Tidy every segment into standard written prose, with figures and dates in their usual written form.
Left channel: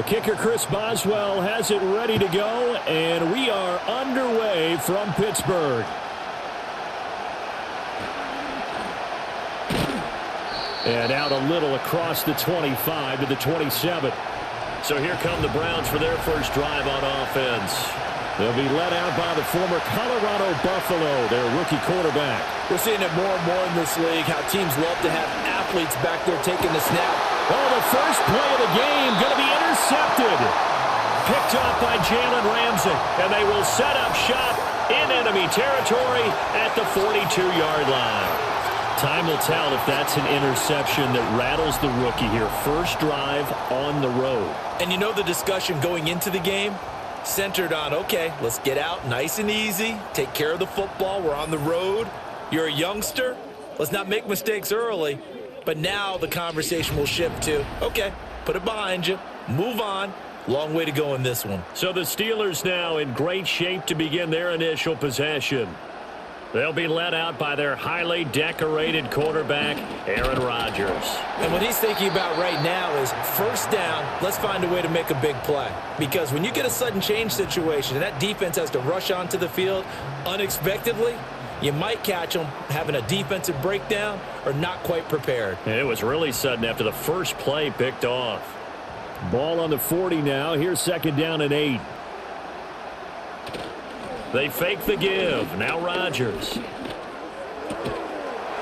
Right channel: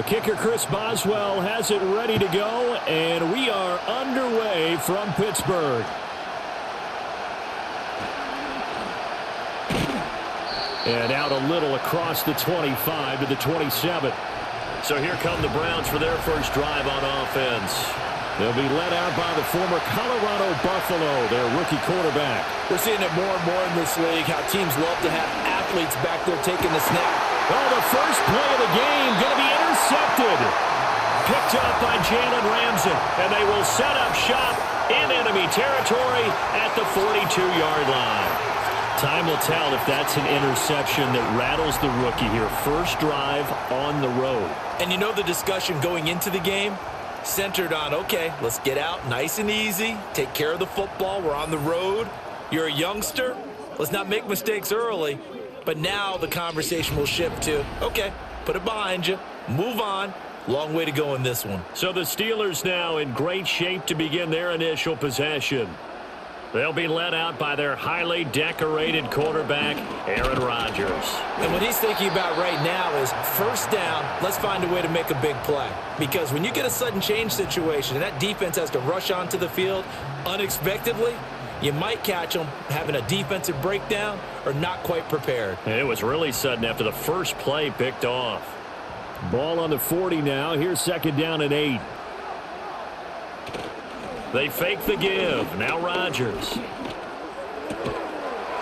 The kicker, Chris Boswell, has it ready to go, and we are underway from Pittsburgh. And out a little across the 25 to the 27. So here come the Browns for their first drive on offense. They'll be led out by the former Colorado Buffalo, their rookie quarterback. We're seeing it more and more in this league, how teams love to have athletes back there taking the snap. Oh, the first play of the game going to be intercepted. Picked off by Jalen Ramsey, and they will set up shop in enemy territory at the 42-yard line. Time will tell if that's an interception that rattles the rookie here. First drive on the road. And you know the discussion going into the game? Centered on, okay, let's get out nice and easy, take care of the football, we're on the road, you're a youngster, let's not make mistakes early. But now the conversation will shift to, okay, put it behind you, move on, long way to go in this one. So the Steelers now in great shape to begin their initial possession. They'll be led out by their highly decorated quarterback, Aaron Rodgers. And what he's thinking about right now is first down, let's find a way to make a big play. Because when you get a sudden change situation and that defense has to rush onto the field unexpectedly, you might catch them having a defensive breakdown or not quite prepared. And it was really sudden after the first play picked off. Ball on the 40 now. Here's second down and 8. They fake the give. Now Rodgers.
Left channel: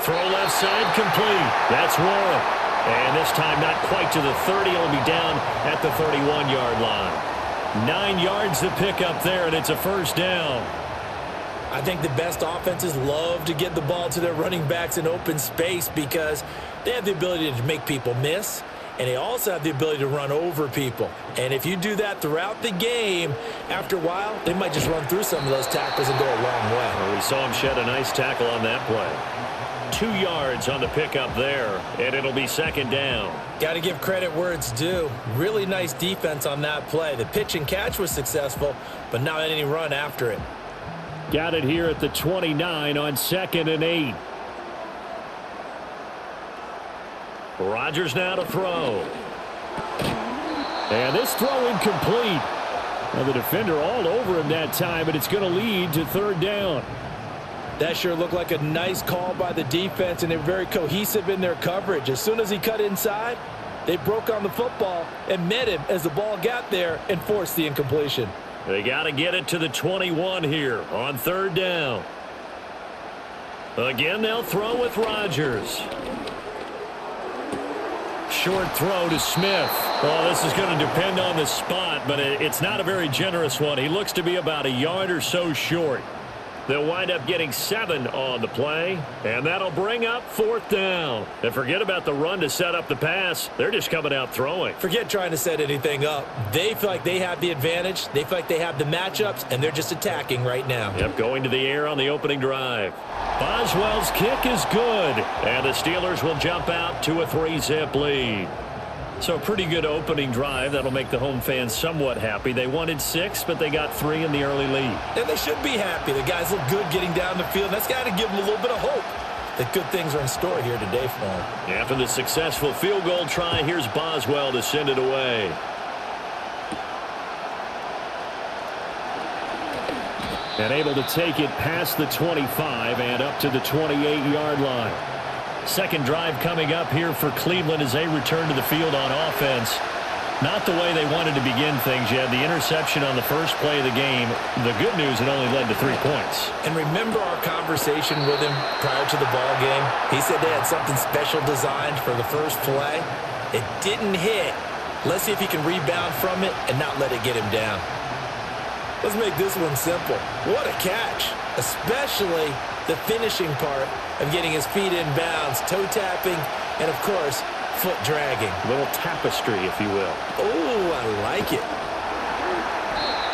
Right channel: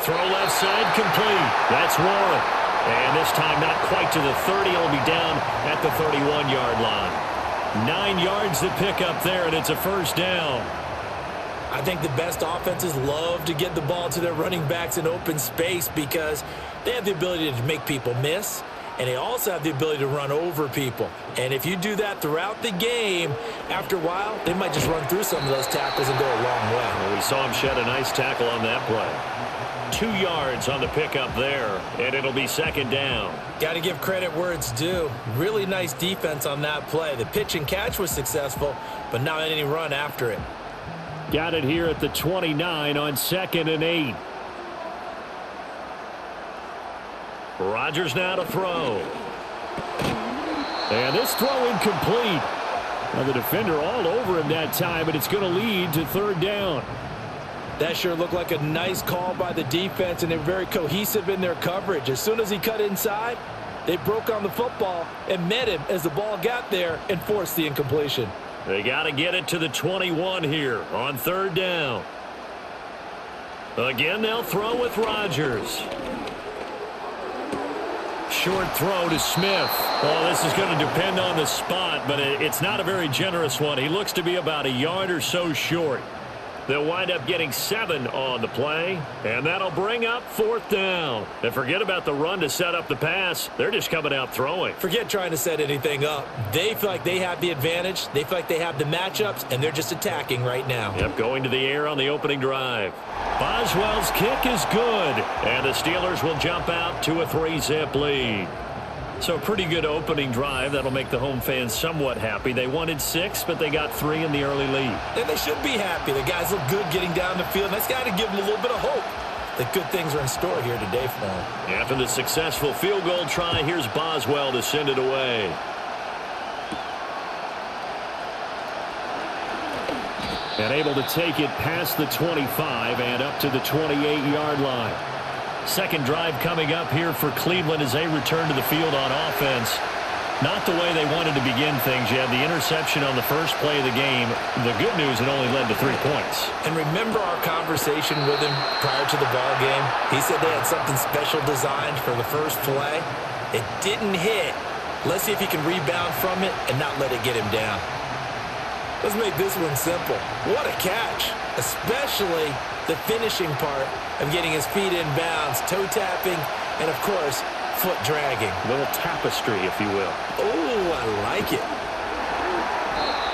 Throw left side complete. That's Warren. And this time not quite to the 30. It'll be down at the 31-yard line. 9 yards to pick up there, and it's a first down. I think the best offenses love to get the ball to their running backs in open space because they have the ability to make people miss. And they also have the ability to run over people. And if you do that throughout the game, after a while, they might just run through some of those tackles and go a long way. Well, we saw him shed a nice tackle on that play. 2 yards on the pickup there, and it'll be second down. Got to give credit where it's due. Really nice defense on that play. The pitch and catch was successful, but not any run after it. Got it here at the 29 on second and 8. Rodgers now to throw. And this throw incomplete. Now the defender all over him that time, but it's going to lead to third down. That sure looked like a nice call by the defense, and they're very cohesive in their coverage. As soon as he cut inside, they broke on the football and met him as the ball got there and forced the incompletion. They got to get it to the 21 here on third down. Again, they'll throw with Rodgers. Short throw to Smith. Oh, this is going to depend on the spot, but it's not a very generous one. He looks to be about a yard or so short. They'll wind up getting 7 on the play, and that'll bring up fourth down. And forget about the run to set up the pass. They're just coming out throwing. Forget trying to set anything up. They feel like they have the advantage. They feel like they have the matchups, and they're just attacking right now. Yep, going to the air on the opening drive. Boswell's kick is good, and the Steelers will jump out to a 3-zip lead. So a pretty good opening drive. That'll make the home fans somewhat happy. They wanted 6, but they got 3 in the early lead. And they should be happy. The guys look good getting down the field. That's got to give them a little bit of hope that good things are in store here today for them. After the successful field goal try, here's Boswell to send it away. And able to take it past the 25 and up to the 28-yard line. Second drive coming up here for Cleveland as they return to the field on offense. Not the way they wanted to begin things. You had the interception on the first play of the game. The good news, it only led to 3 points. And remember our conversation with him prior to the ball game? He said they had something special designed for the first play. It didn't hit. Let's see if he can rebound from it and not let it get him down. Let's make this one simple. What a catch, especially the finishing part of getting his feet in bounds, toe tapping, and, of course, foot dragging. A little tapestry, if you will. Oh, I like it.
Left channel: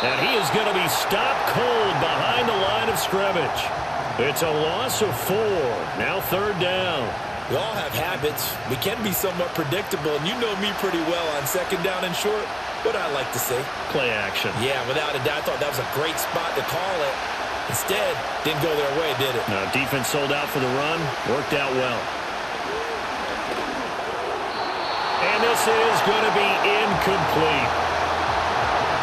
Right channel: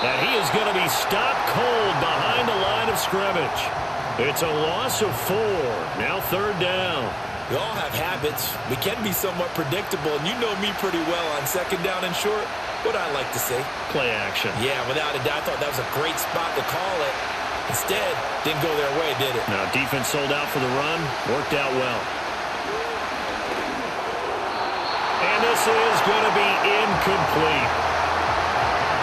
And he is going to be stopped cold behind the line of scrimmage. It's a loss of 4. Now third down. We all have habits. We can be somewhat predictable, and you know me pretty well on second down and short. What I like to see. Play action. Yeah, without a doubt. I thought that was a great spot to call it. Instead, didn't go their way, did it? No, defense sold out for the run. Worked out well. And this is going to be incomplete.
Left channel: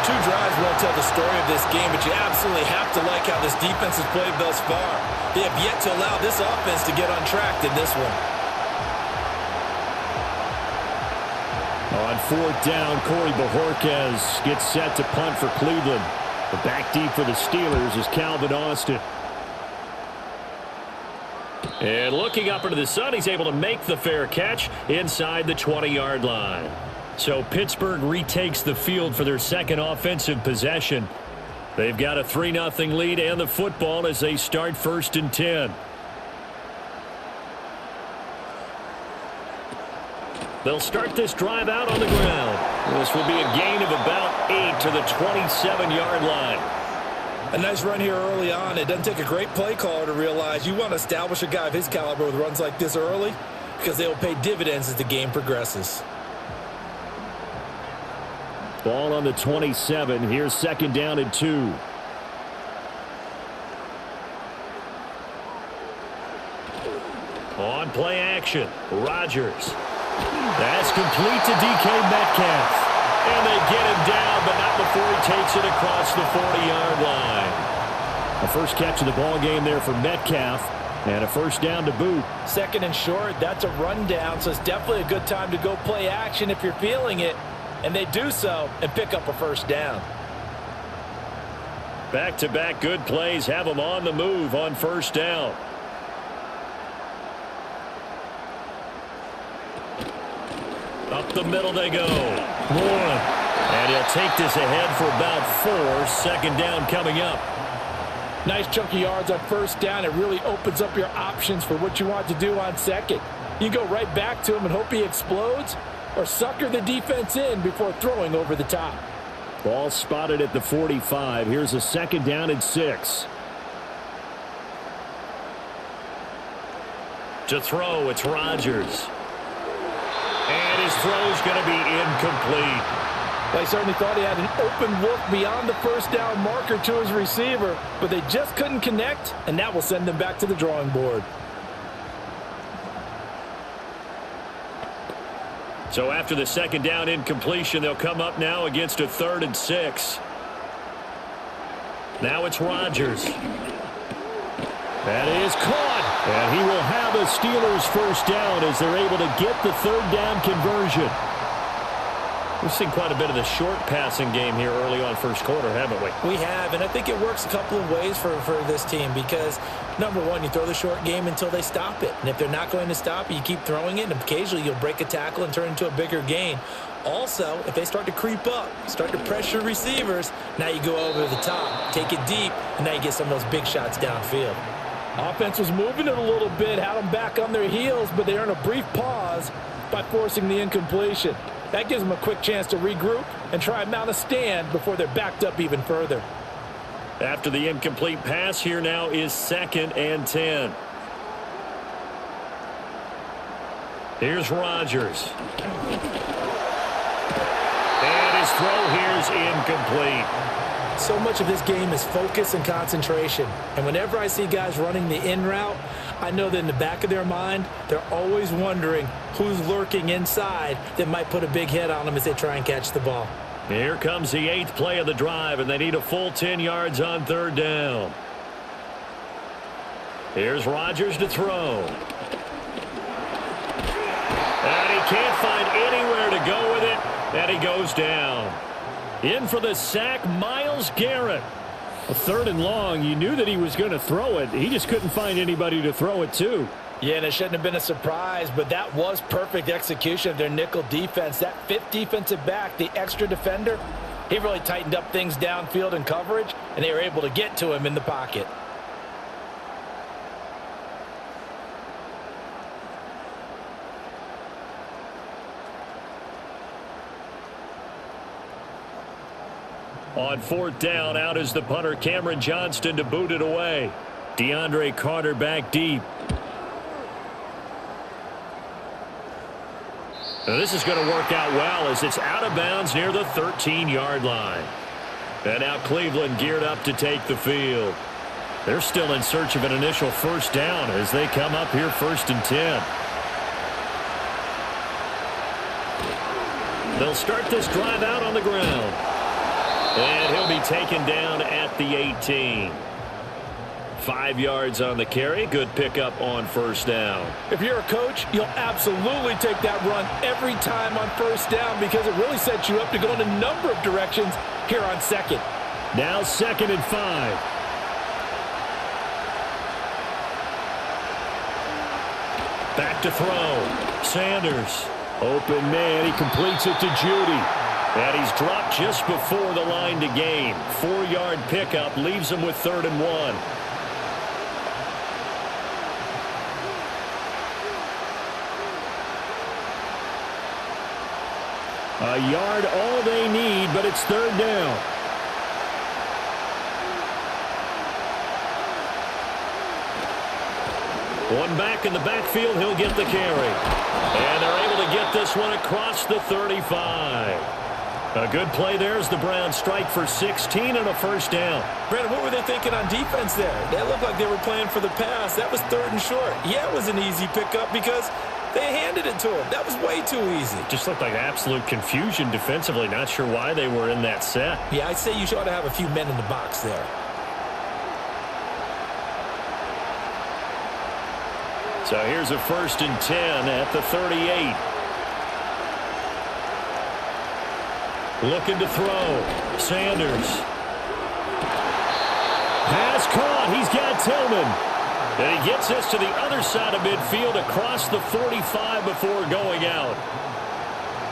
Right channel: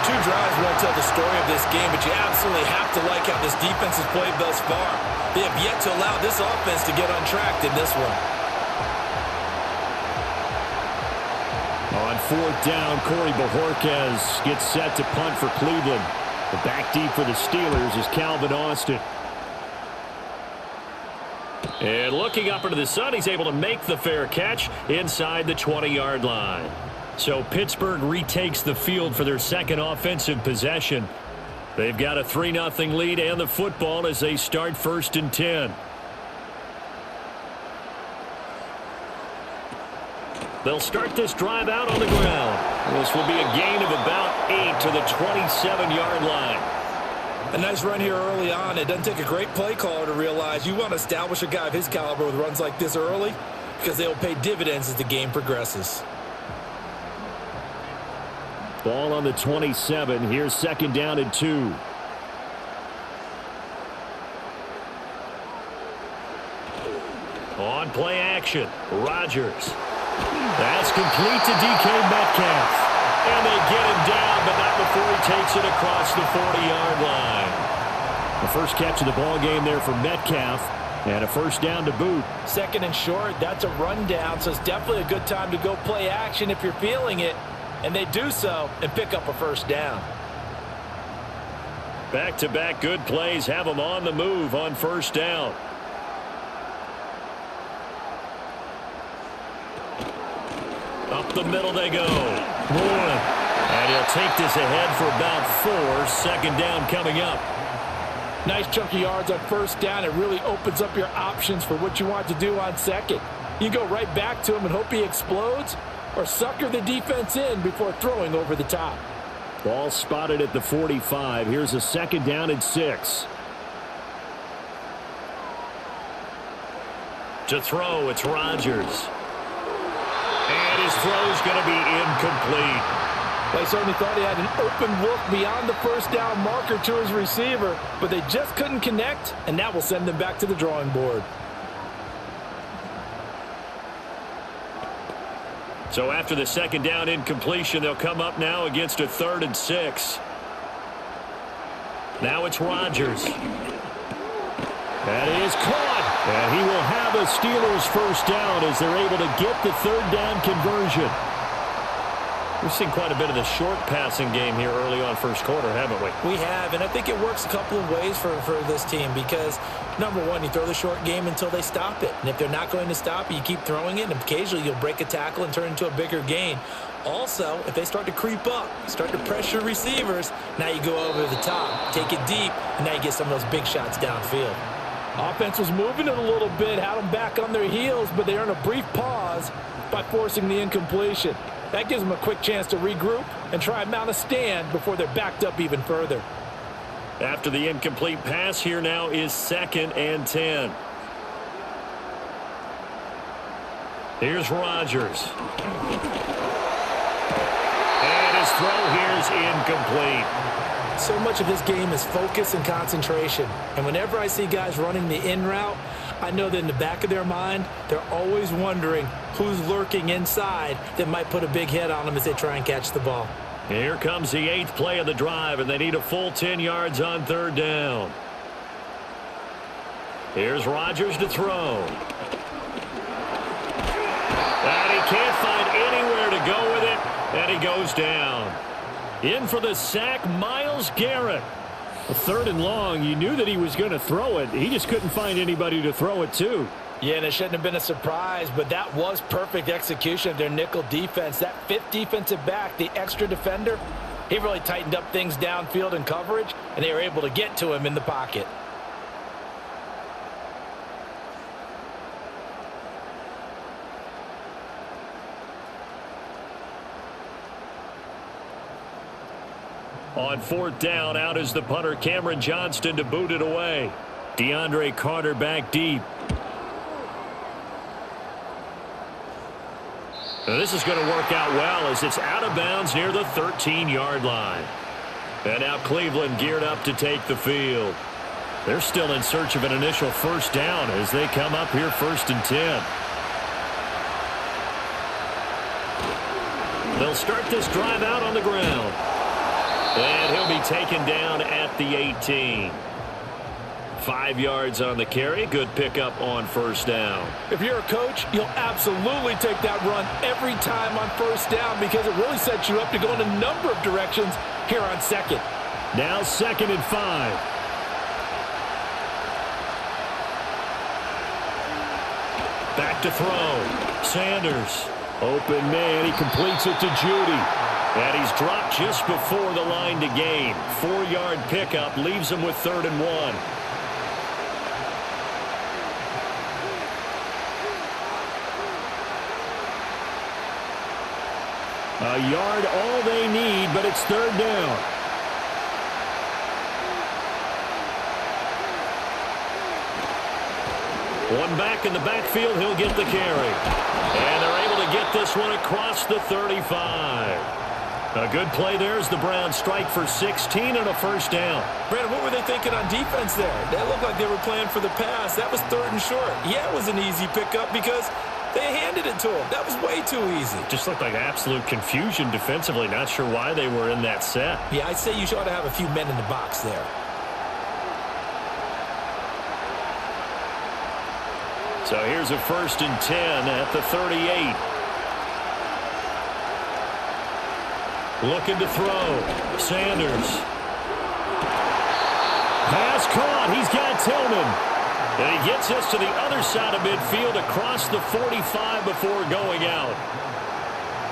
2 drives won't tell the story of this game, but you absolutely have to like how this defense has played thus far. They have yet to allow this offense to get untracked in this one. On 4th down, Corey Bojorquez gets set to punt for Cleveland. The back deep for the Steelers is Calvin Austin. And looking up into the sun, he's able to make the fair catch inside the 20-yard line. So Pittsburgh retakes the field for their second offensive possession. They've got a 3-0 lead and the football as they start 1st and 10. They'll start this drive out on the ground. This will be a gain of about 8 to the 27-yard line. A nice run here early on. It doesn't take a great play caller to realize you want to establish a guy of his caliber with runs like this early because they will pay dividends as the game progresses. Ball on the 27. Here's 2nd down and 2. On play action, Rodgers. That's complete to DK Metcalf. And they get him down, but not before he takes it across the 40-yard line. A first catch of the ball game there for Metcalf, and a 1st down to boot. 2nd and short, that's a rundown, so it's definitely a good time to go play action if you're feeling it. And they do so and pick up a 1st down. Back-to-back good plays have them on the move on 1st down. Up the middle they go. Warren. And he'll take this ahead for about 4. 2nd down coming up. Nice chunky yards on 1st down. It really opens up your options for what you want to do on 2nd. You go right back to him and hope he explodes, or sucker the defense in before throwing over the top. Ball spotted at the 45. Here's a 2nd down and 6. To throw, it's Rodgers. And his throw's going to be incomplete. Well, he certainly thought he had an open look beyond the 1st down marker to his receiver, but they just couldn't connect, and that will send them back to the drawing board. So after the 2nd down incompletion, they'll come up now against a 3rd and 6. Now it's Rodgers. That is caught. And he will have a Steelers 1st down as they're able to get the 3rd down conversion. We've seen quite a bit of the short passing game here early on 1st quarter, haven't we? We have, and I think it works a couple of ways for this team because, number one, you throw the short game until they stop it. And if they're not going to stop it, you keep throwing it, and occasionally you'll break a tackle and turn it into a bigger gain. Also, if they start to creep up, start to pressure receivers, now you go over the top, take it deep, and now you get some of those big shots downfield. Offense was moving it a little bit, had them back on their heels, but they earn a brief pause by forcing the incompletion. That gives them a quick chance to regroup and try and mount a stand before they're backed up even further. After the incomplete pass, here now is 2nd and 10. Here's Rodgers. And his throw here's incomplete. So much of this game is focus and concentration. And whenever I see guys running the in route, I know that in the back of their mind, they're always wondering who's lurking inside that might put a big hit on them as they try and catch the ball. Here comes the 8th play of the drive, and they need a full 10 yards on 3rd down. Here's Rodgers to throw. And he can't find anywhere to go with it, and he goes down. In for the sack, Myles Garrett. A 3rd and long. You knew that he was going to throw it. He just couldn't find anybody to throw it to. Yeah, and it shouldn't have been a surprise, but that was perfect execution of their nickel defense. That 5th defensive back, the extra defender, he really tightened up things downfield in coverage, and they were able to get to him in the pocket. On 4th down, out is the punter, Cameron Johnston, to boot it away. DeAndre Carter back deep. Now this is going to work out well as it's out of bounds near the 13-yard line. And now Cleveland geared up to take the field. They're still in search of an initial 1st down as they come up here 1st and 10. They'll start this drive out on the ground. And he'll be taken down at the 18. 5 yards on the carry. Good pickup on first down. If you're a coach, you'll absolutely take that run every time on first down because it really sets you up to go in a number of directions here on second. Now 2nd and 5. Back to throw. Sanders. Open man. He completes it to Judy. And he's dropped just before the line to gain. 4-yard pickup leaves him with 3rd and 1. A yard all they need, but it's 3rd down. One back in the backfield, he'll get the carry. And they're able to get this one across the 35. A good play there as the Browns strike for 16 and a first down. Brandon, what were they thinking on defense there? They looked like they were playing for the pass. That was 3rd and short. Yeah, it was an easy pickup because they handed it to him. That was way too easy. Just looked like absolute confusion defensively. Not sure why they were in that set. Yeah, I'd say you ought to have a few men in the box there. So here's a 1st and 10 at the 38. Looking to throw. Sanders. Pass caught. He's got Tillman. And he gets us to the other side of midfield across the 45 before going out.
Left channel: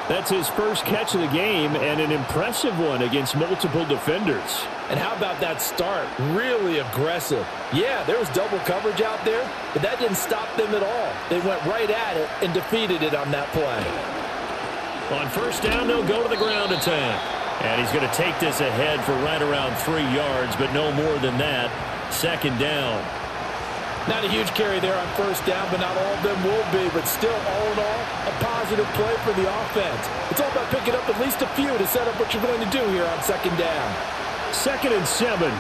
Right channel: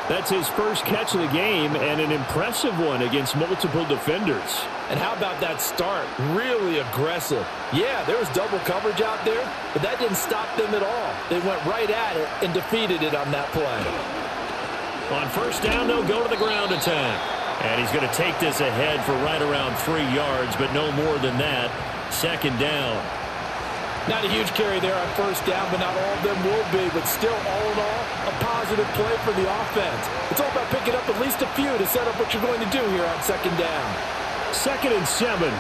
That's his first catch of the game and an impressive one against multiple defenders. And how about that start? Really aggressive. Yeah, there was double coverage out there, but that didn't stop them at all. They went right at it and defeated it on that play. On first down, they'll go to the ground attack. And he's going to take this ahead for right around 3 yards, but no more than that. 2nd down. Not a huge carry there on first down, but not all of them will be. But still, all in all, a positive play for the offense. It's all about picking up at least a few to set up what you're going to do here on 2nd down. 2nd and 7.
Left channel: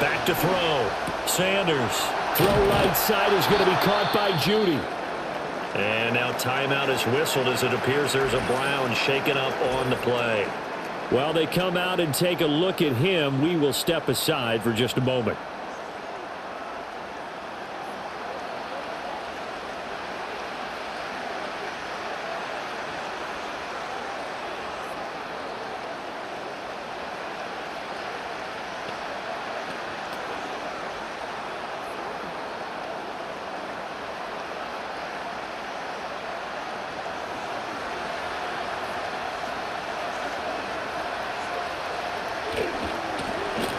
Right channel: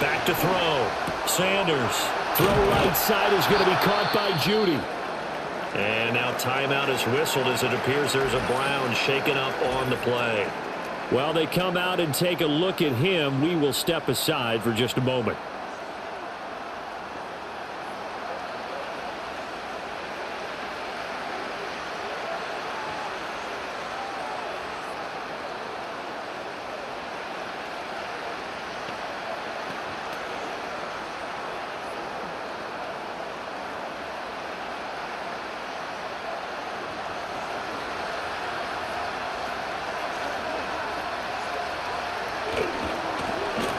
Back to throw. Sanders. Throw right side is going to be caught by Judy. And now timeout is whistled as it appears there's a Brown shaken up on the play. While they come out and take a look at him, we will step aside for just a moment.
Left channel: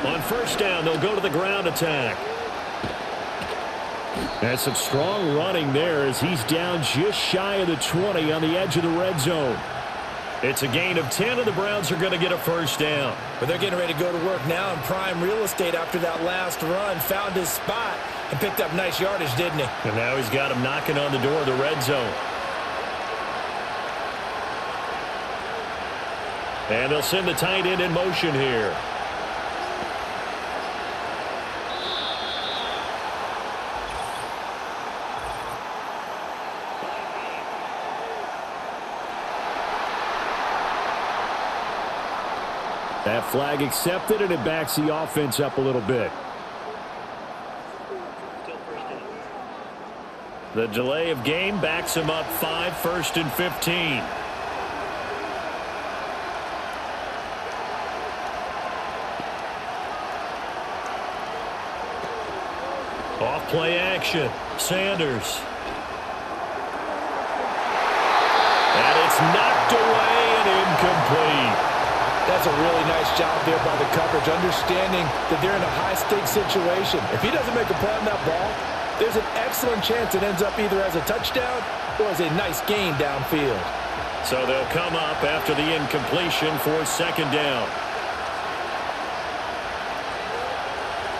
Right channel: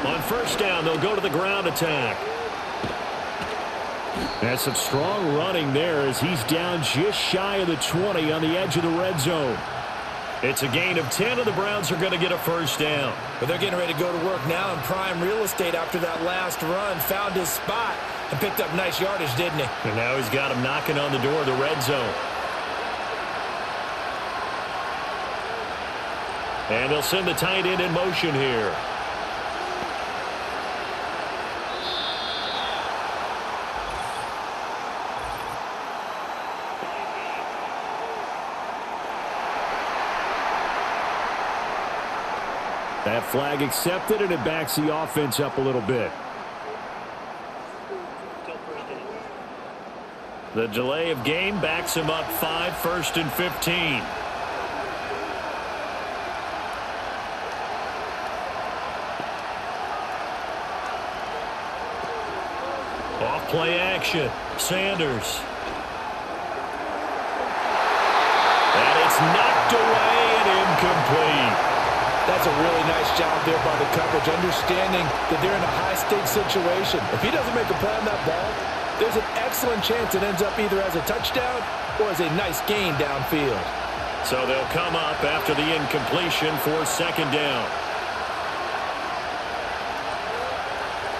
On first down, they'll go to the ground attack. That's some strong running there as he's down just shy of the 20 on the edge of the red zone. It's a gain of 10, and the Browns are going to get a first down. But they're getting ready to go to work now in prime real estate after that last run. Found his spot and picked up nice yardage, didn't he? And now he's got him knocking on the door of the red zone. And they'll send the tight end in motion here. That flag accepted, and it backs the offense up a little bit. The delay of game backs him up 5, 1st and 15. Off play action. Sanders. And it's knocked away and incomplete. That's a really nice job there by the coverage, understanding that they're in a high-stakes situation. If he doesn't make a play on that ball, there's an excellent chance it ends up either as a touchdown or as a nice gain downfield. So they'll come up after the incompletion for 2nd down.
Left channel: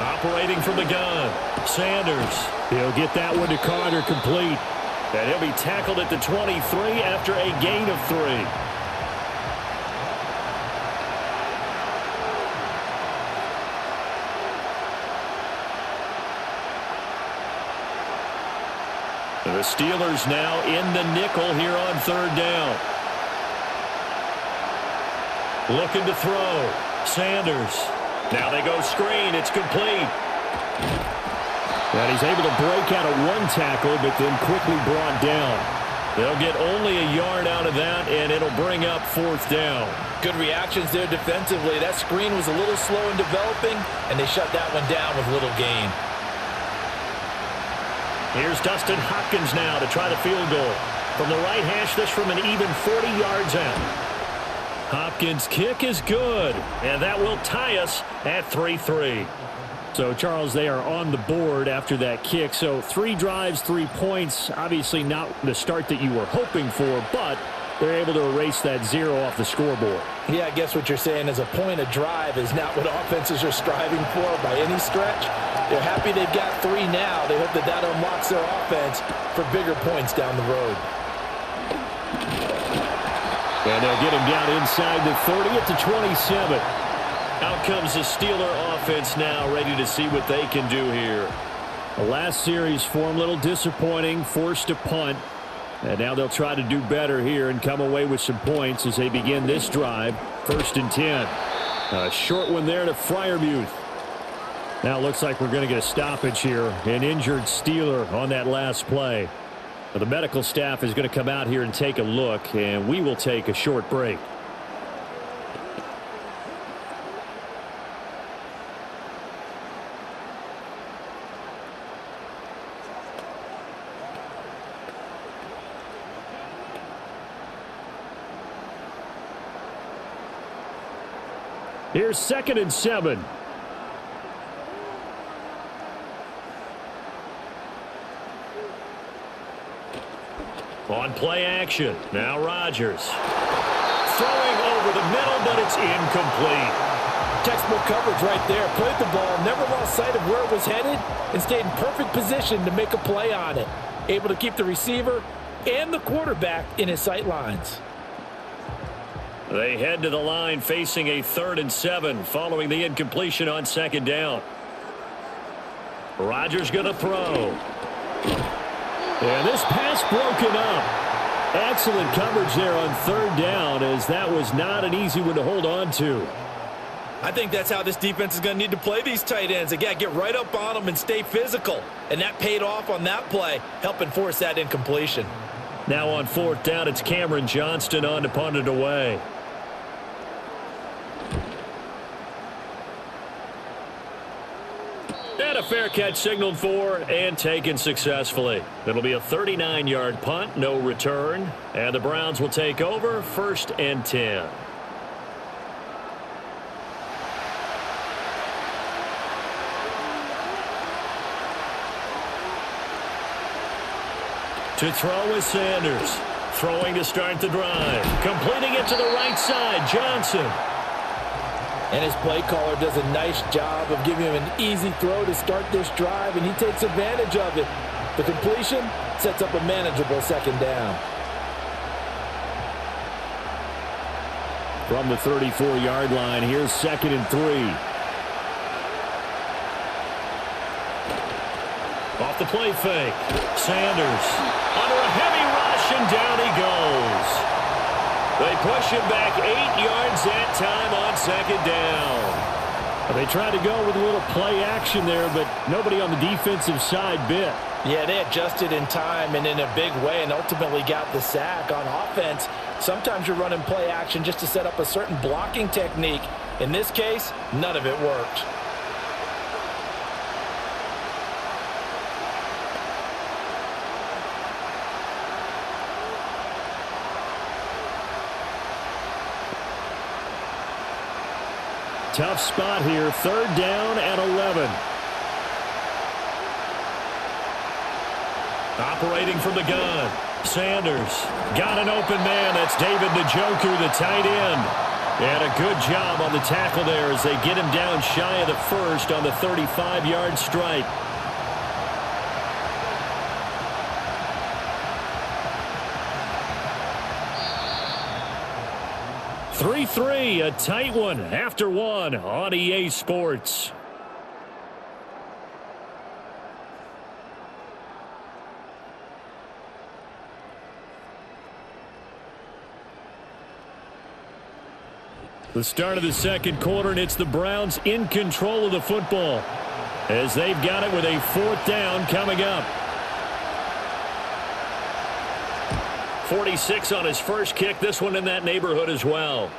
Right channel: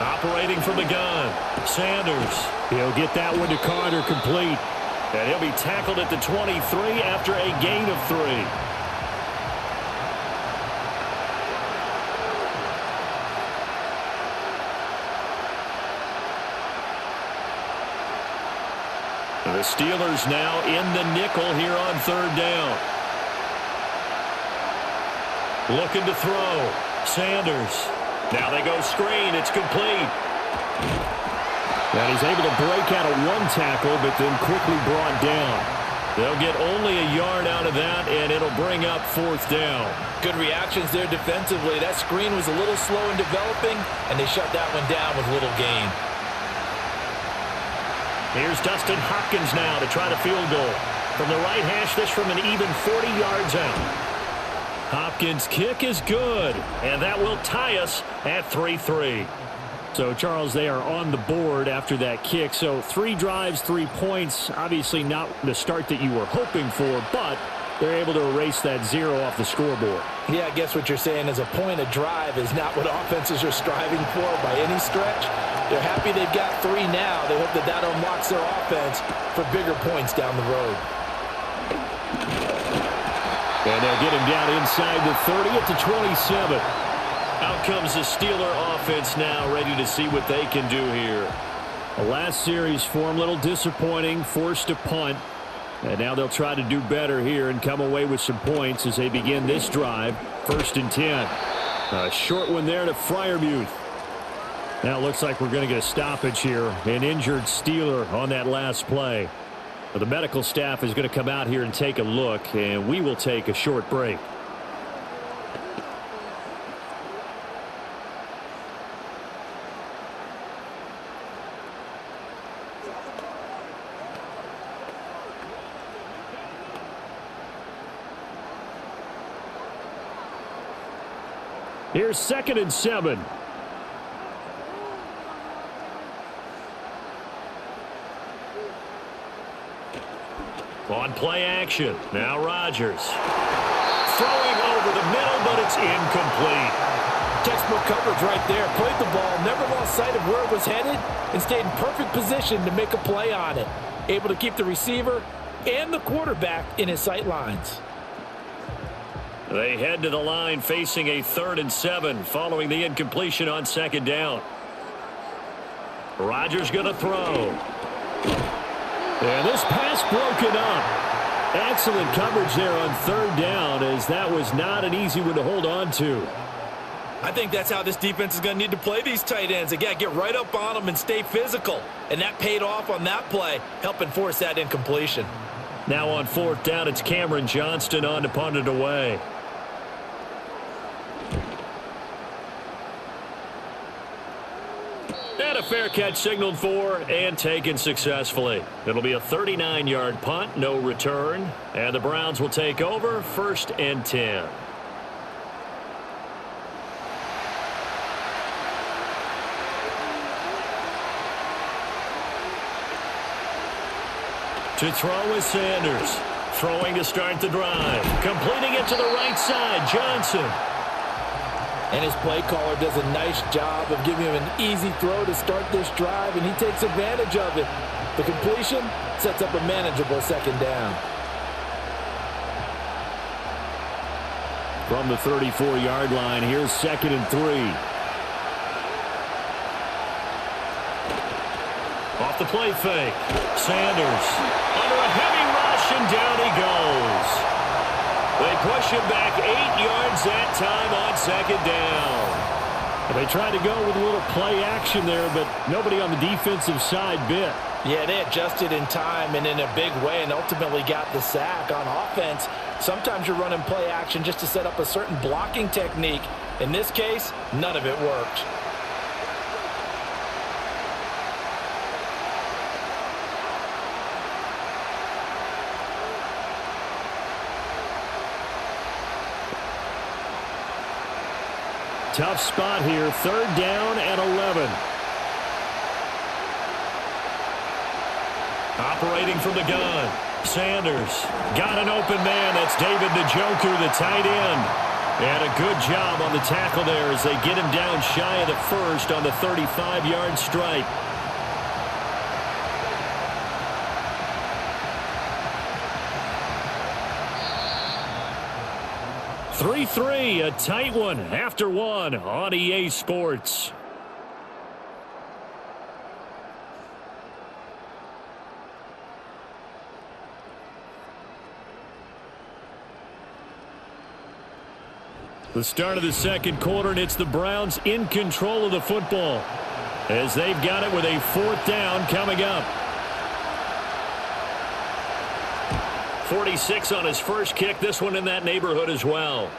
Operating from the gun, Sanders. He'll get that one to Carter complete. And he'll be tackled at the 23 after a gain of 3. The Steelers now in the nickel here on 3rd down. Looking to throw. Sanders. Now they go screen. It's complete. And he's able to break out of one tackle, but then quickly brought down. They'll get only a yard out of that, and it'll bring up 4th down. Good reactions there defensively. That screen was a little slow in developing, and they shut that one down with little gain. Here's Dustin Hopkins now to try the field goal. From the right hash, this from an even 40 yards out. Hopkins' kick is good, and that will tie us at 3-3. So, Charles, they are on the board after that kick. So 3 drives, 3 points. Obviously not the start that you were hoping for, but they're able to erase that 0 off the scoreboard. Yeah, I guess what you're saying is a point a drive is not what offenses are striving for by any stretch. They're happy they've got 3 now. They hope that that unlocks their offense for bigger points down the road. And they'll get him down inside the 30 at the 27. Out comes the Steeler offense now, ready to see what they can do here. The last series for him, a little disappointing, forced a punt. And now they'll try to do better here and come away with some points as they begin this drive. 1st and 10. A short one there to Freiermuth. Now it looks like we're going to get a stoppage here. An injured Steeler on that last play. Now, the medical staff is going to come out here and take a look, and we will take a short break. Here's 2nd and 7. On play action. Now Rodgers. Throwing over the middle, but it's incomplete. Textbook coverage right there. Played the ball, never lost sight of where it was headed, and stayed in perfect position to make a play on it. Able to keep the receiver and the quarterback in his sight lines. They head to the line facing a 3rd and 7 following the incompletion on 2nd down. Rodgers going to throw. And this pass broken up. Excellent coverage there on 3rd down, as that was not an easy one to hold on to. I think that's how this defense is going to need to play these tight ends. They got to get right up on them and stay physical. And that paid off on that play, helping force that incompletion. Now on 4th down, it's Cameron Johnston on to punt it away. And a fair catch signaled for and taken successfully. It'll be a 39-yard punt, no return. And the Browns will take over 1st and 10. To throw is Sanders. Throwing to start the drive. Completing it to the right side, Johnson. And his play caller does a nice job of giving him an easy throw to start this drive, and he takes advantage of it. The completion sets up a manageable 2nd down. From the 34-yard line, here's 2nd and 3. Off the play fake. Sanders under a heavy rush, and down he goes. They push him back 8 yards that time on 2nd down. They tried to go with a little play action there, but nobody on the defensive side bit. Yeah, they adjusted in time and in a big way and ultimately got the sack. On offense, sometimes you're running play action just to set up a certain blocking technique. In this case, none of it worked. Tough spot here. 3rd down and 11. Operating from the gun. Sanders got an open man. That's David Njoku, the tight end. And a good job on the tackle there as they get him down shy of the 1st on the 35-yard strike. (3-3), a tight one after one on EA Sports. The start of the second quarter, and it's the Browns in control of the football as they've got it with a 4th down coming up. 46 on his first kick. This one in that neighborhood as well.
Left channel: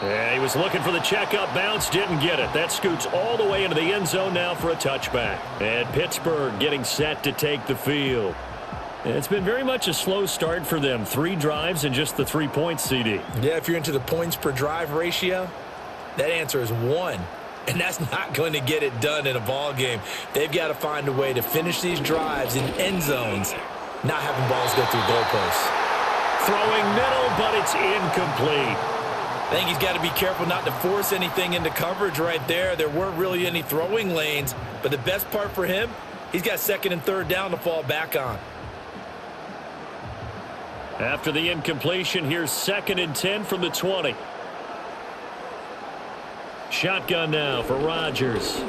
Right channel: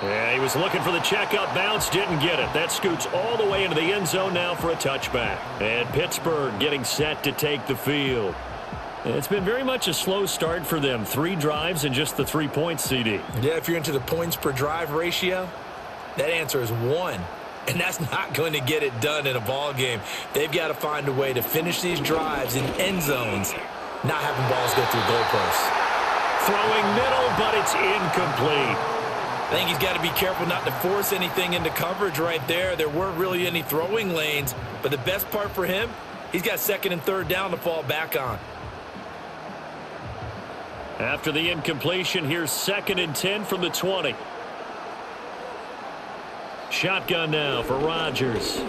And he was looking for the checkup bounce, didn't get it. That scoots all the way into the end zone now for a touchback. And Pittsburgh getting set to take the field. It's been very much a slow start for them. 3 drives and just the 3 points, CD. Yeah, if you're into the points per drive ratio, that answer is 1. And that's not going to get it done in a ball game. They've got to find a way to finish these drives in end zones, not having balls go through goalposts. Throwing middle, but it's incomplete. I think he's got to be careful not to force anything into coverage right there. There weren't really any throwing lanes, but the best part for him, he's got 2nd and 3rd down to fall back on. After the incompletion, here's 2nd and 10 from the 20. Shotgun now for Rodgers.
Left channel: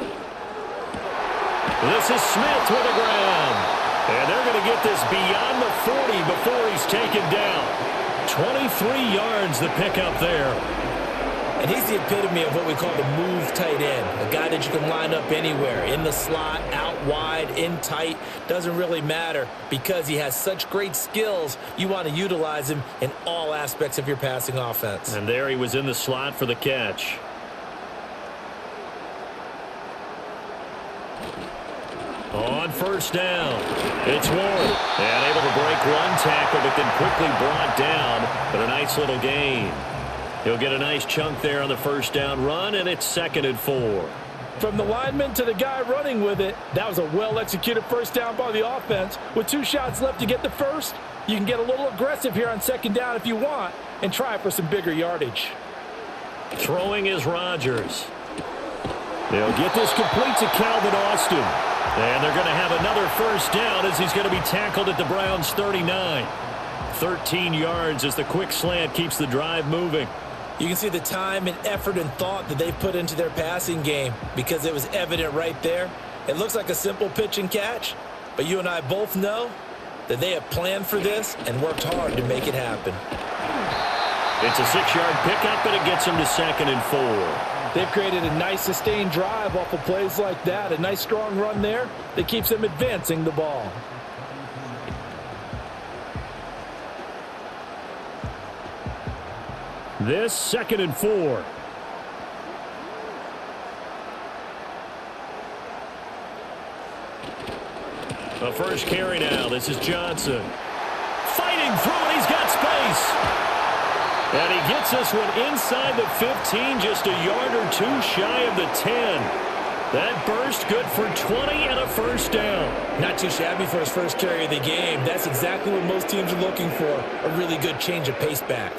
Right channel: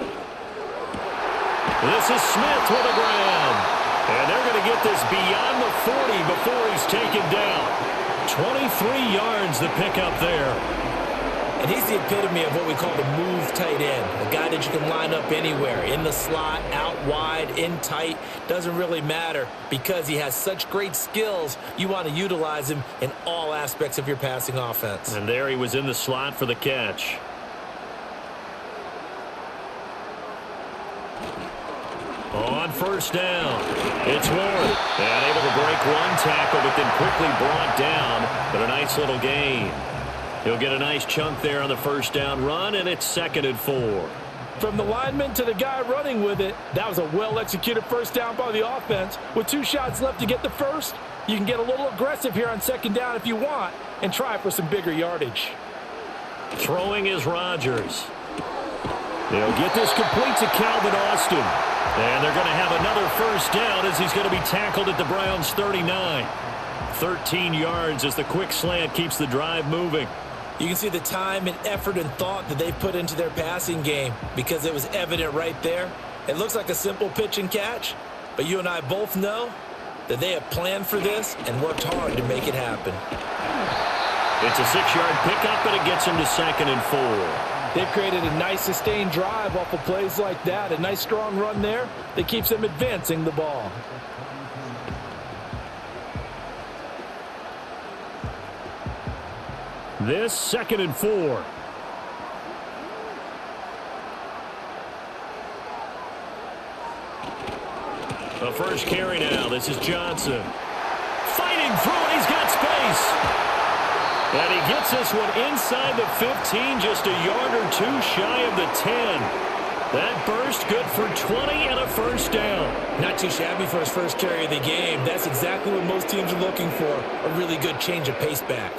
This is Smith with a grab. And they're going to get this beyond the 40 before he's taken down. 23 yards the pickup there. And he's the epitome of what we call the move tight end. A guy that you can line up anywhere, in the slot, out wide, in tight. Doesn't really matter because he has such great skills. You want to utilize him in all aspects of your passing offense. And there he was in the slot for the catch. On 1st down, it's Warren. And able to break 1 tackle, but then quickly brought down. But a nice little gain. He'll get a nice chunk there on the 1st down run, and it's 2nd and 4. From the lineman to the guy running with it, that was a well-executed 1st down by the offense. With 2 shots left to get the 1st, you can get a little aggressive here on 2nd down if you want and try for some bigger yardage. Throwing is Rodgers. They'll get this complete to Calvin Austin. And they're going to have another 1st down as he's going to be tackled at the Browns' 39. 13 yards as the quick slant keeps the drive moving. You can see the time and effort and thought that they've put into their passing game because it was evident right there. It looks like a simple pitch and catch, but you and I both know that they have planned for this and worked hard to make it happen. It's a 6-yard pickup, and it gets them to 2nd and 4. They've created a nice sustained drive off of plays like that. A nice strong run there that keeps them advancing the ball. This 2nd and 4. The first carry now. This is Johnson. Fighting through it. He's got space. And he gets this one inside the 15, just a yard or 2 shy of the 10. That burst good for 20 and a 1st down. Not too shabby for his first carry of the game. That's exactly what most teams are looking for, a really good change of pace back.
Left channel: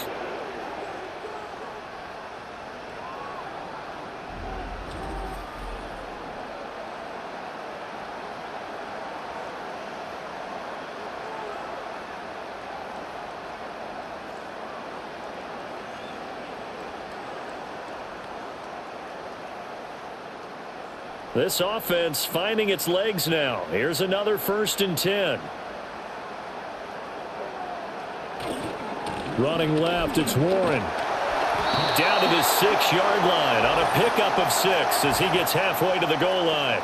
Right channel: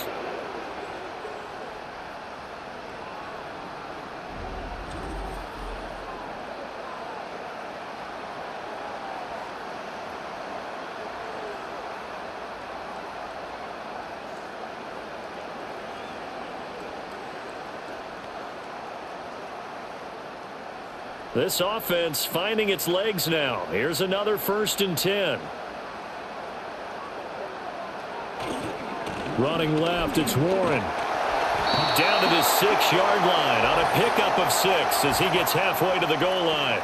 This offense finding its legs now. Here's another 1st and 10. Running left, it's Warren. Down to the 6-yard line on a pickup of 6 as he gets halfway to the goal line.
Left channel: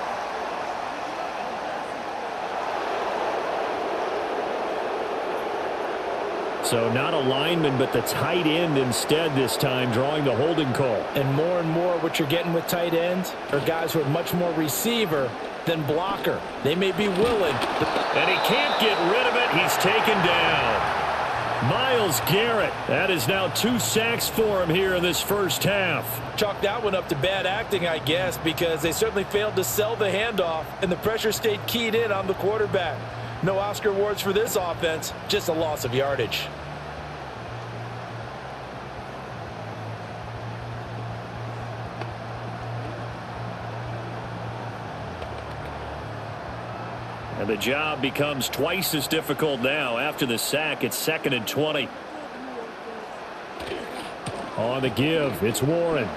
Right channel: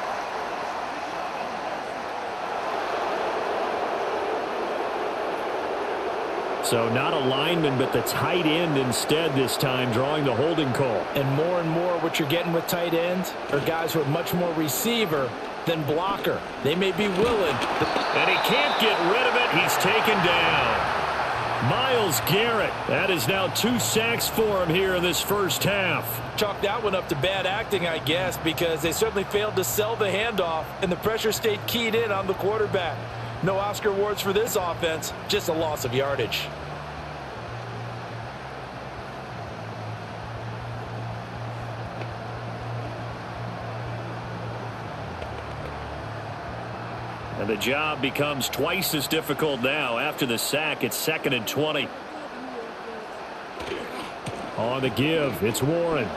So not a lineman, but the tight end instead this time, drawing the holding call. And more what you're getting with tight ends are guys who are much more receiver than blocker. They may be willing. And he can't get rid of it. He's taken down. Myles Garrett. That is now 2 sacks for him here in this first half. Chalk that one up to bad acting, I guess, because they certainly failed to sell the handoff, and the pressure stayed keyed in on the quarterback. No Oscar awards for this offense, just a loss of yardage. And the job becomes twice as difficult now. After the sack, it's 2nd and 20. On the give, it's Warren.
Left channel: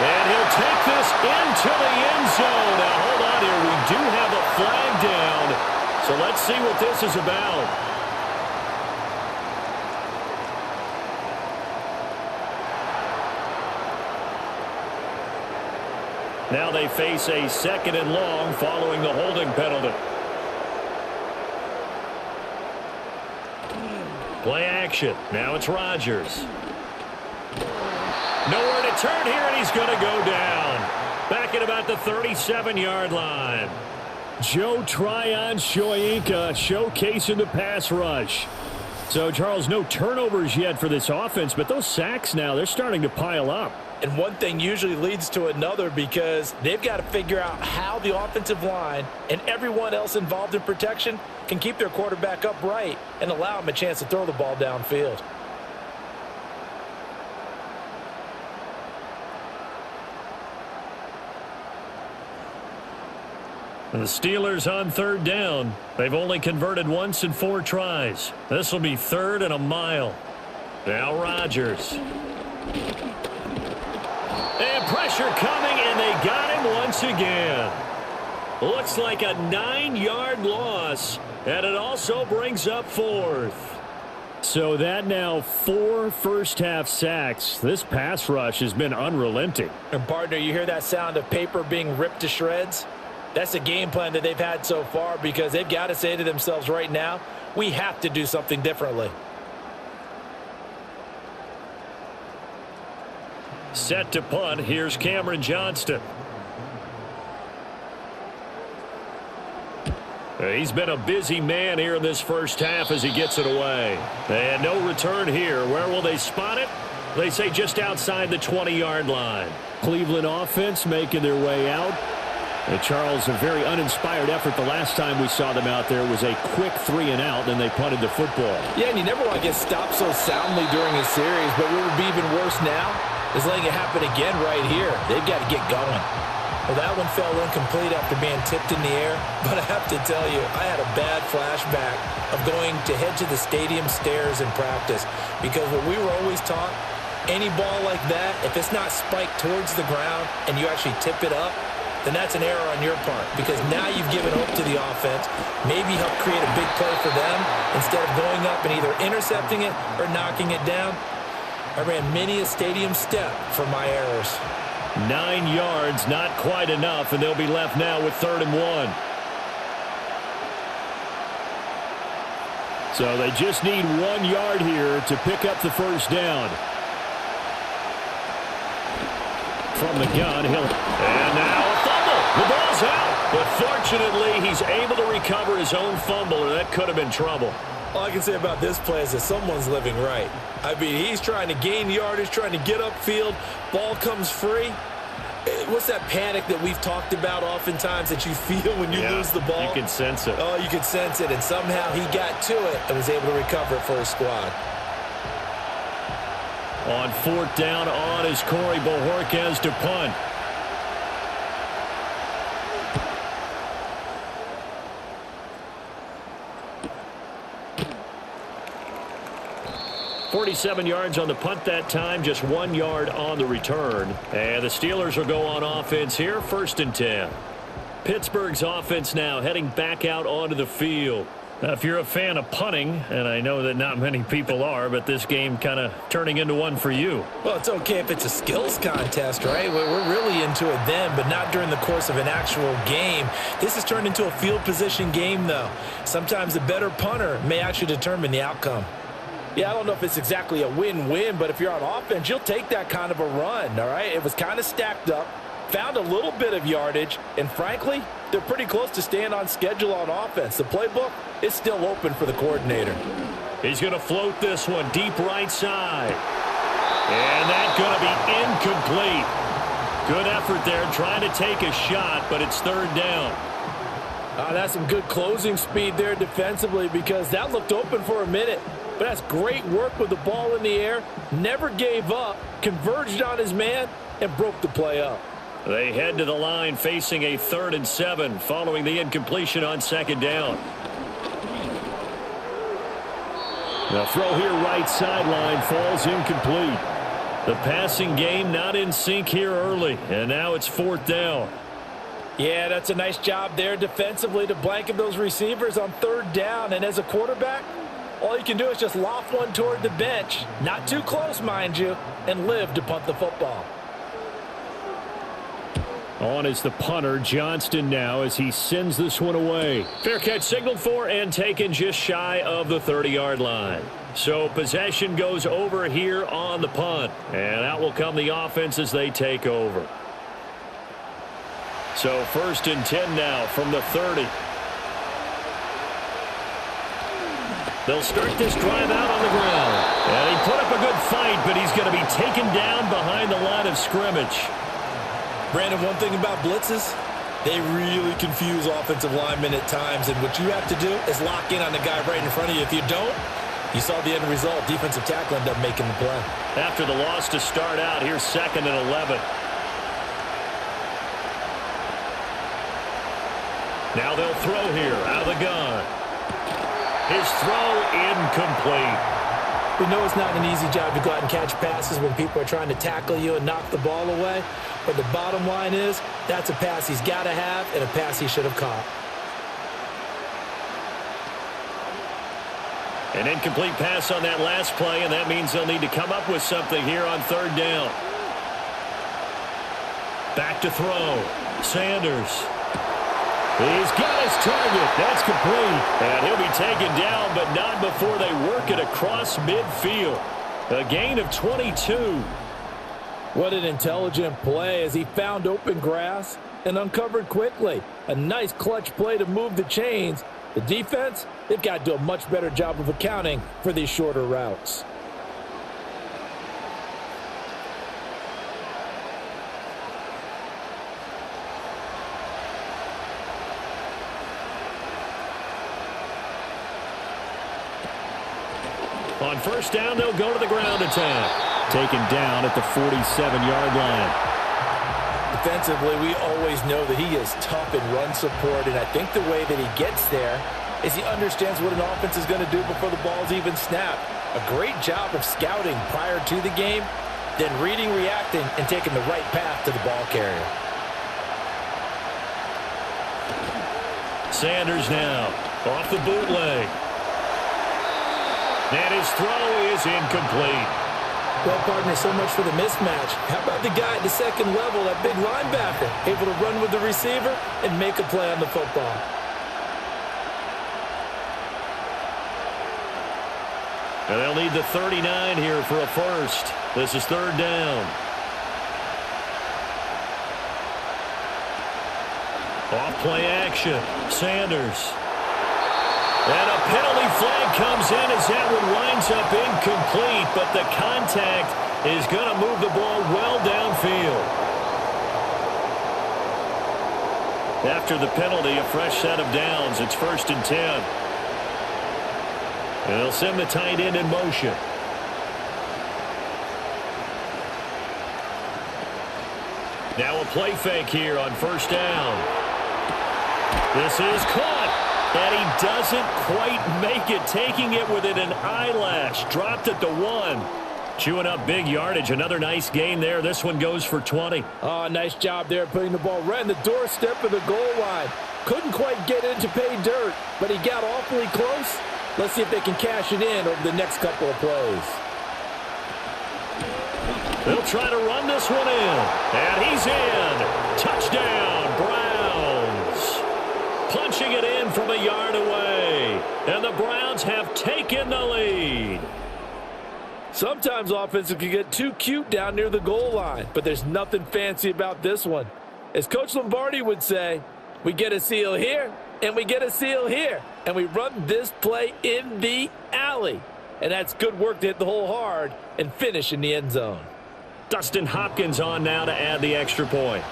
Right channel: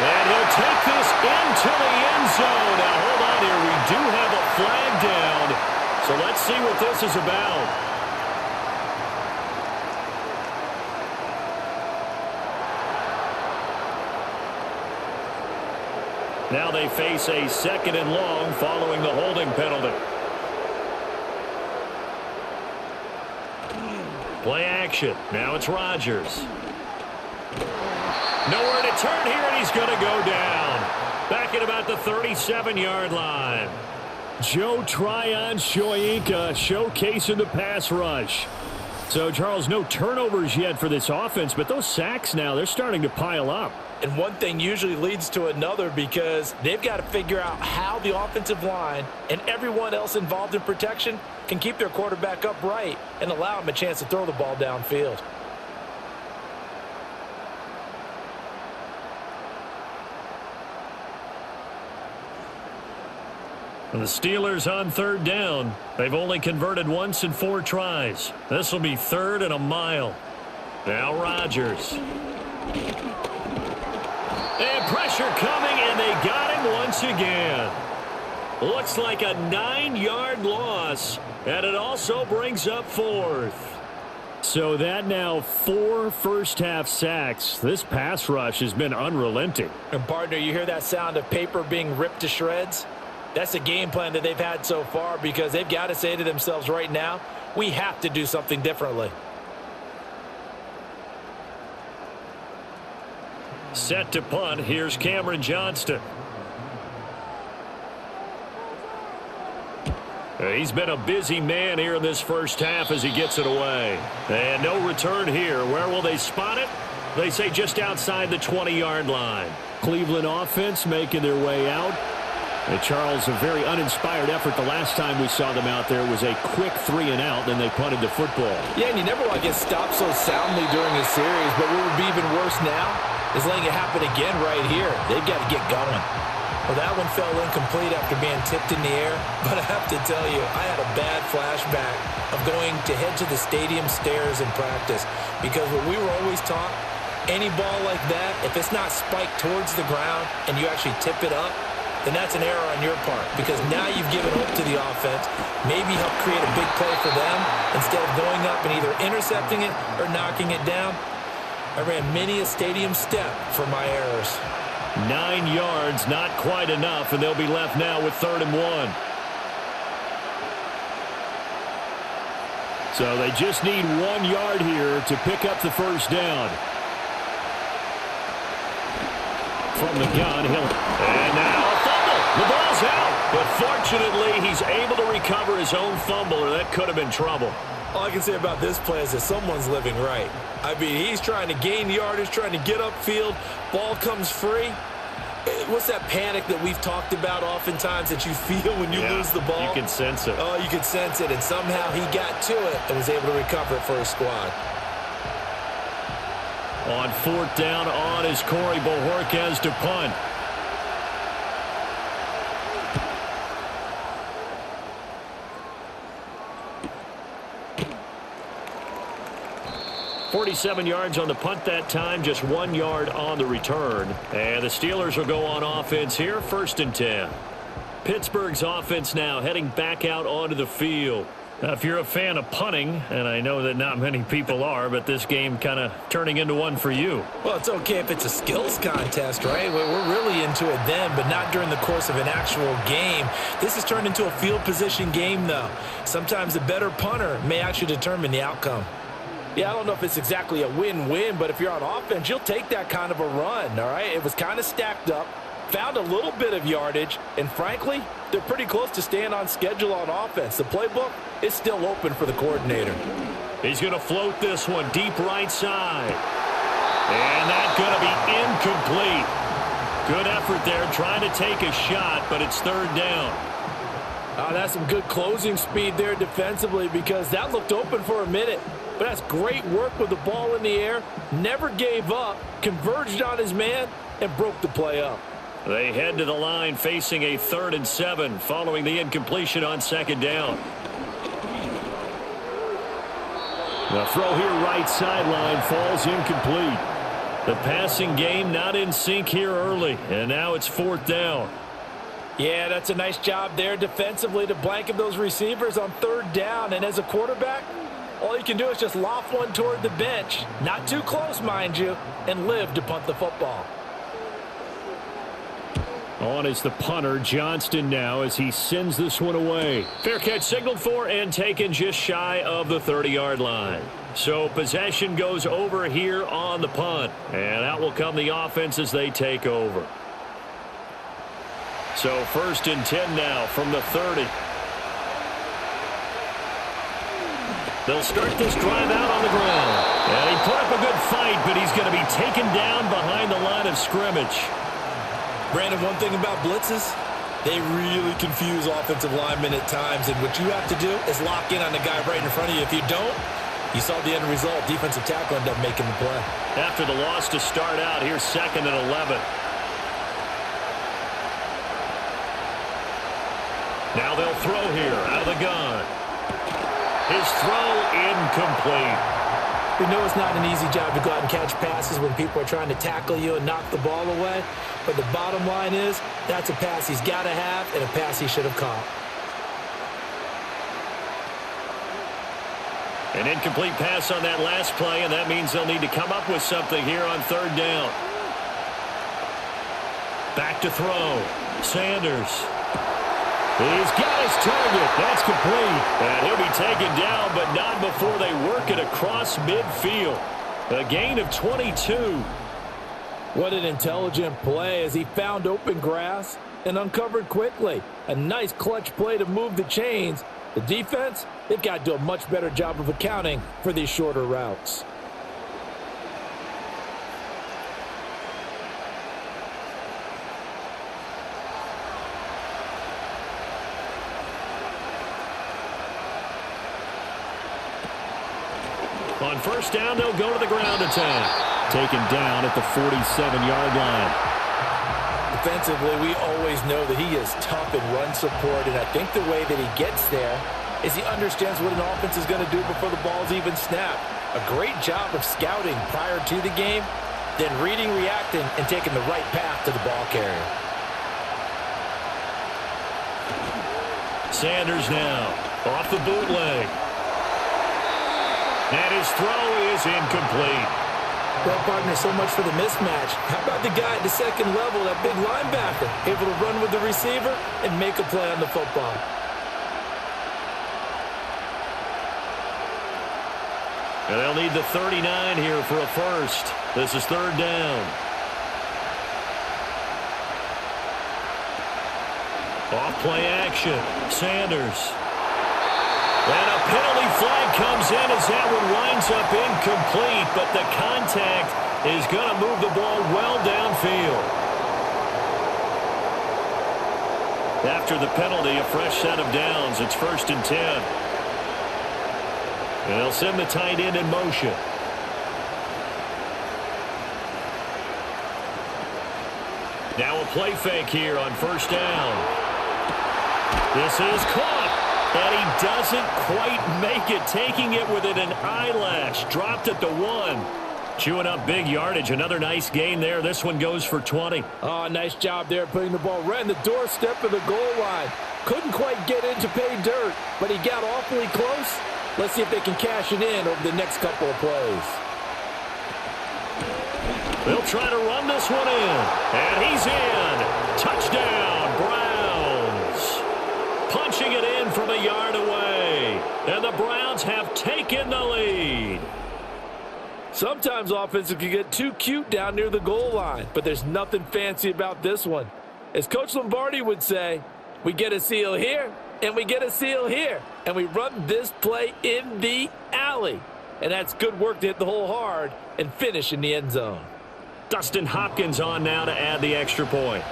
And he'll take this into the end zone. Now, hold on here. We do have a flag down. So let's see what this is about. Now they face a 2nd and long following the holding penalty. Play action. Now it's Rodgers. Nowhere to turn here, and he's going to go down. Back at about the 37-yard line. Joe Tryon-Shoyinka showcasing the pass rush. So, Charles, no turnovers yet for this offense, but those sacks now, they're starting to pile up. And one thing usually leads to another because they've got to figure out how the offensive line and everyone else involved in protection can keep their quarterback upright and allow him a chance to throw the ball downfield. And the Steelers on 3rd down. They've only converted once in 4 tries. This will be 3rd and a mile. Now Rodgers. And pressure coming, and they got him once again. Looks like a 9-yard loss, and it also brings up 4th. So that now 4 first-half sacks. This pass rush has been unrelenting. And, partner, you hear that sound of paper being ripped to shreds? That's the game plan that they've had so far because they've got to say to themselves right now, we have to do something differently. Set to punt. Here's Cameron Johnston. He's been a busy man here in this first half as he gets it away. And no return here. Where will they spot it? They say just outside the 20-yard line. Cleveland offense making their way out. And Charles, a very uninspired effort the last time we saw them out there was a quick 3-and-out, then they punted the football. Yeah, and you never want to get stopped so soundly during a series, but what would be even worse now is letting it happen again right here. They've got to get going. Well, that one fell incomplete after being tipped in the air, but I have to tell you, I had a bad flashback of going to head to the stadium stairs in practice because what we were always taught, any ball like that, if it's not spiked towards the ground and you actually tip it up, then that's an error on your part because now you've given hope to the offense, maybe help create a big play for them instead of going up and either intercepting it or knocking it down. I ran many a stadium step for my errors. 9 yards, not quite enough, and they'll be left now with 3rd and 1. So they just need 1 yard here to pick up the first down. From the gun, and now a fumble. The ball's out, but fortunately he's able to recover his own fumble, or that could have been trouble. All I can say about this play is that someone's living right. I mean, he's trying to gain yardage, trying to get upfield. Ball comes free. What's that panic that we've talked about oftentimes that you feel when you lose the ball? You can sense it. Oh, you can sense it, and somehow he got to it and was able to recover it for his squad. On 4th down, on is Corey Bojorquez to punt. .47 yards on the punt that time, just 1 yard on the return. And the Steelers will go on offense here, 1st and 10. Pittsburgh's offense now heading back out onto the field. If you're a fan of punting, and I know that not many people are, but this game kind of turning into one for you. Well, it's okay if it's a skills contest, right? We're really into it then, but not during the course of an actual game. This has turned into a field position game, though. Sometimes the better punter may actually determine the outcome. Yeah, I don't know if it's exactly a win-win, but if you're on offense, you'll take that kind of a run, all right? It was kind of stacked up, found a little bit of yardage, and frankly, they're pretty close to staying on schedule on offense. The playbook is still open for the coordinator. He's going to float this one deep right side. And that's going to be incomplete. Good effort there trying to take a shot, but it's 3rd down. That's some good closing speed there defensively because that looked open for a minute. But that's great work with the ball in the air. Never gave up, converged on his man, and broke the play up. They head to the line facing a 3rd and 7 following the incompletion on 2nd down. The throw here right sideline falls incomplete. The passing game not in sync here early, and now it's 4th down. Yeah, that's a nice job there defensively to blanket those receivers on 3rd down. And as a quarterback, all you can do is just loft one toward the bench, not too close, mind you, and live to punt the football. On is the punter, Johnston, now as he sends this one away. Fair catch signaled for and taken just shy of the 30-yard line. So possession goes over here on the punt. And out will come the offense as they take over. So 1st and 10 now from the 30. They'll start this drive out on the ground. And he put up a good fight, but he's going to be taken down behind the line of scrimmage. Brandon, one thing about blitzes, they really confuse offensive linemen at times. And what you have to do is lock in on the guy right in front of you. If you don't, you saw the end result. Defensive tackle ended up making the play. After the loss to start out, here's 2nd and 11. Now they'll throw here out of the gun. His throw incomplete. We know it's not an easy job to go out and catch passes when people are trying to tackle you and knock the ball away. But the bottom line is that's a pass he's got to have and a pass he should have caught. An incomplete pass on that last play, and that means they'll need to come up with something here on 3rd down. Back to throw. Sanders. He's got his target. That's complete. And he'll be taken down, but not before they work it across midfield. A gain of 22. What an intelligent play as he found open grass and uncovered quickly. A nice clutch play to move the chains. The defense, they've got to do a much better job of accounting for these shorter routes. On 1st down, they'll go to the ground attack. Taken down at the 47-yard line. Defensively, we always know that he is tough in run support, and I think the way that he gets there is he understands what an offense is going to do before the ball's even snapped. A great job of scouting prior to the game, then reading, reacting, and taking the right path to the ball carrier. Sanders now off the bootleg. And his throw is incomplete. Well, partner, so much for the mismatch. How about the guy at the 2nd level, that big linebacker, able to run with the receiver and make a play on the football? And they'll need the 39 here for a first. This is 3rd down. Off play action. Sanders. And a penalty flag comes in as that one winds up incomplete, but the contact is going to move the ball well downfield. After the penalty, a fresh set of downs. It's 1st and 10. And they'll send the tight end in motion. Now a play fake here on 1st down. This is caught. And he doesn't quite make it, taking it within an eyelash. Dropped at the 1. Chewing up big yardage. Another nice gain there. This one goes for 20. Oh, nice job there putting the ball right in the doorstep of the goal line. Couldn't quite get in to pay dirt, but he got awfully close. Let's see if they can cash it in over the next couple of plays. They'll try to run this one in. And he's in. Touchdown, Browns. Punching it in from a yard away. And the Browns have taken the lead. Sometimes offenses can get too cute down near the goal line, but there's nothing fancy about this one. As Coach Lombardi would say, we get a seal here, and we get a seal here, and we run this play in the alley. And that's good work to hit the hole hard and finish in the end zone. Dustin Hopkins on now to add the extra point.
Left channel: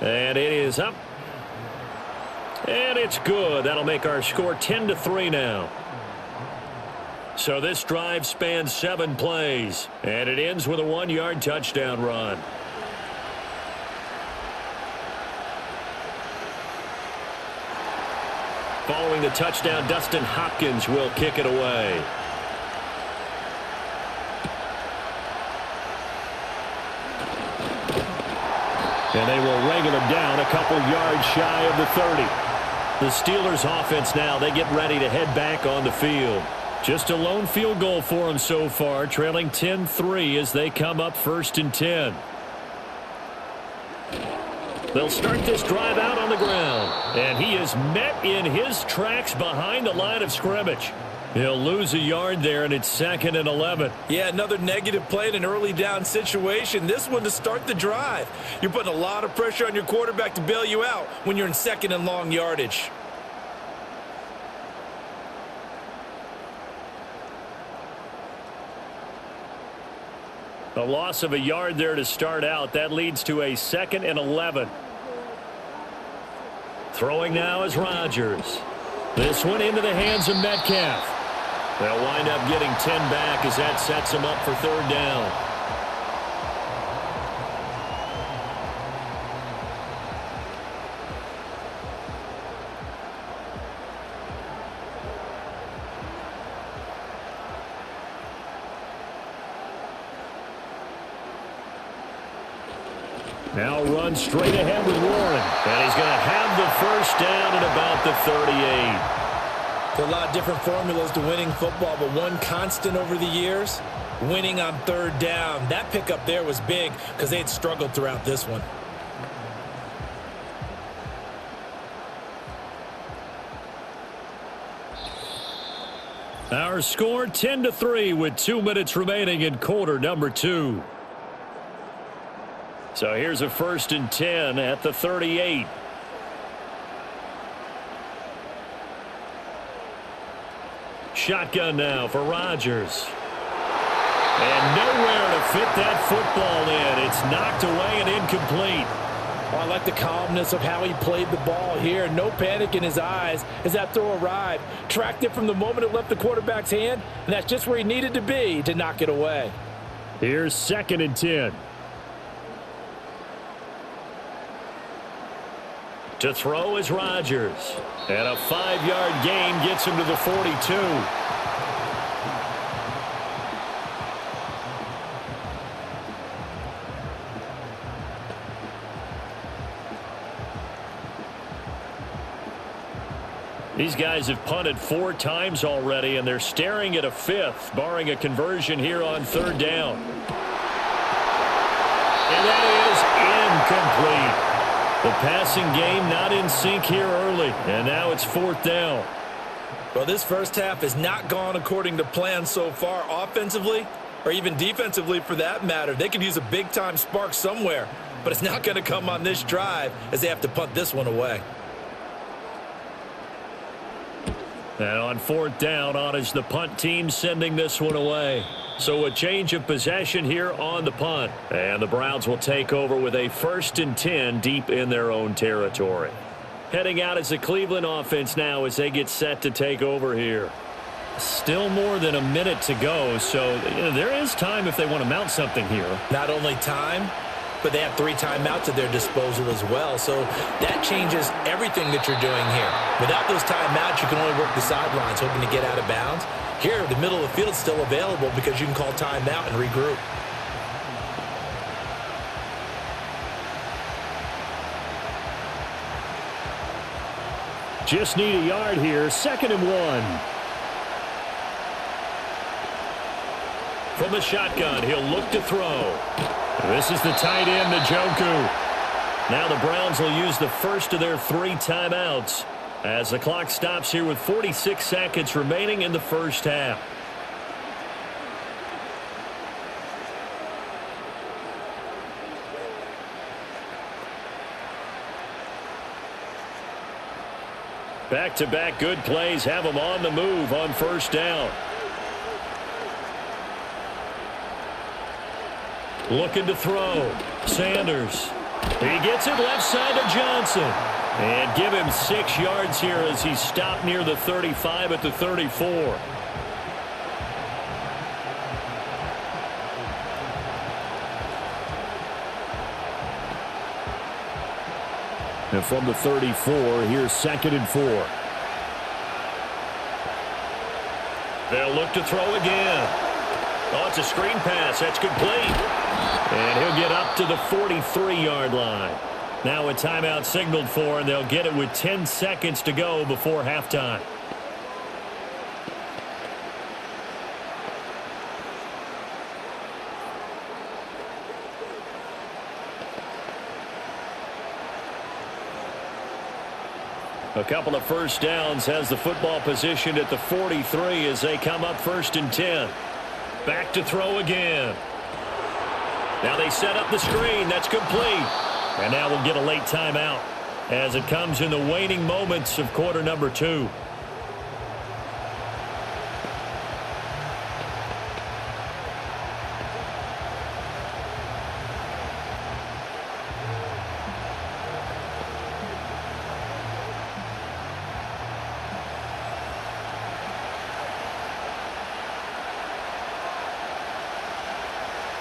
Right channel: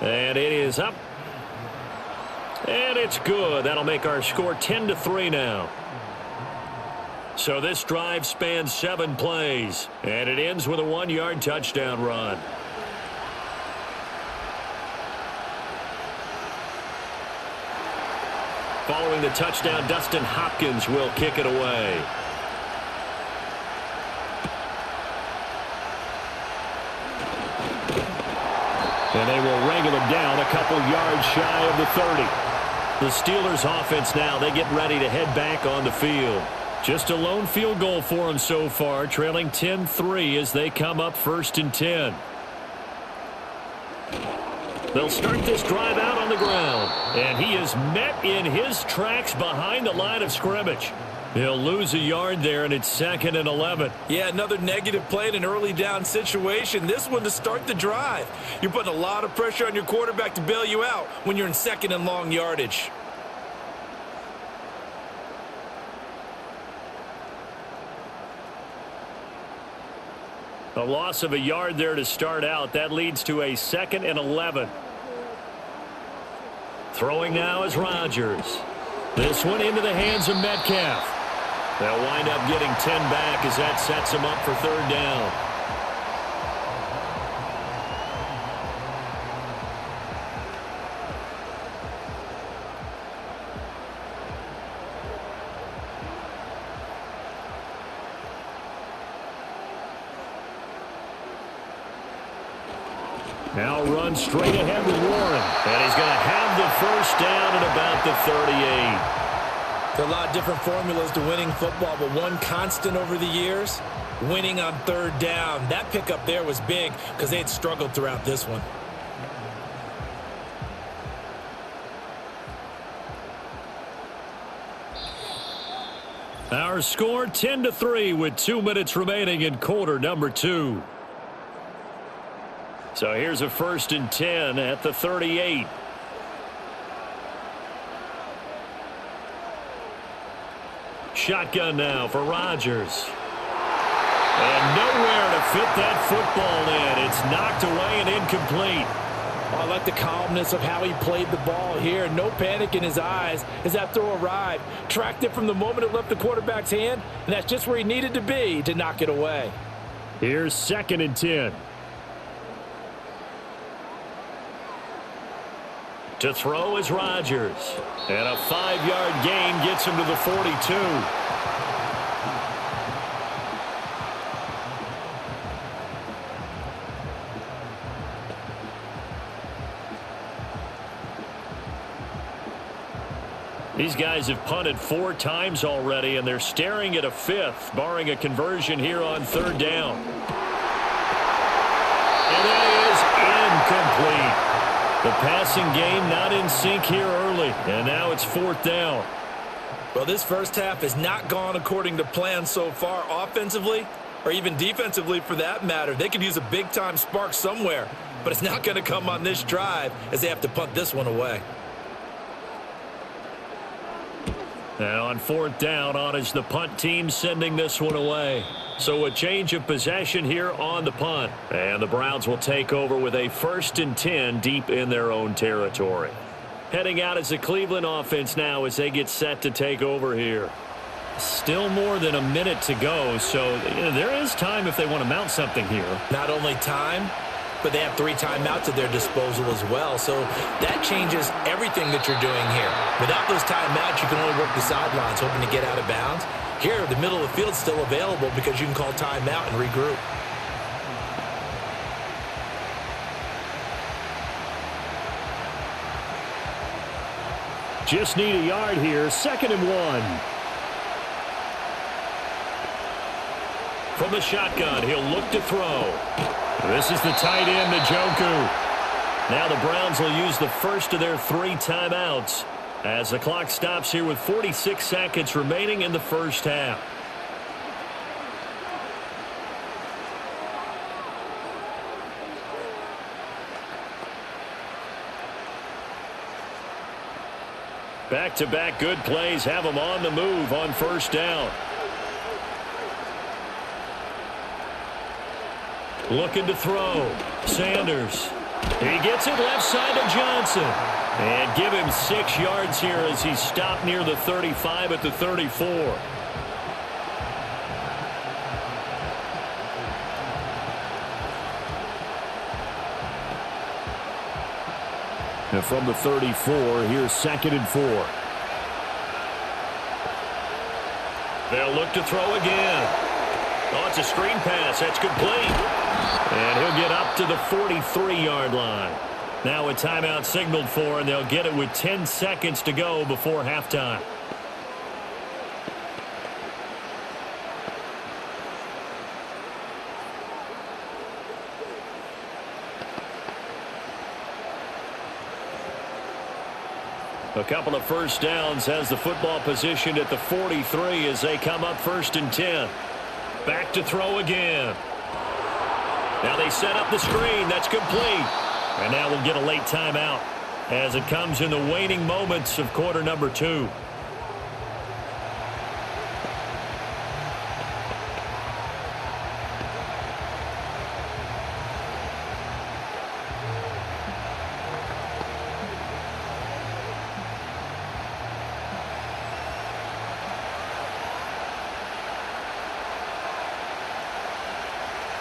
And it is up. And it's good. That'll make our score 10-3 now. So this drive spans 7 plays. And it ends with a 1-yard touchdown run. Following the touchdown, Dustin Hopkins will kick it away. And they will wrangle him down a couple yards shy of the 30. The Steelers offense now, they get ready to head back on the field. Just a lone field goal for them so far, trailing 10-3 as they come up 1st and 10. They'll start this drive out on the ground, and he is met in his tracks behind the line of scrimmage. He'll lose a yard there, and it's 2nd and 11. Yeah, another negative play in an early down situation. This one to start the drive. You're putting a lot of pressure on your quarterback to bail you out when you're in 2nd and long yardage. A loss of a yard there to start out. That leads to a 2nd and 11. Throwing now is Rodgers. This one into the hands of Metcalf. They'll wind up getting 10 back as that sets them up for 3rd down. Now run straight ahead with Warren. And he's going to have the 1st down at about the 38. There are a lot of different formulas to winning football, but one constant over the years, winning on 3rd down. That pickup there was big because they had struggled throughout this one. Our score 10-3 with 2 minutes remaining in quarter number 2. So here's a 1st and 10 at the 38. Shotgun now for Rodgers. And nowhere to fit that football in. It's knocked away and incomplete. Oh, I like the calmness of how he played the ball here. No panic in his eyes as that throw arrived. Tracked it from the moment it left the quarterback's hand, and that's just where he needed to be to knock it away. Here's 2nd and 10. To throw is Rodgers. And a 5-yard gain gets him to the 42. These guys have punted 4 times already, and they're staring at a 5th, barring a conversion here on 3rd down. And that is incomplete. The passing game not in sync here early, and now it's 4th down. Well, this first half has not gone according to plan so far offensively, or even defensively for that matter. They could use a big-time spark somewhere, but it's not going to come on this drive as they have to punt this one away. And on 4th down, on is the punt team sending this one away. So a change of possession here on the punt. And the Browns will take over with a 1st and 10 deep in their own territory. Heading out as the Cleveland offense now as they get set to take over here. Still more than a minute to go, so there is time if they want to mount something here. Not only time, but they have 3 timeouts at their disposal as well. So that changes everything that you're doing here. Without those timeouts, you can only work the sidelines, hoping to get out of bounds. Here, the middle of the field is still available because you can call timeout and regroup. Just need a yard here. 2nd and 1. From the shotgun, he'll look to throw. This is the tight end, Njoku. Now the Browns will use the first of their 3 timeouts as the clock stops here with 46 seconds remaining in the first half. Back-to-back good plays have them on the move on 1st down. Looking to throw. Sanders. He gets it left side to Johnson. And give him 6 yards here as he stopped near the 35 at the 34. And from the 34, here's 2nd and 4. They'll look to throw again. Oh, it's a screen pass. That's complete. And he'll get up to the 43-yard line. Now a timeout signaled for, and they'll get it with 10 seconds to go before halftime. A couple of first downs, has the football positioned at the 43 as they come up 1st and 10. Back to throw again. Now they set up the screen. That's complete. And now we'll get a late timeout as it comes in the waning moments of quarter number 2.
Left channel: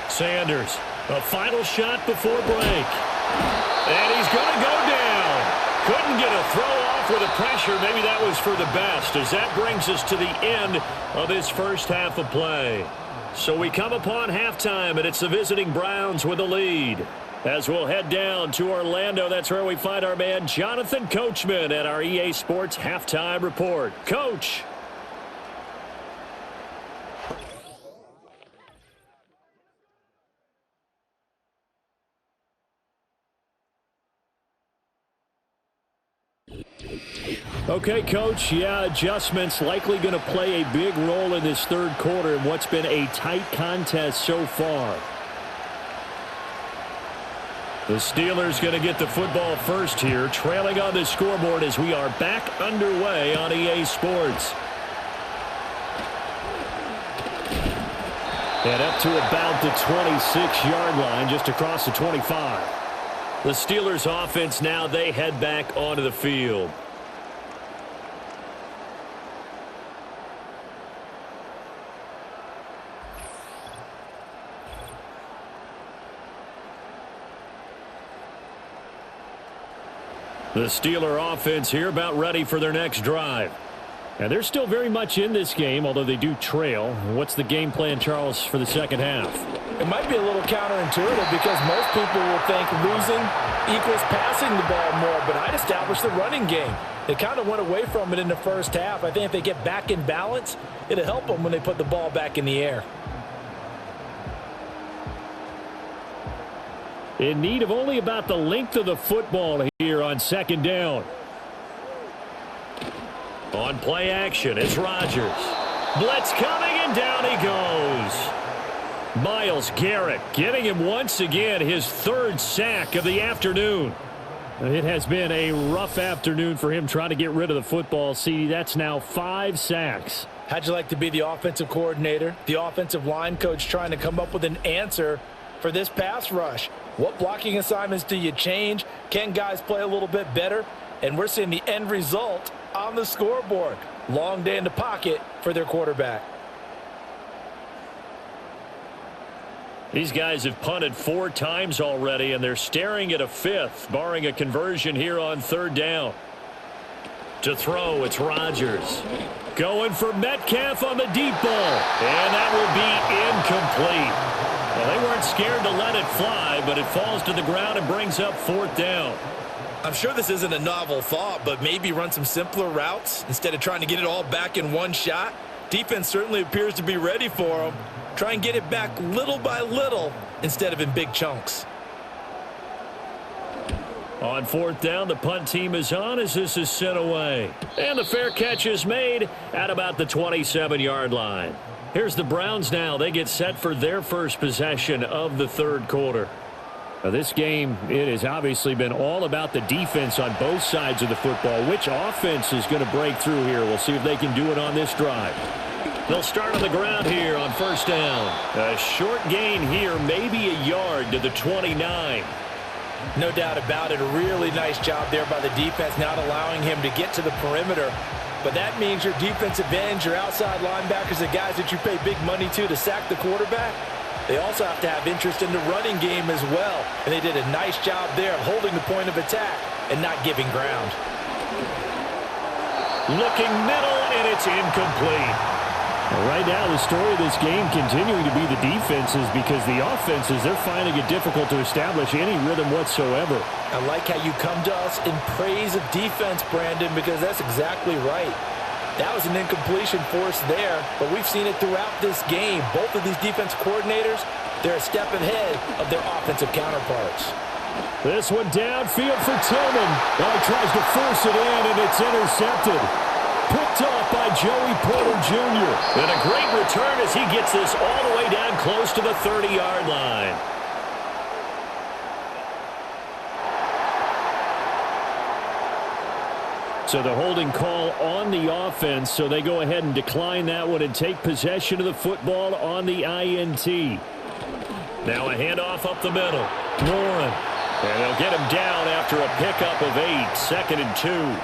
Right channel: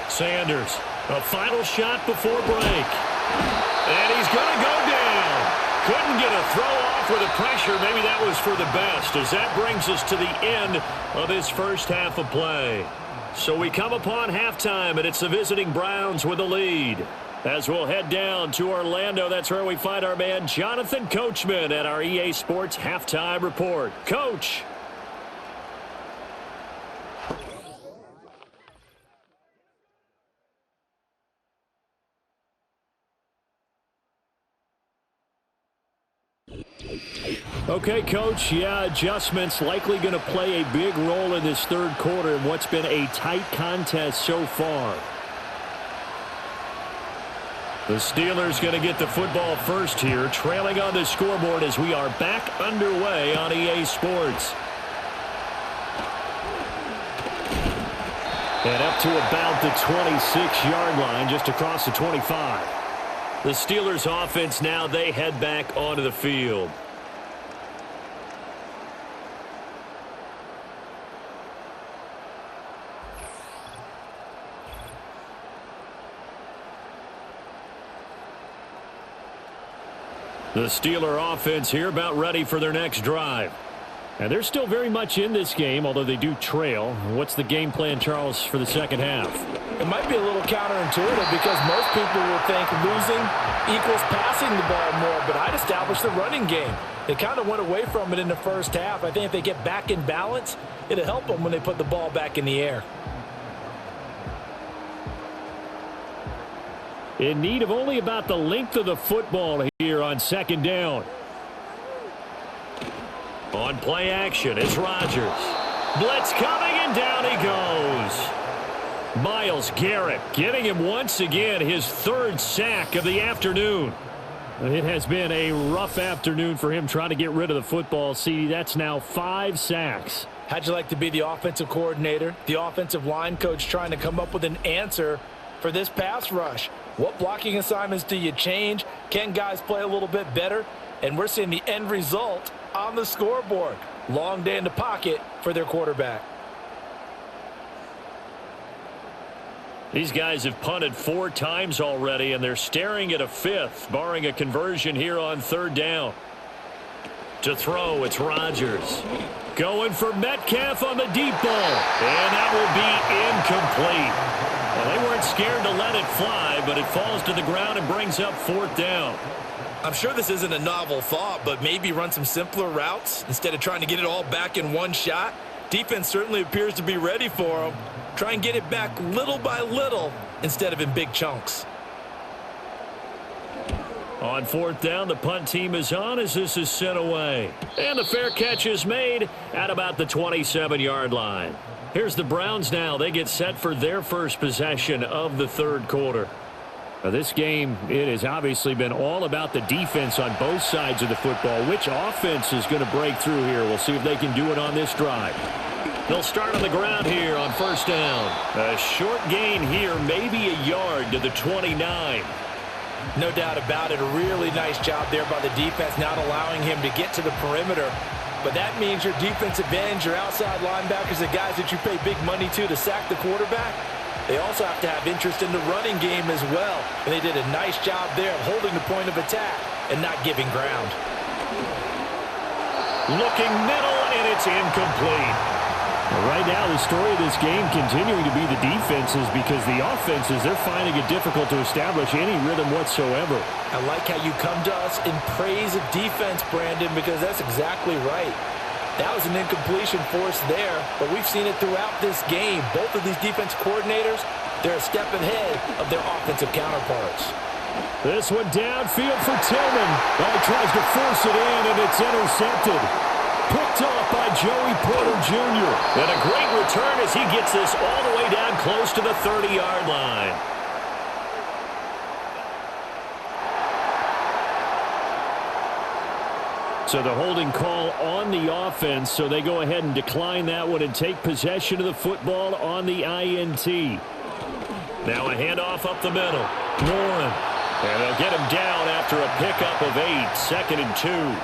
Sanders, a final shot before break. And he's going to go down. Couldn't get a throw off with the pressure. Maybe that was for the best, as that brings us to the end of this first half of play. So we come upon halftime, and it's the visiting Browns with the lead. As we'll head down to Orlando, that's where we find our man Jonathan Coachman at our EA Sports Halftime Report. Coach. Okay, Coach, yeah, adjustments likely going to play a big role in this third quarter in what's been a tight contest so far. The Steelers going to get the football first here, trailing on the scoreboard as we are back underway on EA Sports. And up to about the 26-yard line, just across the 25. The Steelers offense now, they head back onto the field. The Steeler offense here about ready for their next drive. And they're still very much in this game, although they do trail. What's the game plan, Charles, for the second half? It might be a little counterintuitive because most people will think losing equals passing the ball more, but I'd establish the running game. They kind of went away from it in the first half. I think if they get back in balance, it'll help them when they put the ball back in the air. In need of only about the length of the football here on second down. On play action, it's Rodgers. Blitz coming, and down he goes. Myles Garrett getting him once again his third sack of the afternoon. It has been a rough afternoon for him trying to get rid of the football. See, that's now 5 sacks. How'd you like to be the offensive coordinator, the offensive line coach trying to come up with an answer for this pass rush? What blocking assignments do you change? Can guys play a little bit better? And we're seeing the end result on the scoreboard. Long day in the pocket for their quarterback. These guys have punted 4 times already, and they're staring at a 5th, barring a conversion here on third down. To throw, it's Rodgers. Going for Metcalf on the deep ball, and that will be incomplete. Well, they weren't scared to let it fly, but it falls to the ground and brings up 4th down. I'm sure this isn't a novel thought, but maybe run some simpler routes instead of trying to get it all back in one shot. Defense certainly appears to be ready for them. Try and get it back little by little instead of in big chunks. On 4th down, the punt team is on as this is sent away. And the fair catch is made at about the 27-yard line. Here's the Browns now. They get set for their first possession of the third quarter. Now, this game, it has obviously been all about the defense on both sides of the football. Which offense is going to break through here? We'll see if they can do it on this drive. They'll start on the ground here on first down. A short gain here, maybe a yard to the 29. No doubt about it. A really nice job there by the defense, not allowing him to get to the perimeter. But that means your defensive ends, your outside linebackers, the guys that you pay big money to sack the quarterback, they also have to have interest in the running game as well. And they did a nice job there of holding the point of attack and not giving ground. Looking middle, and it's incomplete. Right now, the story of this game continuing to be the defenses, because the offenses, they're finding it difficult to establish any rhythm whatsoever. I like how you come to us in praise of defense, Brandon, because that's exactly right. That was an incompletion forced there, but we've seen it throughout this game. Both of these defense coordinators, they're a step ahead of their offensive counterparts. This one downfield for Tillman. Well, he tries to force it in, and it's intercepted. Picked off by Joey Porter Jr. And a great return as he gets this all the way down close to the 30-yard line. So the holding call on the offense, so they go ahead and decline that one and take possession of the football on the INT. Now a handoff up the middle. Warren. And they'll get him down after a pickup of 8, 2nd and 2.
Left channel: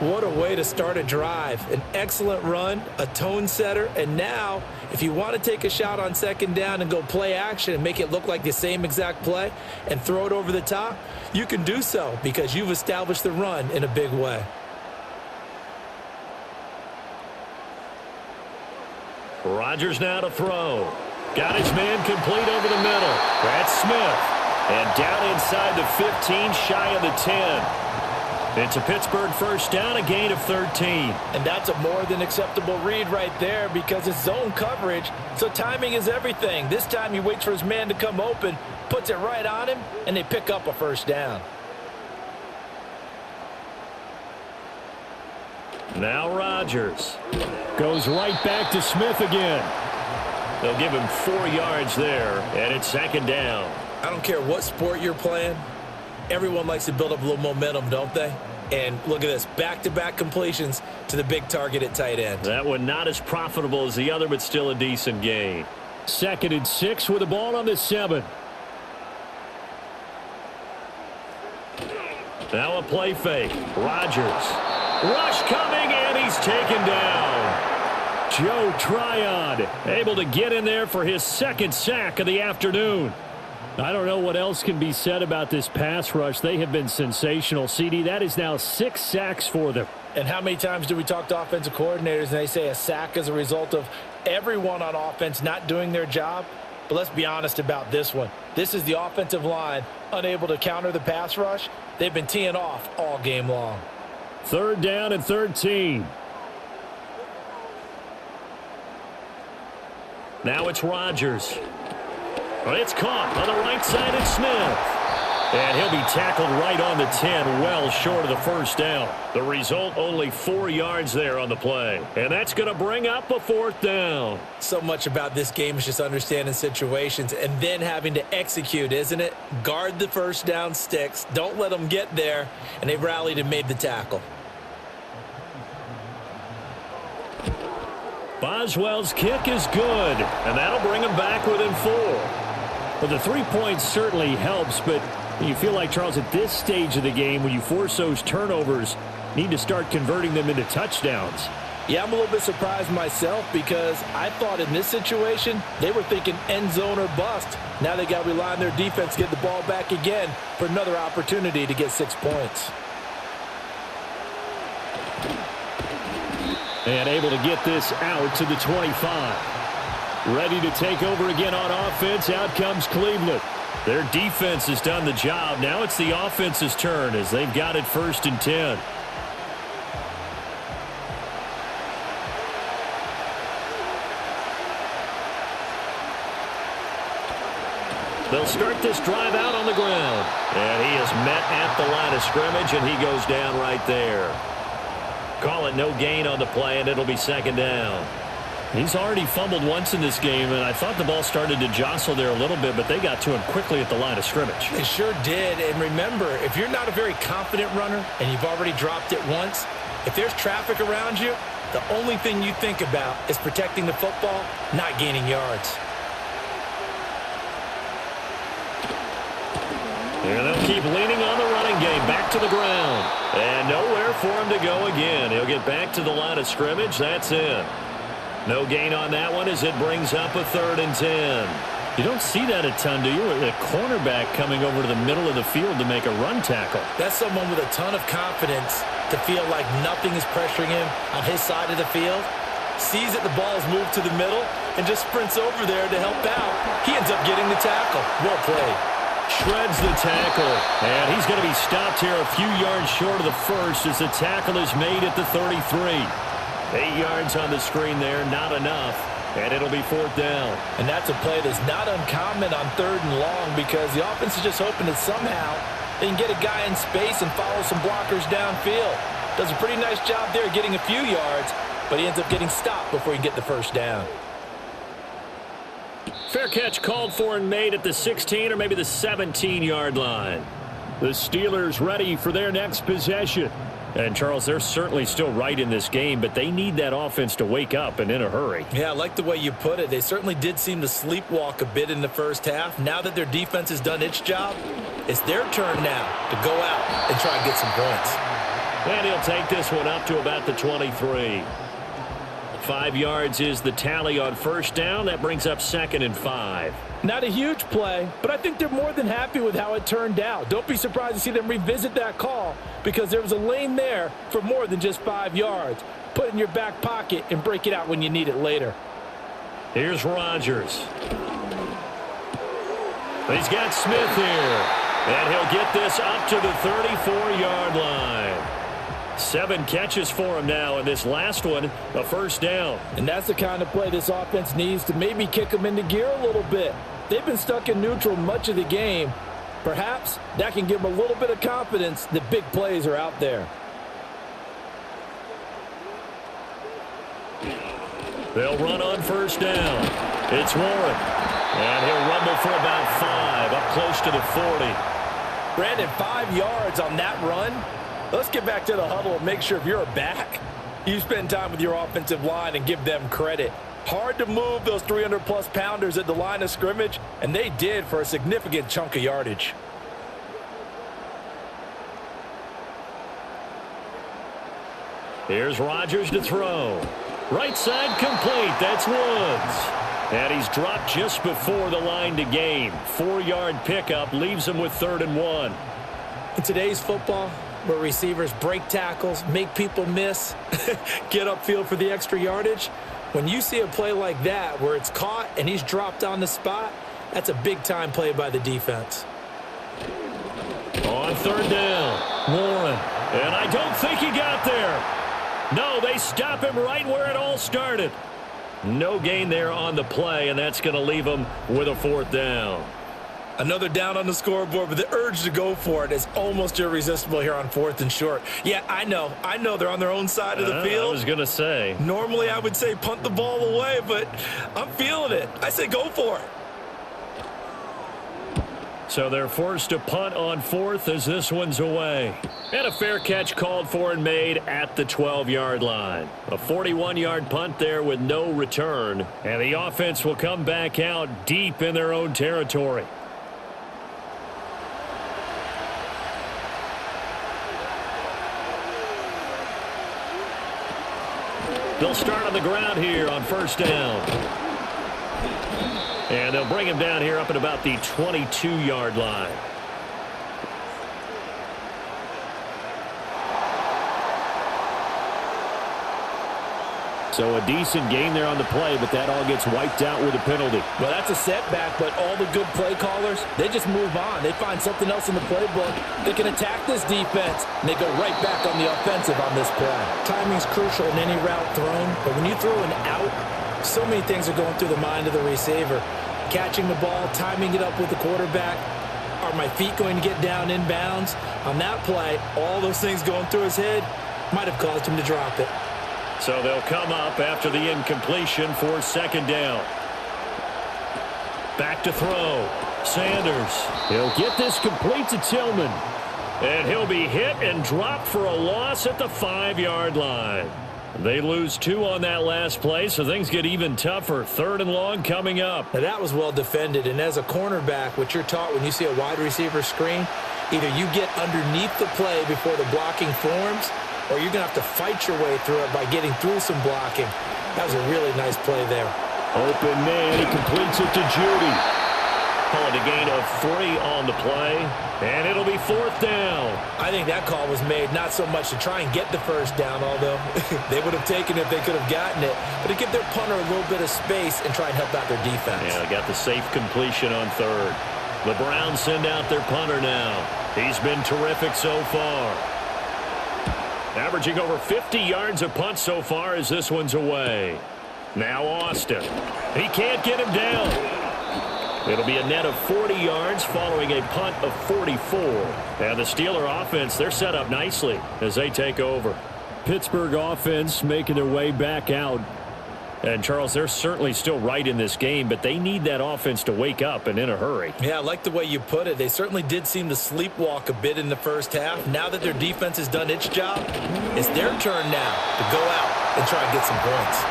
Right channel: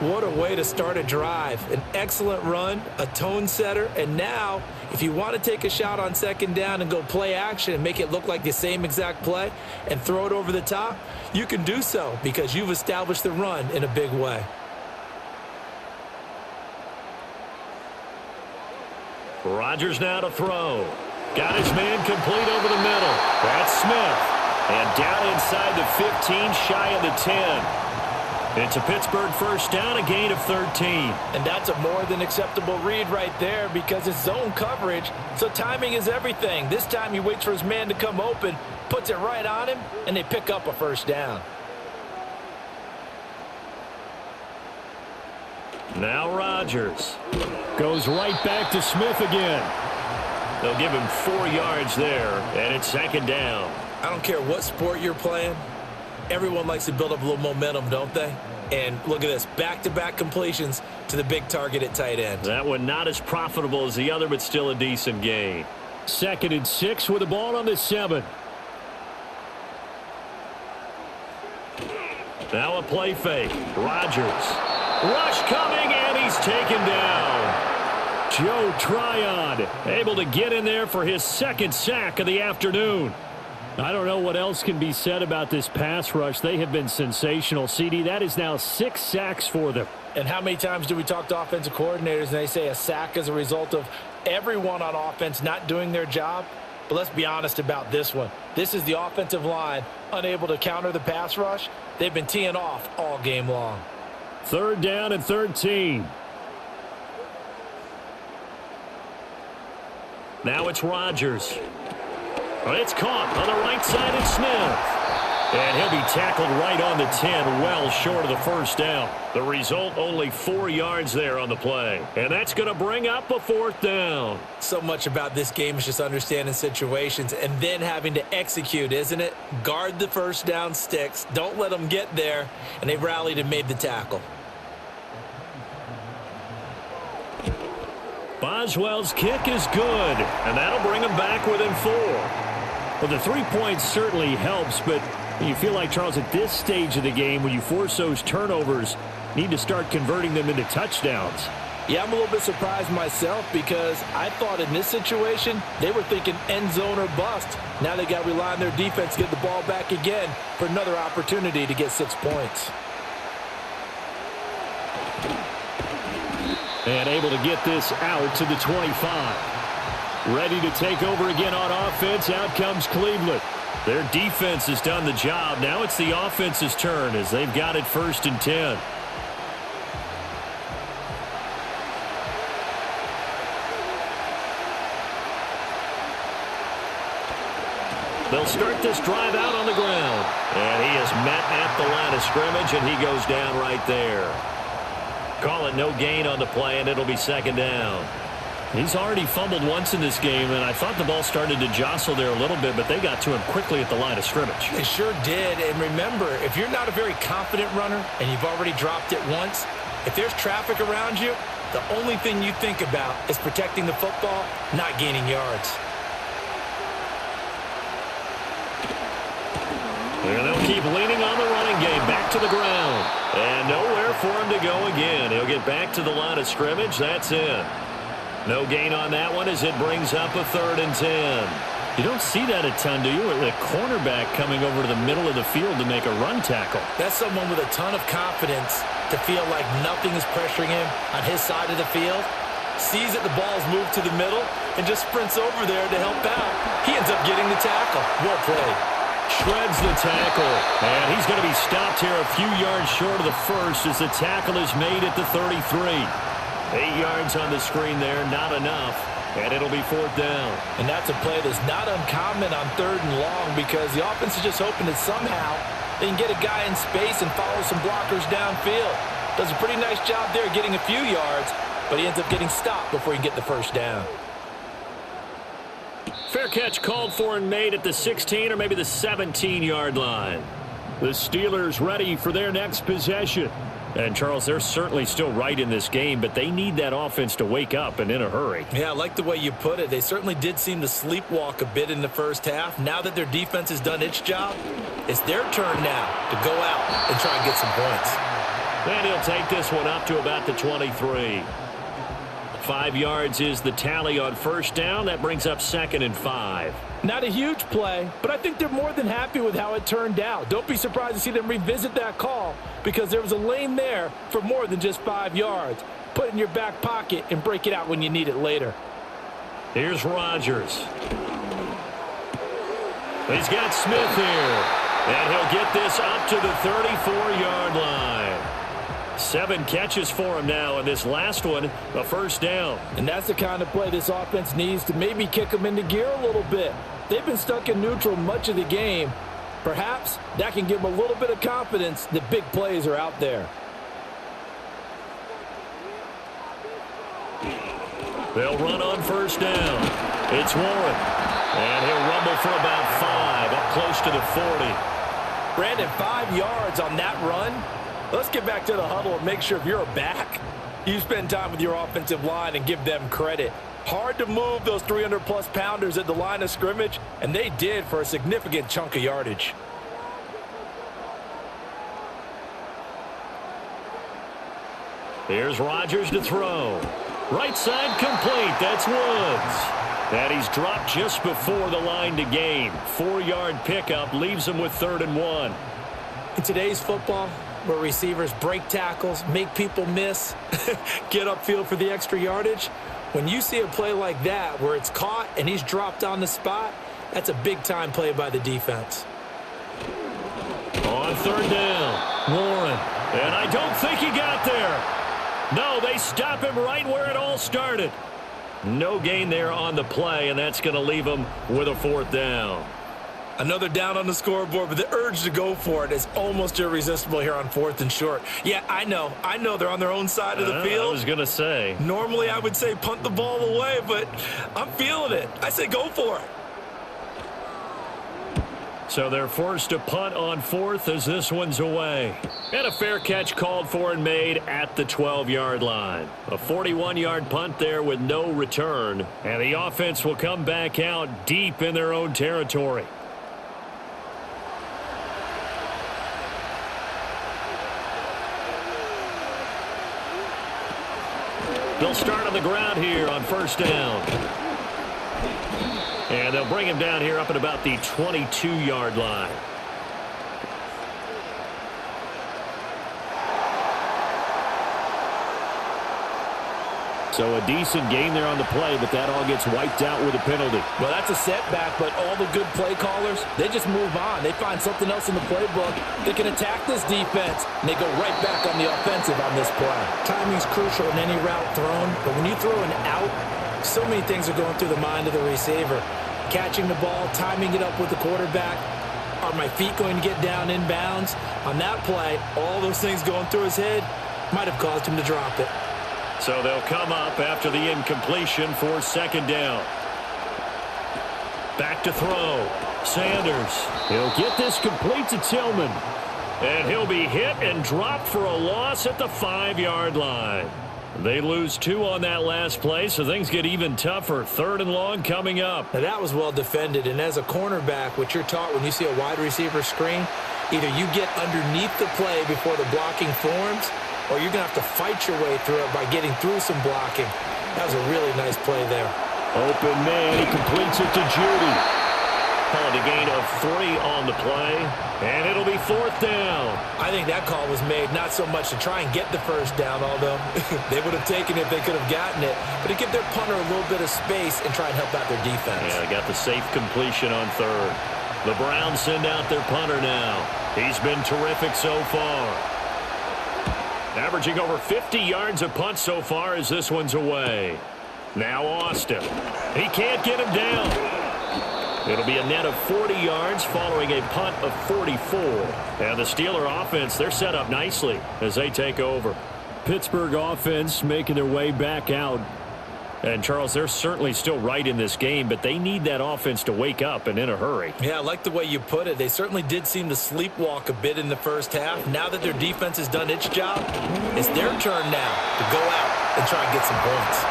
What a way to start a drive. An excellent run, a tone setter, and now if you want to take a shot on 2nd down and go play action and make it look like the same exact play and throw it over the top, you can do so because you've established the run in a big way. Rodgers now to throw. Got his man complete over the middle. That's Smith. And down inside the 15, shy of the 10. It's a Pittsburgh first down, a gain of 13. And that's a more than acceptable read right there because it's zone coverage, so timing is everything. This time he waits for his man to come open, puts it right on him, and they pick up a first down. Now Rodgers goes right back to Smith again. They'll give him 4 yards there, and it's 2nd down. I don't care what sport you're playing. Everyone likes to build up a little momentum, don't they? And look at this, back-to-back completions to the big target at tight end. That one not as profitable as the other, but still a decent gain. 2nd and 6 with the ball on the 7. Now a play fake. Rodgers. Rush coming, and he's taken down. Joe Tryon able to get in there for his 2nd sack of the afternoon. I don't know what else can be said about this pass rush. They have been sensational. CD, that is now 6 sacks for them. And how many times do we talk to offensive coordinators and they say a sack is a result of everyone on offense not doing their job? But let's be honest about this one. This is the offensive line unable to counter the pass rush. They've been teeing off all game long. 3rd down and 13. Now it's Rodgers. Well, it's caught on the right side of Smith. And he'll be tackled right on the 10, well short of the first down. The result, only 4 yards there on the play. And that's going to bring up a 4th down. So much about this game is just understanding situations and then having to execute, isn't it? Guard the first down sticks. Don't let them get there. And they've rallied and made the tackle. Boswell's kick is good. And that'll bring him back within 4. Well, the 3 points certainly helps, but you feel like, Charles, at this stage of the game, when you force those turnovers, need to start converting them into touchdowns. Yeah, I'm a little bit surprised myself because I thought in this situation they were thinking end zone or bust. Now they got to rely on their defense to get the ball back again for another opportunity to get 6 points. And able to get this out to the 25. Ready to take over again on offense. Out comes Cleveland. Their defense has done the job. Now it's the offense's turn as they've got it 1st and 10. They'll start this drive out on the ground. And he is met at the line of scrimmage, and he goes down right there. Call it no gain on the play, and it'll be 2nd down. He's already fumbled once in this game, and I thought the ball started to jostle there a little bit, but they got to him quickly at the line of scrimmage. They sure did, and remember, if you're not a very confident runner and you've already dropped it once, if there's traffic around you, the only thing you think about is protecting the football, not gaining yards. And they'll keep leaning on the running game, back to the ground. And nowhere for him to go again. He'll get back to the line of scrimmage. That's it. No gain on that one as it brings up a 3rd and 10. You don't see that a ton, do you? The cornerback coming over to the middle of the field to make a run tackle. That's someone with a ton of confidence to feel like nothing is pressuring him on his side of the field. Sees that the ball is moved to the middle and just sprints over there to help out. He ends up getting the tackle. Well played. Shreds the tackle. And he's going to be stopped here a few yards short of the first as the tackle is made at the 33. 8 yards on the screen there, not enough. and it'll be 4th down. And that's a play that's not uncommon on 3rd and long because the offense is just hoping that somehow they can get a guy in space and follow some blockers downfield. Does a pretty nice job there getting a few yards, but he ends up getting stopped before he can get the 1st down. Fair catch called for and made at the 16 or maybe the 17-yard line. The Steelers ready for their next possession. And, Charles, they're certainly still right in this game, but they need that offense to wake up and in a hurry. Yeah, I like the way you put it. They certainly did seem to sleepwalk a bit in the first half. Now that their defense has done its job, it's their turn now to go out and try and get some points. And he'll take this one up to about the 23. 5 yards is the tally on 1st down. That brings up 2nd and 5. Not a huge play, but I think they're more than happy with how it turned out. Don't be surprised to see them revisit that call because there was a lane there for more than just 5 yards. Put it in your back pocket and break it out when you need it later. Here's Rodgers. He's got Smith here, and he'll get this up to the 34-yard line. 7 catches for him now, and this last one, a 1st down. And that's the kind of play this offense needs to maybe kick them into gear a little bit. They've been stuck in neutral much of the game. Perhaps that can give them a little bit of confidence that big plays are out there. They'll run on 1st down. It's Warren, and he'll rumble for about 5, up close to the 40. Brandon, 5 yards on that run. Let's get back to the huddle and make sure if you're a back, you spend time with your offensive line and give them credit. Hard to move those 300-plus pounders at the line of scrimmage, and they did for a significant chunk of yardage. Here's Rodgers to throw. Right side complete. That's Woods. And he's dropped just before the line to gain. 4-yard pickup leaves him with 3rd and 1. In today's football, where receivers break tackles, make people miss, get upfield for the extra yardage, when you see a play like that where it's caught and he's dropped on the spot, that's a big-time play by the defense. On 3rd down, Warren. And I don't think he got there. No, they stop him right where it all started. No gain there on the play, and that's going to leave him with a 4th down. Another down on the scoreboard, but the urge to go for it is almost irresistible here on 4th and short. Yeah, I know they're on their own side of the field. I was going to say. Normally I would say punt the ball away, but I'm feeling it. I say go for it. So they're forced to punt on 4th as this one's away. And a fair catch called for and made at the 12-yard line. A 41-yard punt there with no return. And the offense will come back out deep in their own territory. They'll start on the ground here on 1st down. And they'll bring him down here up at about the 22-yard line. So a decent gain there on the play, but that all gets wiped out with a penalty. Well, that's a setback, but all the good play callers, they just move on. They find something else in the playbook that can attack this defense, and they go right back on the offensive on this play. Timing's crucial in any route thrown, but when you throw an out, so many things are going through the mind of the receiver. Catching the ball, timing it up with the quarterback. Are my feet going to get down inbounds? On that play, all those things going through his head might have caused him to drop it. So they'll come up after the incompletion for 2nd down. Back to throw. Sanders. He'll get this complete to Tillman. And he'll be hit and dropped for a loss at the 5-yard line. They lose 2 on that last play, so things get even tougher. 3rd and long coming up. Now that was well defended, and as a cornerback, what you're taught when you see a wide receiver screen, either you get underneath the play before the blocking forms, or you're going to have to fight your way through it by getting through some blocking. That was a really nice play there. Open man, he completes it to Judy. Calling a gain of 3 on the play, and it'll be 4th down. I think that call was made not so much to try and get the 1st down, although they would have taken it if they could have gotten it, but to give their punter a little bit of space and try and help out their defense. Yeah, they got the safe completion on 3rd. The Browns send out their punter now. He's been terrific so far. Averaging over 50 yards a punt so far as this one's away. Now Austin. He can't get him down. It'll be a net of 40 yards following a punt of 44. And the Steeler offense, they're set up nicely as they take over. Pittsburgh offense making their way back out. And, Charles, they're certainly still right in this game, but they need that offense to wake up and in a hurry. Yeah, I like the way you put it. They certainly did seem to sleepwalk a bit in the first half. Now that their defense has done its job, it's their turn now to go out and try and get some points.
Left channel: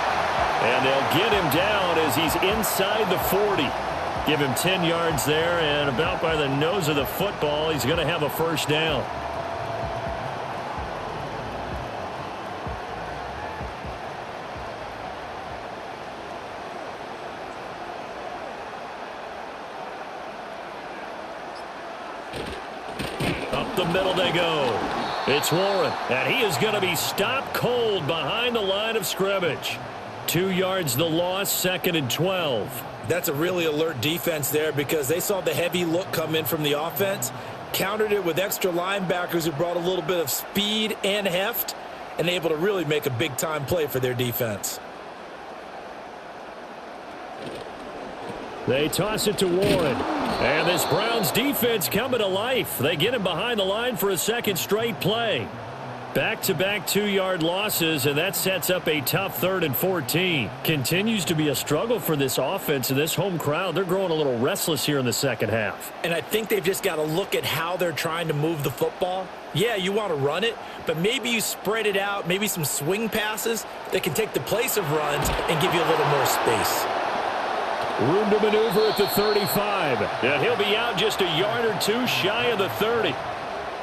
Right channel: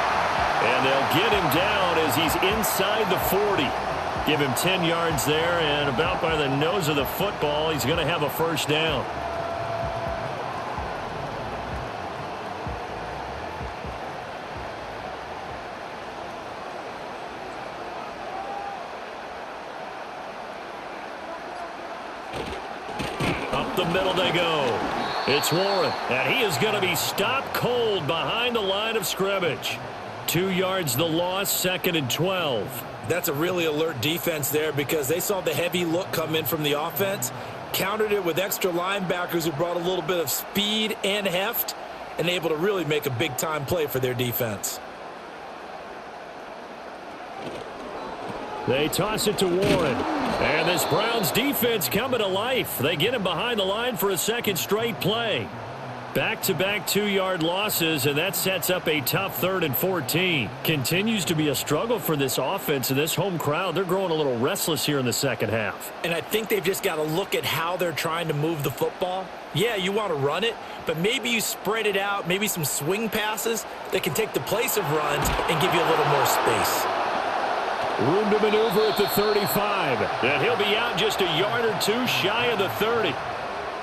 And they'll get him down as he's inside the 40. Give him 10 yards there, and about by the nose of the football, he's going to have a first down. Up the middle they go. It's Warren, and he is going to be stopped cold behind the line of scrimmage. 2 yards the loss, 2nd and 12. That's a really alert defense there because they saw the heavy look come in from the offense, countered it with extra linebackers who brought a little bit of speed and heft, and able to really make a big-time play for their defense. They toss it to Warren. And this Browns defense coming to life. They get him behind the line for a second straight play. Back-to-back 2-yard losses, and that sets up a tough 3rd and 14. Continues to be a struggle for this offense and this home crowd. They're growing a little restless here in the second half. And I think they've just got to look at how they're trying to move the football. Yeah, you want to run it, but maybe you spread it out, maybe some swing passes that can take the place of runs and give you a little more space. Room to maneuver at the 35. And he'll be out just a yard or two shy of the 30.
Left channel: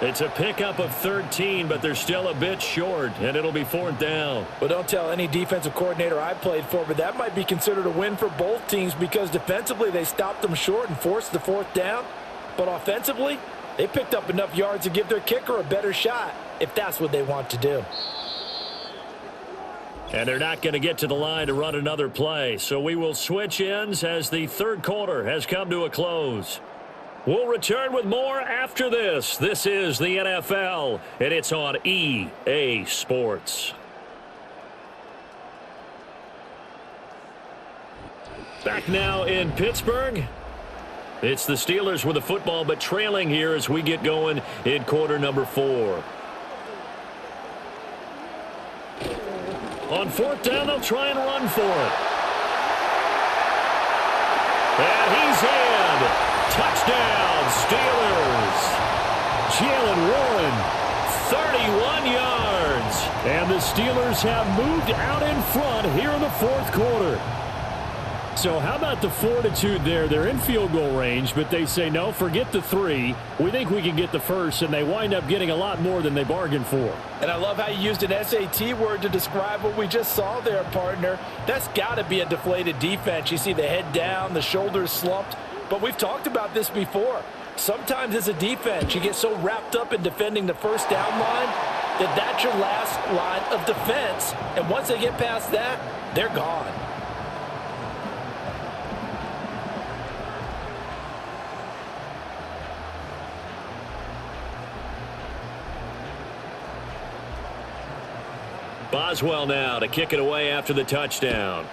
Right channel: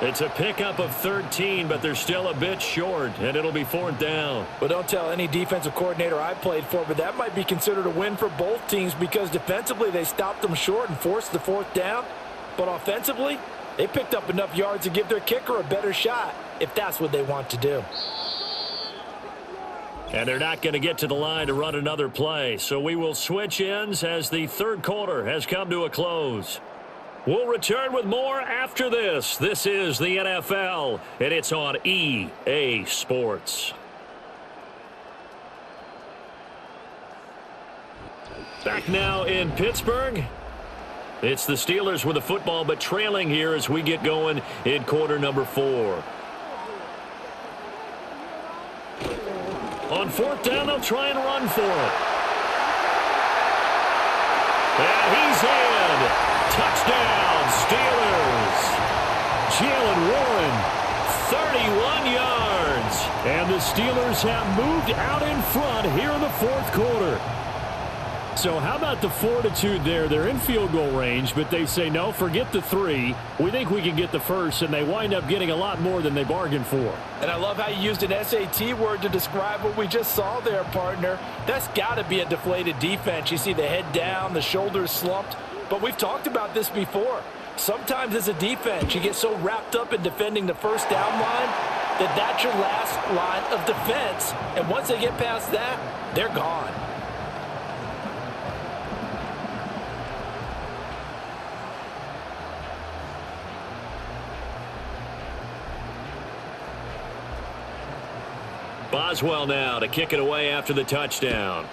It's a pickup of 13, but they're still a bit short, and it'll be 4th down. Well, don't tell any defensive coordinator I played for, but that might be considered a win for both teams because defensively they stopped them short and forced the 4th down. But offensively, they picked up enough yards to give their kicker a better shot if that's what they want to do. And they're not going to get to the line to run another play. So we will switch ends as the third quarter has come to a close. We'll return with more after this. This is the NFL, and it's on EA Sports. Back now in Pittsburgh. It's the Steelers with the football, but trailing here as we get going in quarter number 4. On 4th down, they'll try and run for it. And he's in. Touchdown, Steelers. Jalen Warren, 31 yards. And the Steelers have moved out in front here in the 4th quarter. So how about the fortitude there? They're in field goal range, but they say, no, forget the 3. We think we can get the first, and they wind up getting a lot more than they bargained for. And I love how you used an SAT word to describe what we just saw there, partner. That's got to be a deflated defense. You see the head down, the shoulders slumped. But we've talked about this before. Sometimes as a defense, you get so wrapped up in defending the first down line that that's your last line of defense. And once they get past that, they're gone. Boswell now to kick it away after the touchdown.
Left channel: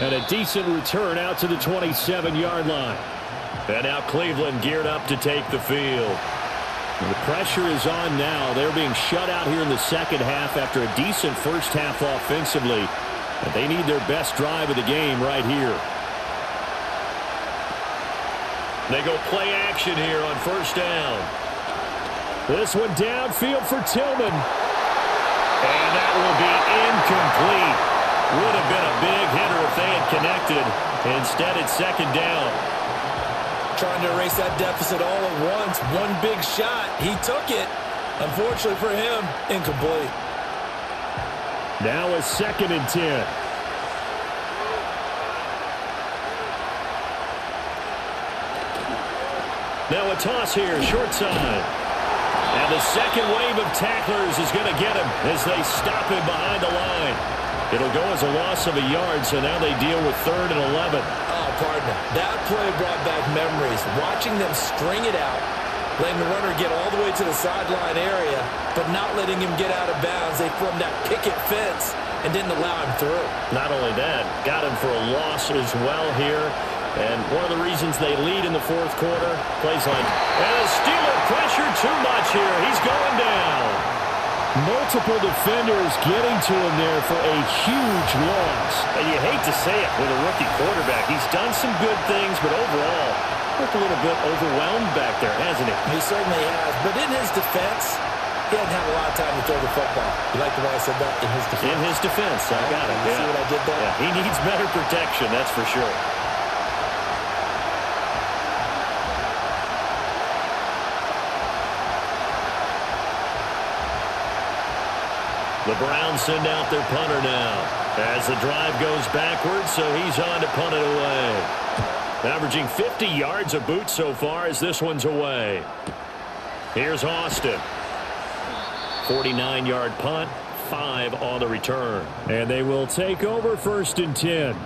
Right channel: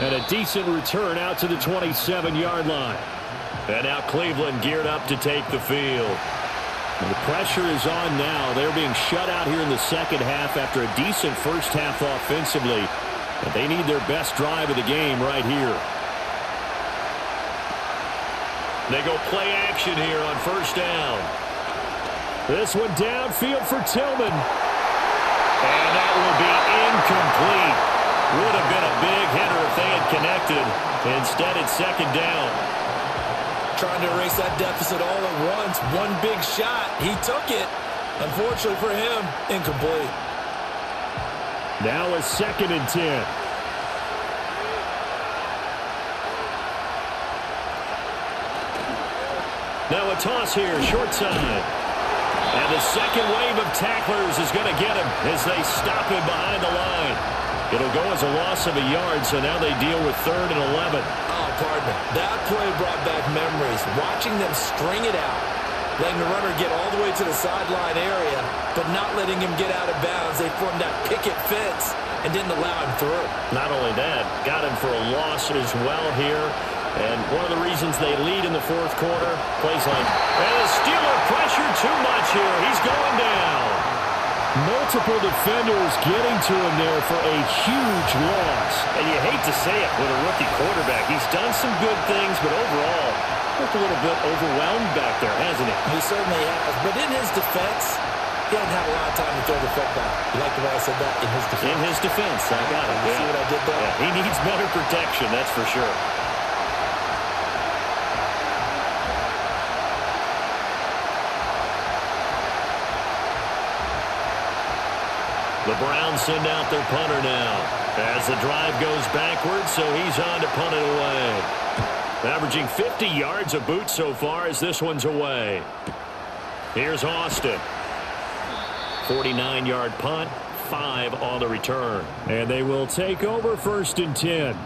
And a decent return out to the 27-yard line. And now Cleveland geared up to take the field. The pressure is on now. They're being shut out here in the second half after a decent first half offensively. And they need their best drive of the game right here. They go play action here on 1st down. This one downfield for Tillman. And that will be incomplete. Would have been a big hitter if they had connected. Instead, it's 2nd down. Trying to erase that deficit all at once. One big shot. He took it. Unfortunately for him, incomplete. Now it's 2nd and 10. Now a toss here, short side. And the second wave of tacklers is going to get him as they stop him behind the line. It'll go as a loss of a yard, so now they deal with 3rd and 11. Oh, partner, that play brought back memories. Watching them string it out letting the runner get all the way to the sideline area, but not letting him get out of bounds. They formed that picket fence and didn't allow him through. Not only that, got him for a loss as well here. And one of the reasons they lead in the fourth quarter, plays like, and the Steeler pressure too much here. He's going down. Multiple defenders getting to him there for a huge loss. And you hate to say it with a rookie quarterback. He's done some good things, but overall, looked a little bit overwhelmed back there, hasn't he? He certainly has. But in his defense, he hadn't had a lot of time to throw the football. You like the way I said that? In his defense? In his defense. I got it. You see what I did there? Yeah, he needs better protection, that's for sure. The Browns send out their punter now as the drive goes backwards, so he's on to punt it away. Averaging 50 yards a boot so far as this one's away. Here's Austin. 49-yard punt, 5 on the return. And they will take over 1st and 10.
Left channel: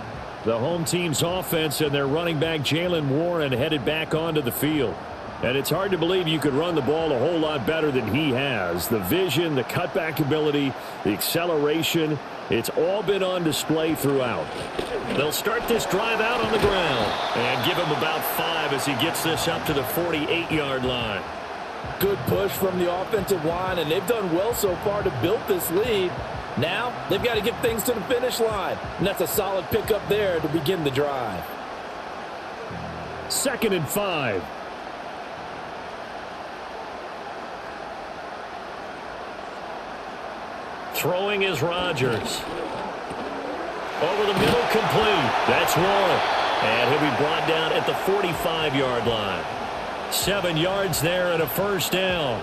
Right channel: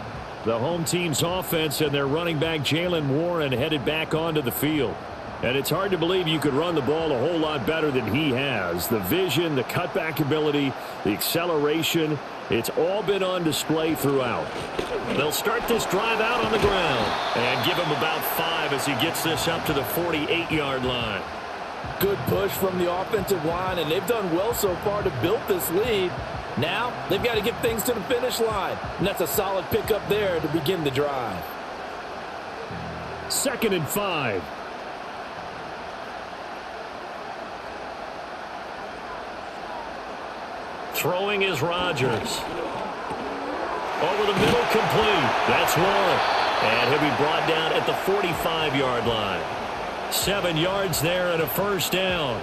The home team's offense and their running back Jalen Warren headed back onto the field. And it's hard to believe you could run the ball a whole lot better than he has. The vision, the cutback ability, the acceleration, it's all been on display throughout. They'll start this drive out on the ground and give him about 5 as he gets this up to the 48-yard line. Good push from the offensive line, and they've done well so far to build this lead. Now they've got to get things to the finish line, and that's a solid pickup there to begin the drive. 2nd and 5. Throwing is Rodgers. Over the middle, complete. That's Warren. And he'll be brought down at the 45-yard line. 7 yards there and a first down.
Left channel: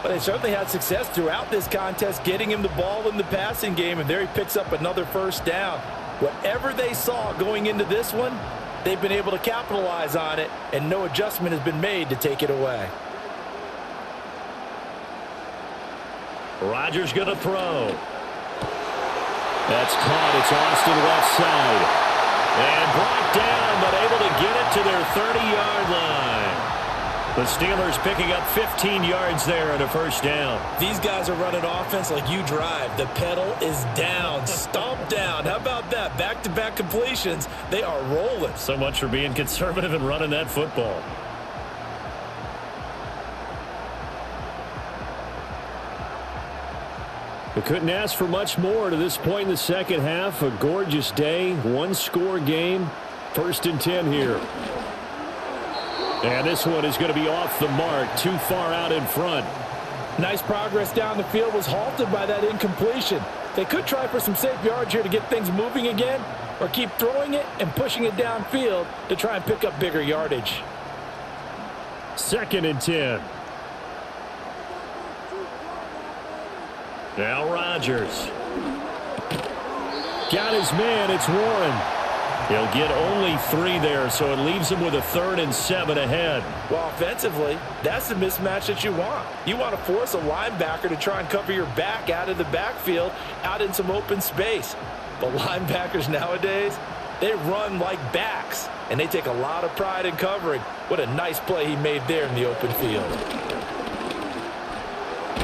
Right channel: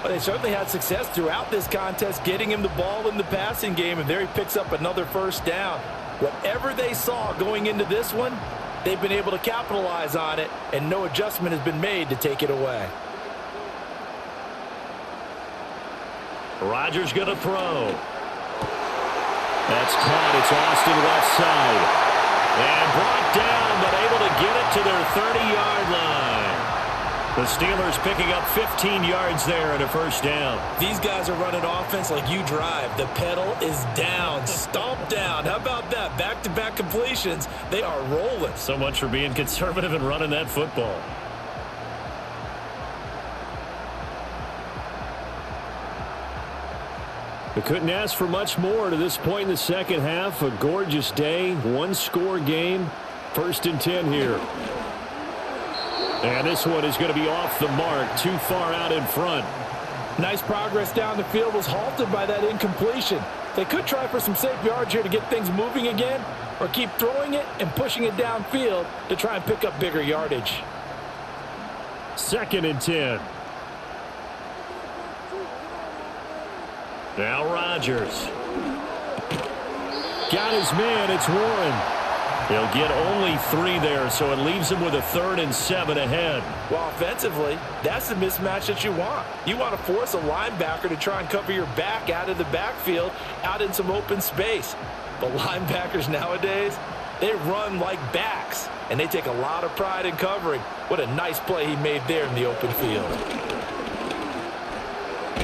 But they certainly had success throughout this contest getting him the ball in the passing game, and there he picks up another first down. Whatever they saw going into this one, they've been able to capitalize on it, and no adjustment has been made to take it away. Rodgers going to throw. That's caught. It's Austin left side. And brought down, but able to get it to their 30-yard line. The Steelers picking up 15 yards there and a first down. These guys are running offense like you drive. The pedal is down, stomp down. How about that? Back-to-back completions. They are rolling. So much for being conservative and running that football. They couldn't ask for much more to this point in the second half. A gorgeous day, one-score game. 1st and 10 here. And this one is going to be off the mark, too far out in front. Nice progress down the field was halted by that incompletion. They could try for some safe yards here to get things moving again, or keep throwing it and pushing it downfield to try and pick up bigger yardage. 2nd and 10. Now Rodgers. Got his man. It's Warren. He'll get only 3 there, so it leaves him with a 3rd and 7 ahead. Well, offensively, that's the mismatch that you want. You want to force a linebacker to try and cover your back out of the backfield, out in some open space. But linebackers nowadays, they run like backs, and they take a lot of pride in covering. What a nice play he made there in the open field.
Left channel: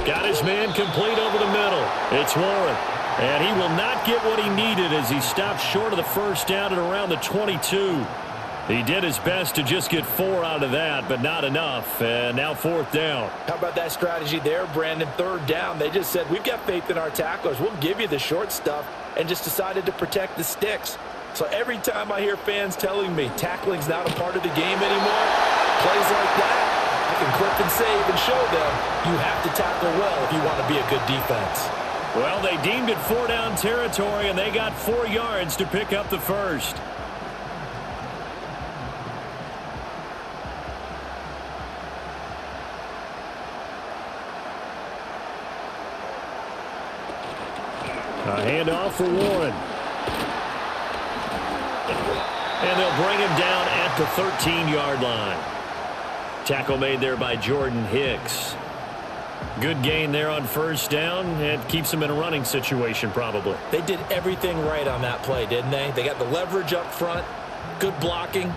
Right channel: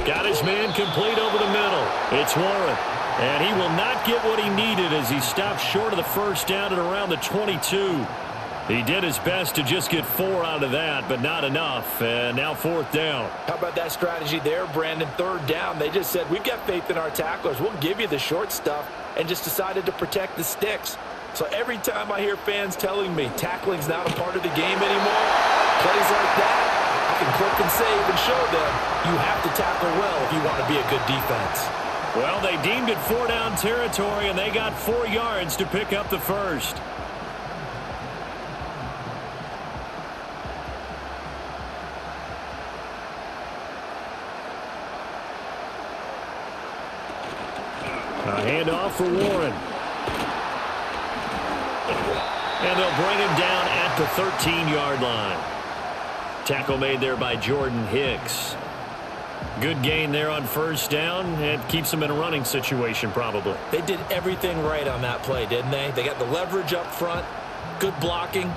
Got his man complete over the middle. It's Warren. And he will not get what he needed as he stopped short of the first down at around the 22. He did his best to just get 4 out of that, but not enough. And now 4th down. How about that strategy there, Brandon? 3rd down. They just said, we've got faith in our tacklers. We'll give you the short stuff, and just decided to protect the sticks. So every time I hear fans telling me tackling's not a part of the game anymore, plays like that, I can clip and save and show them you have to tackle well if you want to be a good defense. Well, they deemed it 4-down territory, and they got 4 yards to pick up the first. A handoff for Warren. And they'll bring him down at the 13-yard line. Tackle made there by Jordan Hicks. Good gain there on first down. It keeps them in a running situation probably. They did everything right on that play, didn't they? They got the leverage up front, good blocking,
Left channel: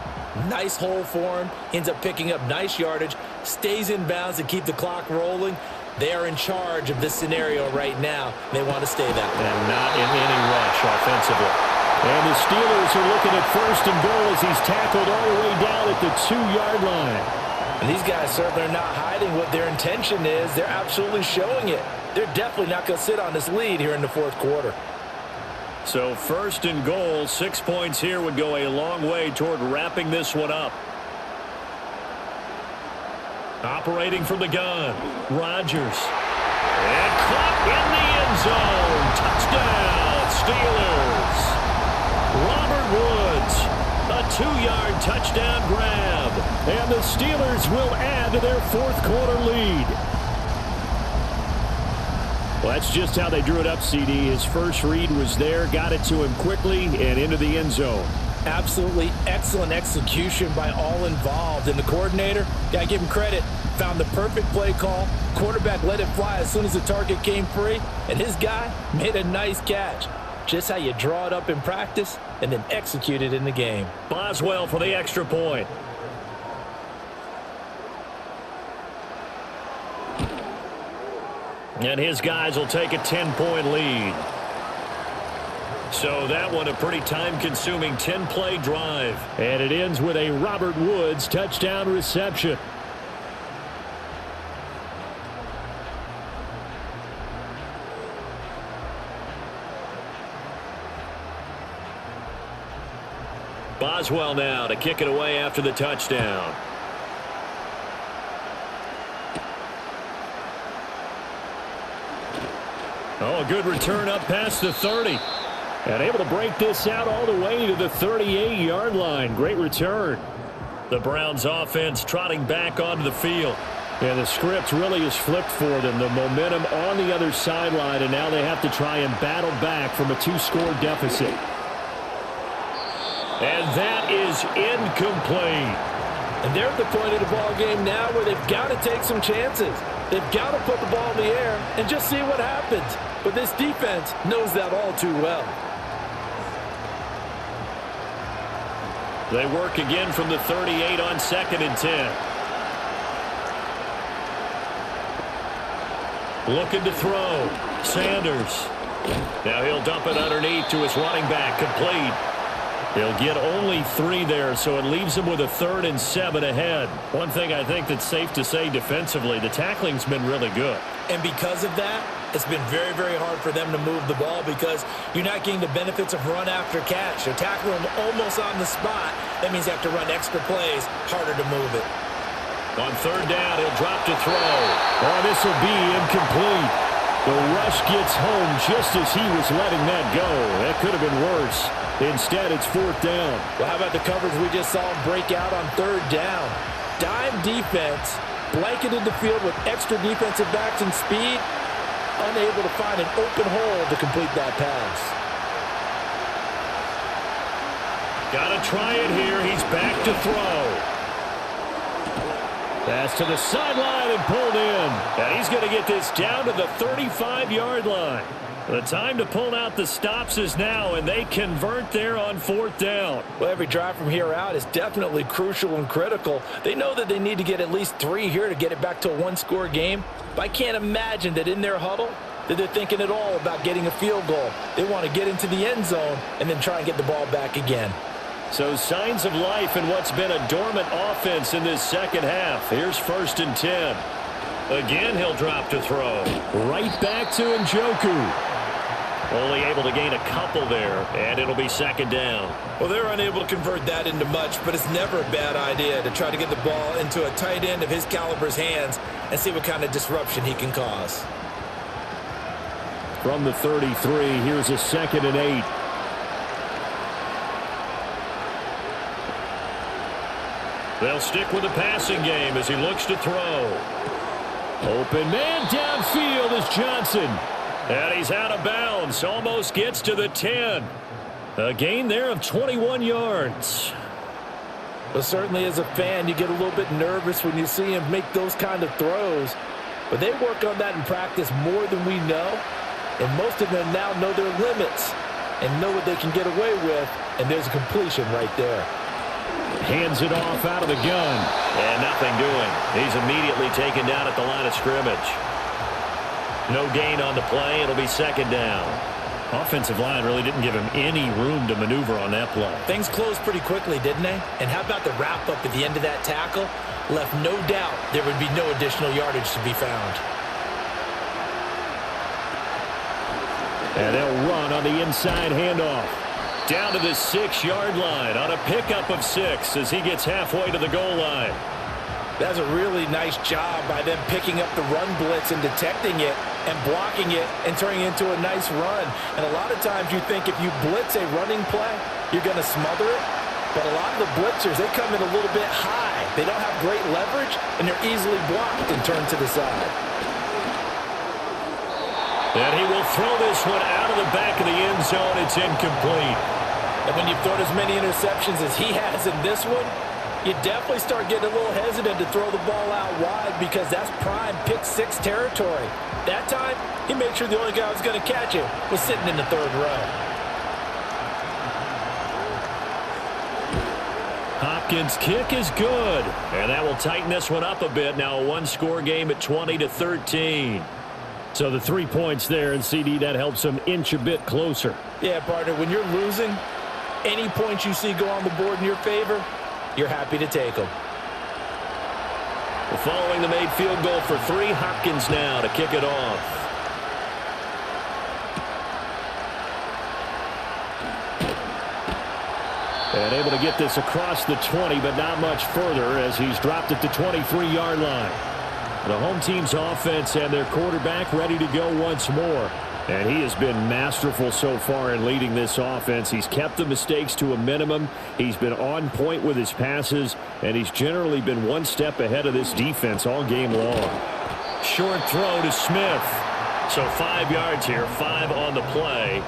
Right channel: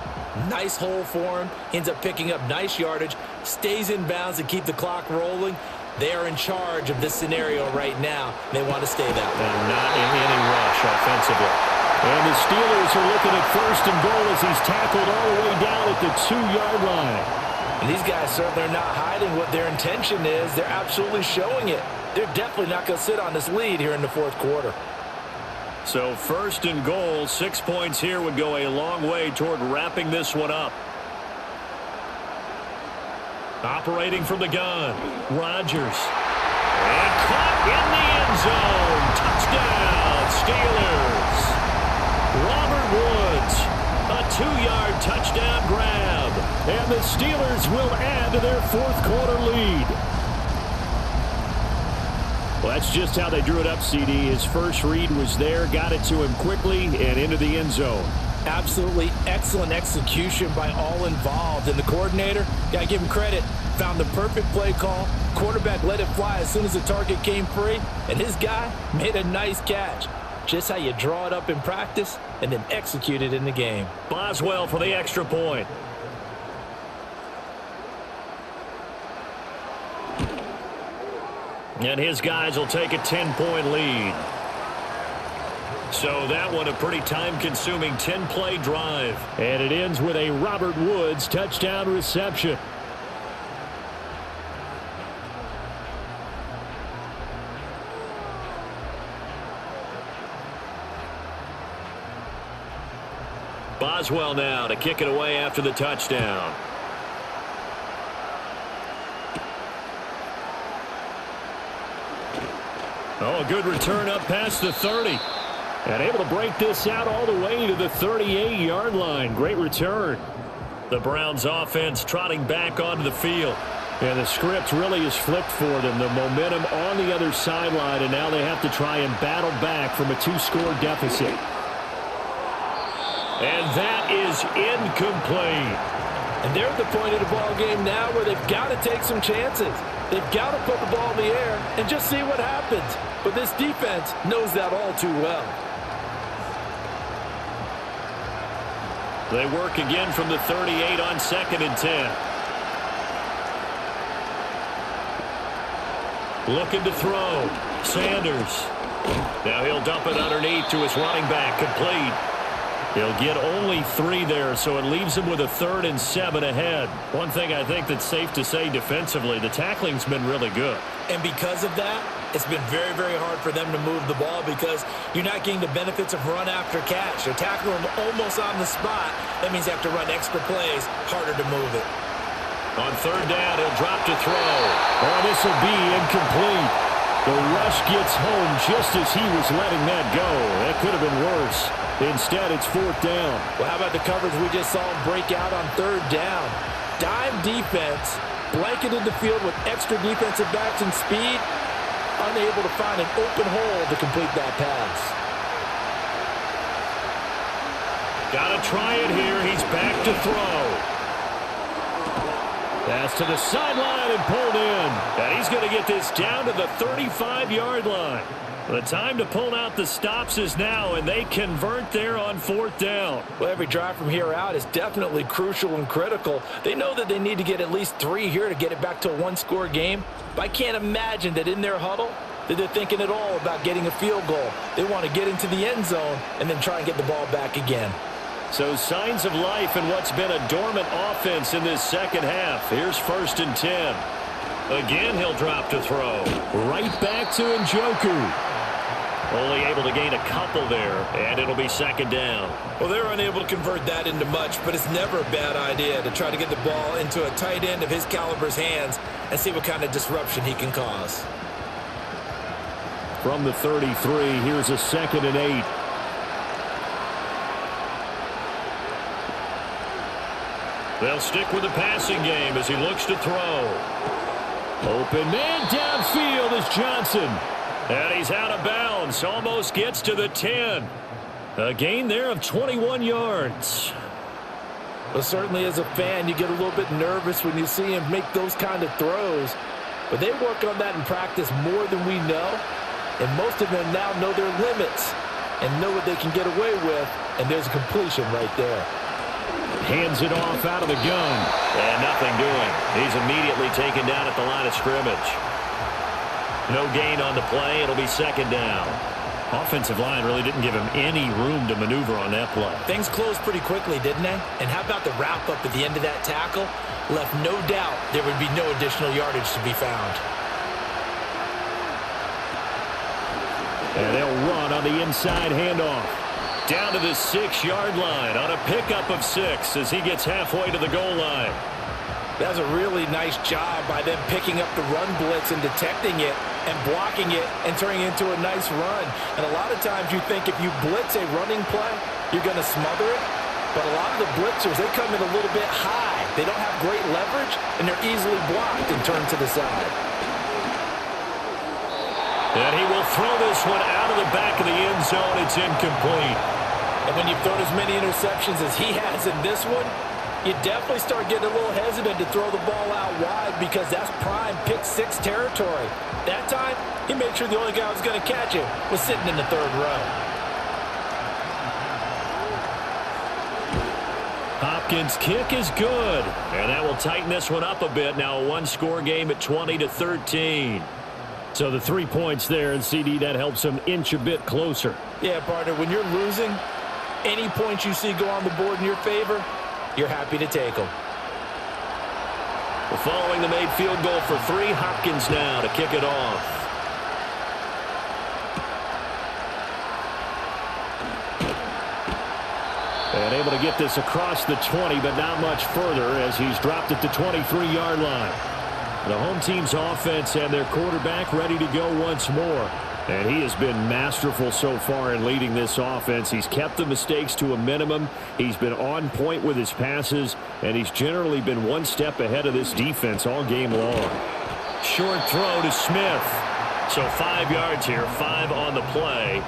Nice hole for him. Ends up picking up nice yardage. Stays in bounds to keep the clock rolling. They are in charge of this scenario right now. They want to stay that way. And not in any rush offensively. And the Steelers are looking at 1st and goal as he's tackled all the way down at the 2-yard line. And these guys certainly are not hiding what their intention is. They're absolutely showing it. They're definitely not going to sit on this lead here in the 4th quarter. So 1st and goal, 6 points here would go a long way toward wrapping this one up. Operating from the gun, Rodgers. And caught in the end zone. Touchdown, Steelers. Robert Woods, a 2-yard touchdown grab. And the Steelers will add to their 4th quarter lead. Well, that's just how they drew it up, CD. His first read was there, got it to him quickly, and into the end zone. Absolutely excellent execution by all involved. And the coordinator, got to give him credit, found the perfect play call. Quarterback let it fly as soon as the target came free. And his guy made a nice catch. Just how you draw it up in practice and then execute it in the game. Boswell for the extra point. And his guys will take a 10-point lead. So that one a pretty time-consuming 10-play drive. And it ends with a Robert Woods touchdown reception. Boswell now to kick it away after the touchdown. Oh, a good return up past the 30. And able to break this out all the way to the 38-yard line. Great return. The Browns offense trotting back onto the field. And the script really is flipped for them. The momentum on the other sideline, and now they have to try and battle back from a 2-score deficit. And that is incomplete. And they're at the point of the ball game now where they've got to take some chances. They've got to put the ball in the air and just see what happens. But this defense knows that all too well. They work again from the 38 on 2nd and 10. Looking to throw. Sanders. Now he'll dump it underneath to his running back. Complete. He'll get only 3 there, so it leaves him with a 3rd and 7 ahead. One thing I think that's safe to say defensively, the tackling's been really good. And because of that, it's been very, very hard for them to move the ball because you're not getting the benefits of run after catch. They're tackling them almost on the spot. That means you have to run extra plays, harder to move it. On 3rd down, he'll drop to throw. Oh, this will be incomplete. The rush gets home just as he was letting that go. That could have been worse. Instead, it's 4th down. Well, how about the coverage we just saw him break out on 3rd down? Dime defense, blanketed the field with extra defensive backs and speed, unable to find an open hole to complete that pass. Got to try it here. He's back to throw. That's to the sideline and pulled in. And he's going to get this down to the 35-yard line. The time to pull out the stops is now, and they convert there on 4th down. Well, every drive from here out is definitely crucial and critical. They know that they need to get at least 3 here to get it back to a 1-score game. But I can't imagine that in their huddle that they're thinking at all about getting a field goal. They want to get into the end zone and then try and get the ball back again. So signs of life in what's been a dormant offense in this second half. Here's 1st and 10. Again, he'll drop to throw. Right back to Njoku. Only able to gain a couple there, and it'll be 2nd down. Well, they're unable to convert that into much, but it's never a bad idea to try to get the ball into a tight end of his caliber's hands and see what kind of disruption he can cause. From the 33, here's a 2nd and 8. They'll stick with the passing game as he looks to throw. Open man downfield is Johnson. And he's out of bounds. Almost gets to the 10. A gain there of 21 yards. Well, certainly as a fan, you get a little bit nervous when you see him make those kind of throws. But they work on that in practice more than we know. And most of them now know their limits and know what they can get away with. And there's a completion right there. Hands it off out of the gun. And nothing doing. He's immediately taken down at the line of scrimmage. No gain on the play. It'll be second down. Offensive line really didn't give him any room to maneuver on that play. Things closed pretty quickly, didn't they? And how about the wrap-up at the end of that tackle? Left no doubt there would be no additional yardage to be found. And they'll run on the inside handoff. Down to the 6-yard line on a pickup of 6 as he gets halfway to the goal line. That's a really nice job by them picking up the run blitz and detecting it and blocking it and turning it into a nice run. And a lot of times you think if you blitz a running play, you're going to smother it. But a lot of the blitzers, they come in a little bit high. They don't have great leverage, and they're easily blocked and turned to the side. And he will throw this one out of the back of the end zone. It's incomplete. And when you've thrown as many interceptions as he has in this one, you definitely start getting a little hesitant to throw the ball out wide because that's prime pick 6 territory. That time, he made sure the only guy who was going to catch it was sitting in the third row. Hopkins' kick is good. And that will tighten this one up a bit. Now a one-score game at 20-13. So the 3 points there, and CD, that helps him inch a bit closer. Yeah, partner, when you're losing, any points you see go on the board in your favor, you're happy to take them. Following the made field goal for 3, Hopkins now to kick it off. And able to get this across the 20, but not much further as he's dropped at the 23-yard line. The home team's offense and their quarterback ready to go once more. And he has been masterful so far in leading this offense. He's kept the mistakes to a minimum. He's been on point with his passes, and he's generally been one step ahead of this defense all game long. Short throw to Smith. So 5 yards here, 5 on the play.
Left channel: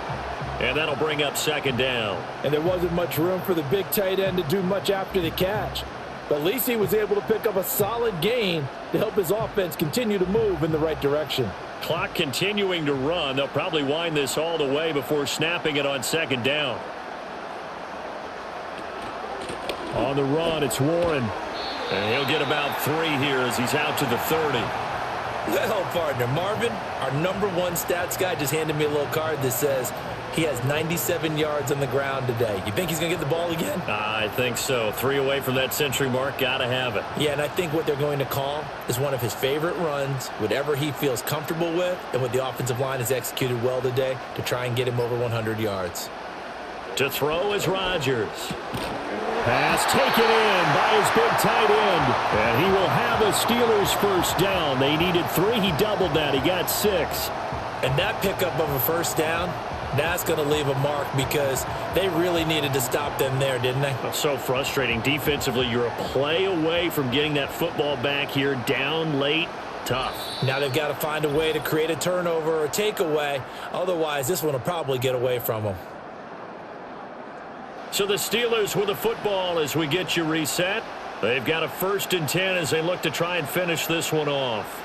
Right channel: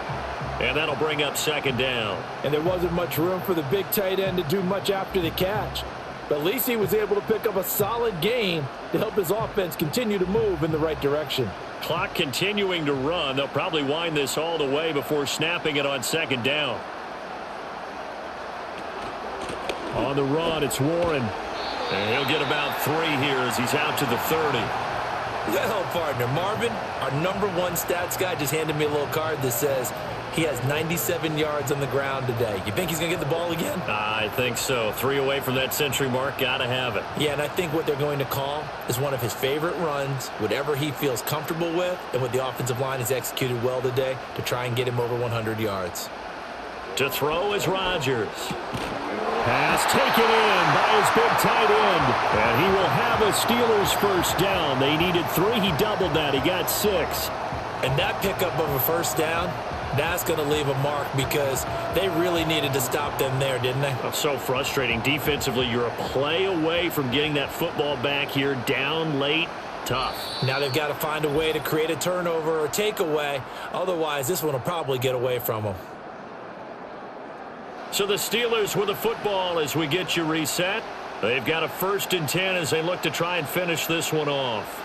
And that'll bring up second down. And there wasn't much room for the big tight end to do much after the catch. But at least he was able to pick up a solid gain to help his offense continue to move in the right direction. Clock continuing to run. They'll probably wind this all the way before snapping it on second down. On the run, it's Warren. And he'll get about 3 here as he's out to the 30. Well, partner, Marvin, our #1 stats guy, just handed me a little card that says he has 97 yards on the ground today. You think he's going to get the ball again? I think so. 3 away from that century mark. Got to have it. Yeah, and I think what they're going to call is one of his favorite runs, whatever he feels comfortable with, and what the offensive line has executed well today to try and get him over 100 yards. To throw is Rodgers. Pass taken in by his big tight end. And he will have a Steelers first down. They needed 3. He doubled that. He got 6. And that pickup of a first down, that's going to leave a mark because they really needed to stop them there, didn't they? So frustrating. Defensively, you're a play away from getting that football back here. Down late. Tough. Now they've got to find a way to create a turnover or a takeaway. Otherwise, this one will probably get away from them. So the Steelers with the football as we get you reset. They've got a 1st and 10 as they look to try and finish this one off.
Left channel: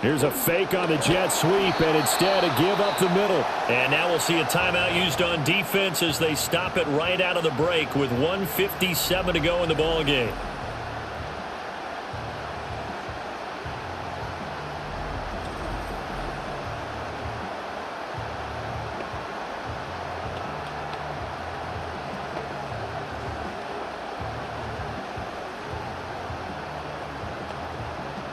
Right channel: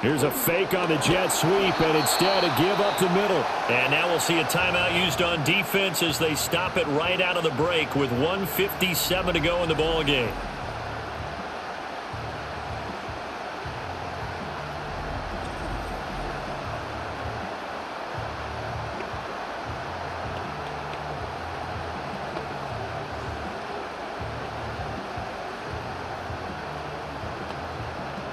Here's a fake on the jet sweep, and instead a give up the middle. And now we'll see a timeout used on defense as they stop it right out of the break with 1:57 to go in the ball game.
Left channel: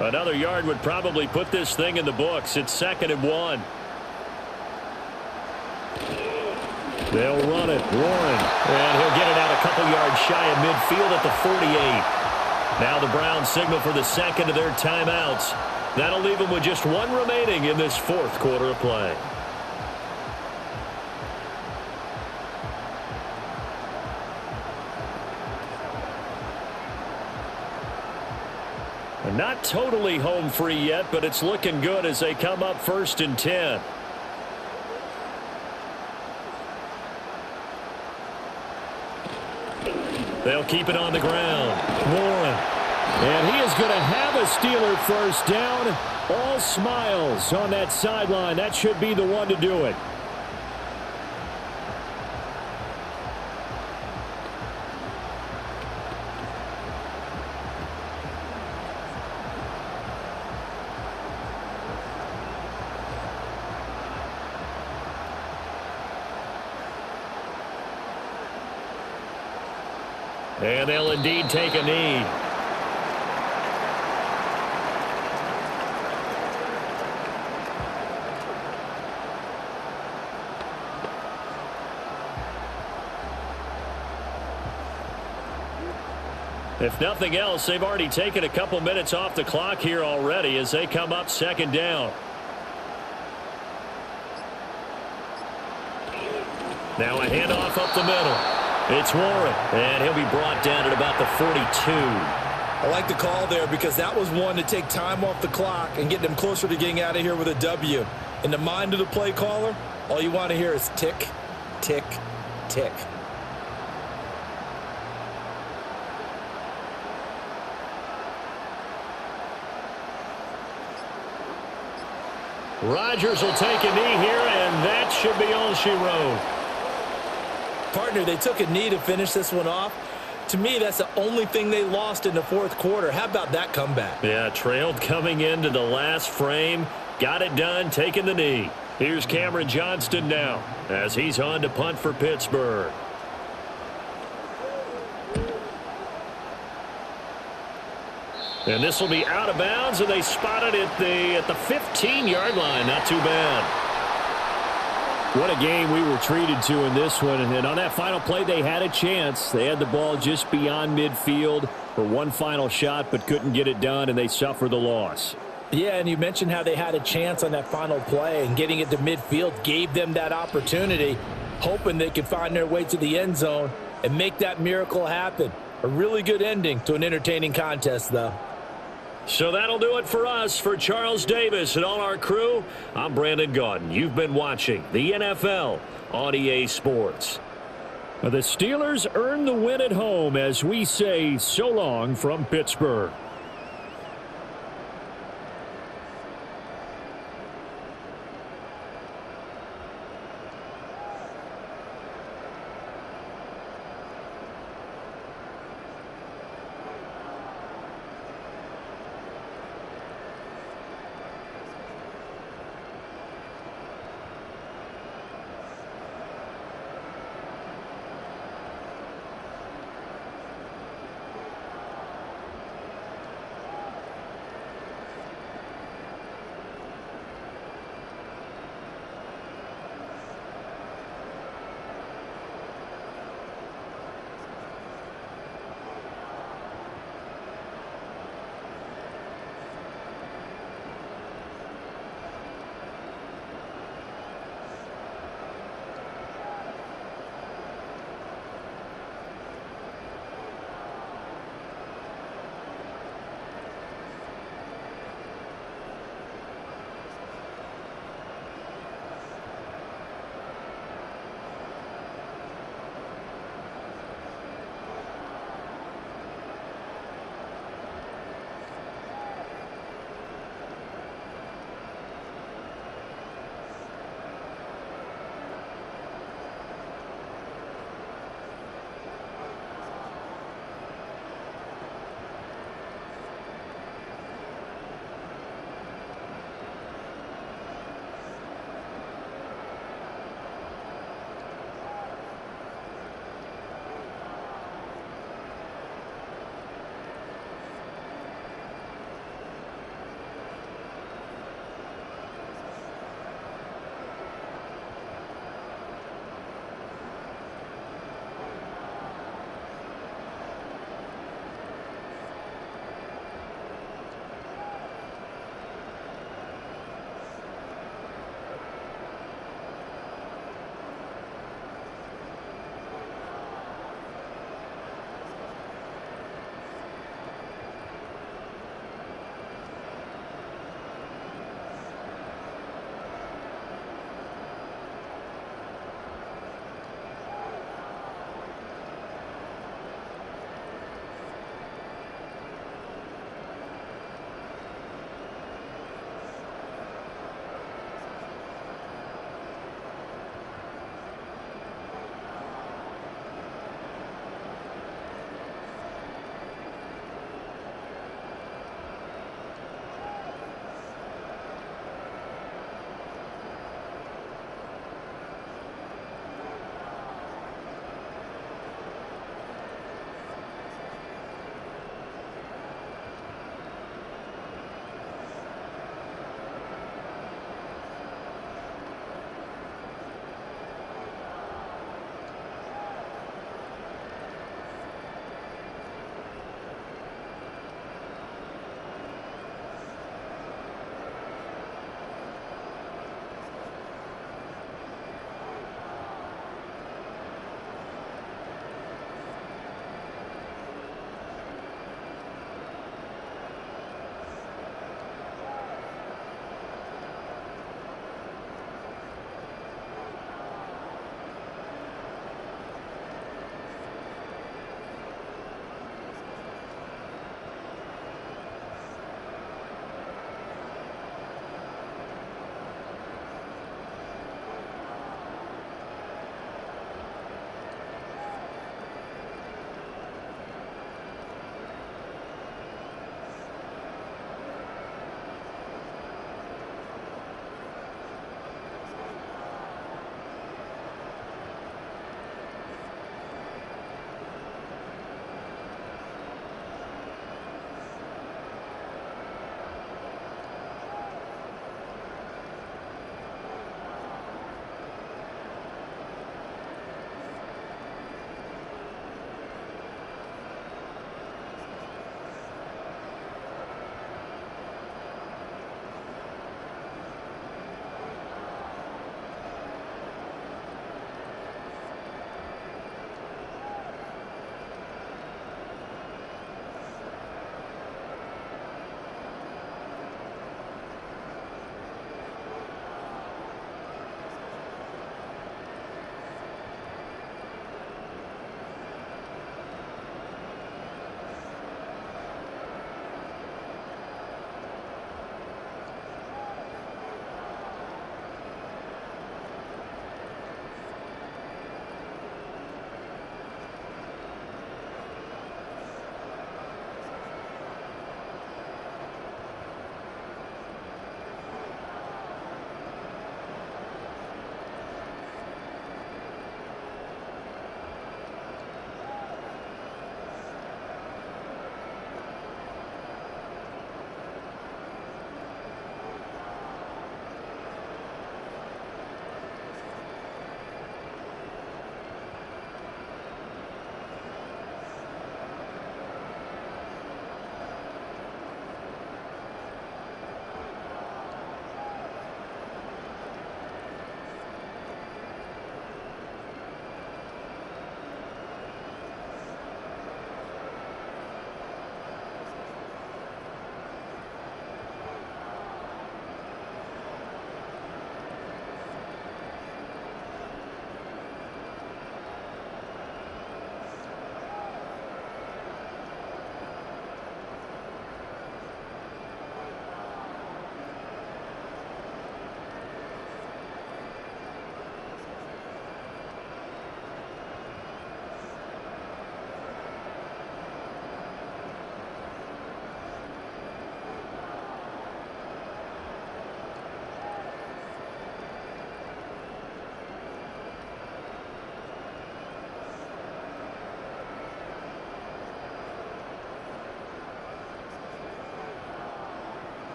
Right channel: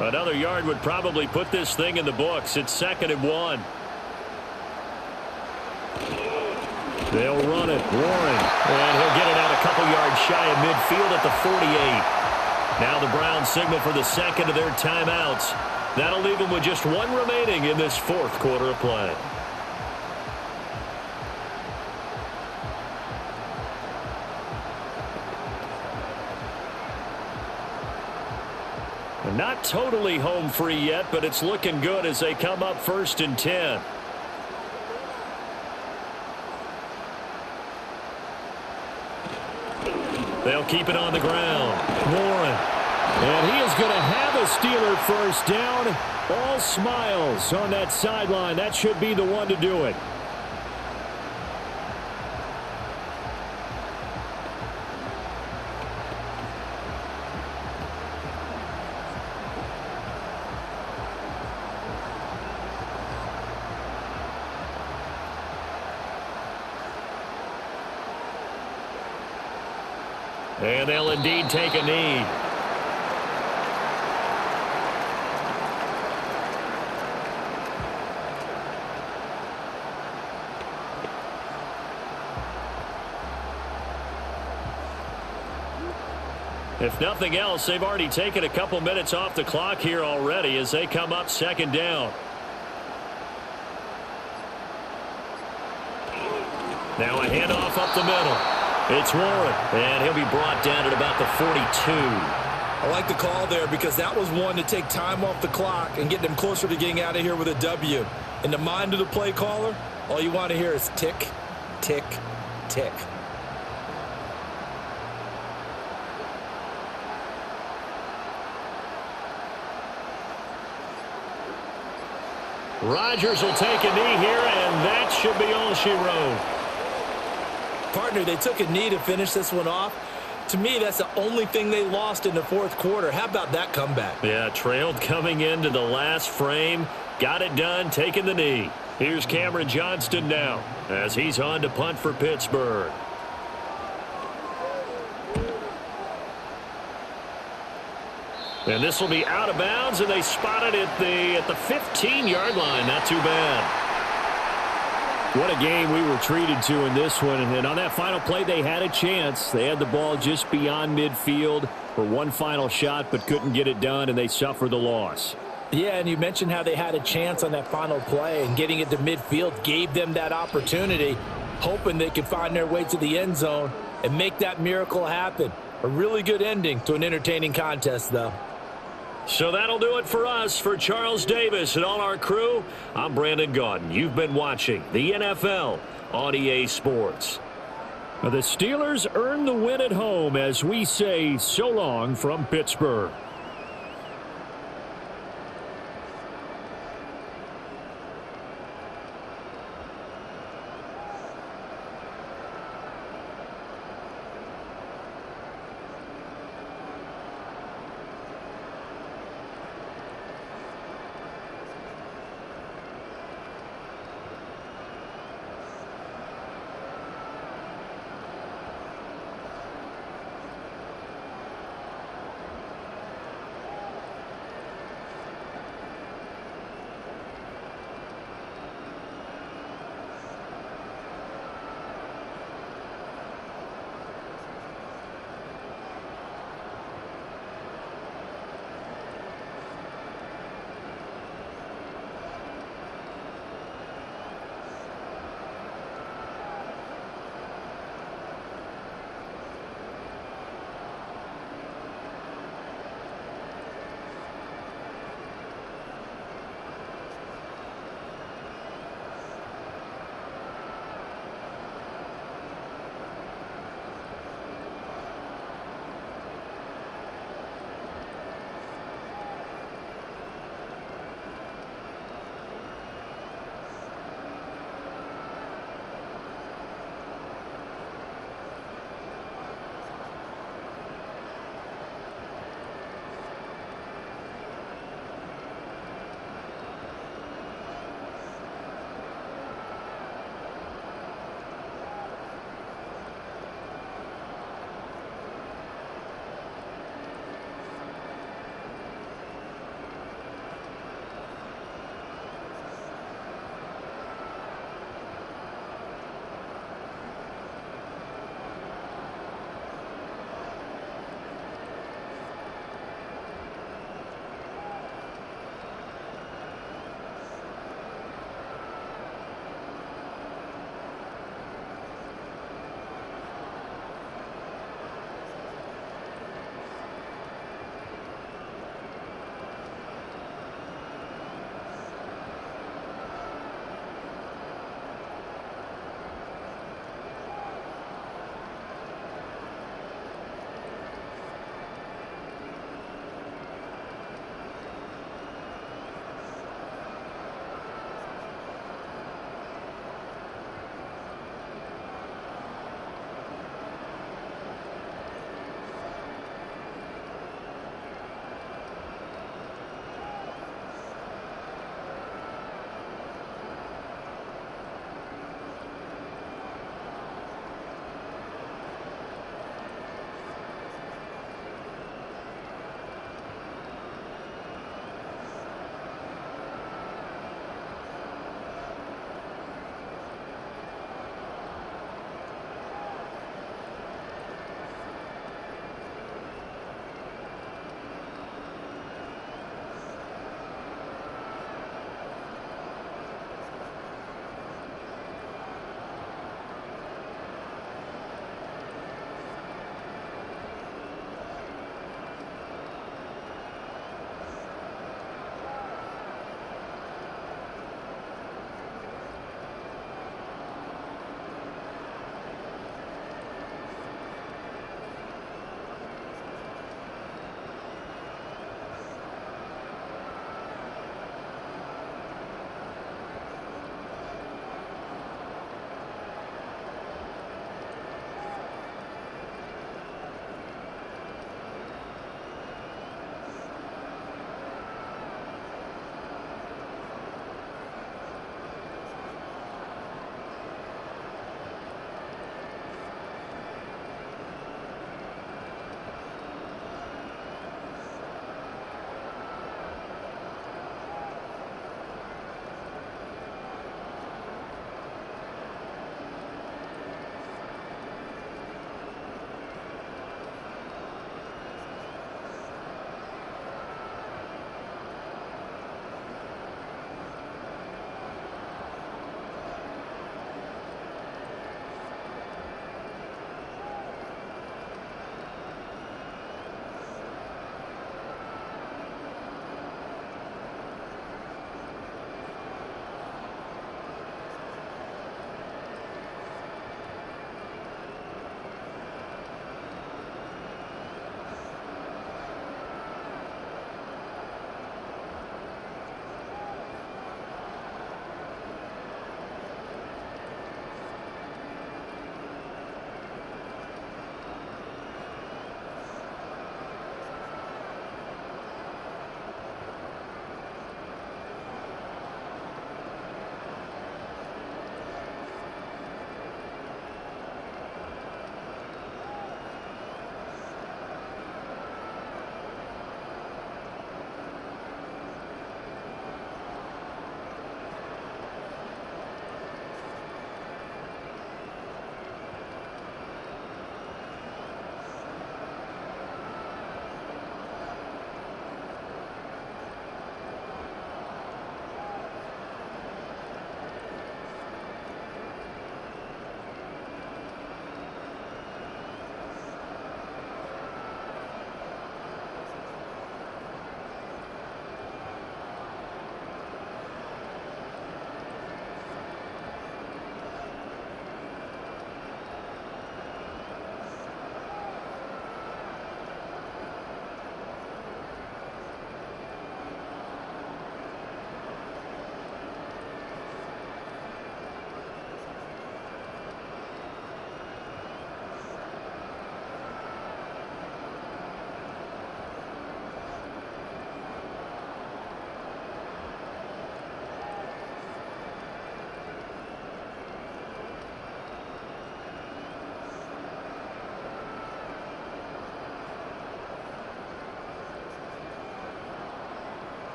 Another yard would probably put this thing in the books. It's 2nd and 1. They'll run it. Warren. And he'll get it out a couple yards shy of midfield at the 48. Now the Browns signal for the second of their timeouts. That'll leave them with just 1 remaining in this 4th quarter of play. Not totally home free yet, but it's looking good as they come up 1st and 10. They'll keep it on the ground. Warren. And he is going to have a Steeler first down. All smiles on that sideline. That should be the one to do it. And they'll indeed take a knee. If nothing else, they've already taken a couple minutes off the clock here already as they come up second down. Now a handoff up the middle. It's Warren, and he'll be brought down at about the 42. I like the call there because that was one to take time off the clock and get them closer to getting out of here with a W. In the mind of the play caller, all you want to hear is tick, tick, tick. Rodgers will take a knee here, and that should be all she wrote. Partner, they took a knee to finish this one off. To me, that's the only thing they lost in the fourth quarter. How about that comeback? Yeah, trailed coming into the last frame. Got it done, taking the knee. Here's Cameron Johnston now as he's on to punt for Pittsburgh. And this will be out of bounds, and they spot it at the 15-yard line. Not too bad. What a game we were treated to in this one. And on that final play, they had a chance. They had the ball just beyond midfield for one final shot, but couldn't get it done, and they suffered the loss. Yeah, and you mentioned how they had a chance on that final play, and getting it to midfield gave them that opportunity, hoping they could find their way to the end zone and make that miracle happen. A really good ending to an entertaining contest, though. So that'll do it for us. For Charles Davis and all our crew, I'm Brandon Gaudin. You've been watching the NFL on EA Sports. The Steelers earn the win at home as we say so long from Pittsburgh.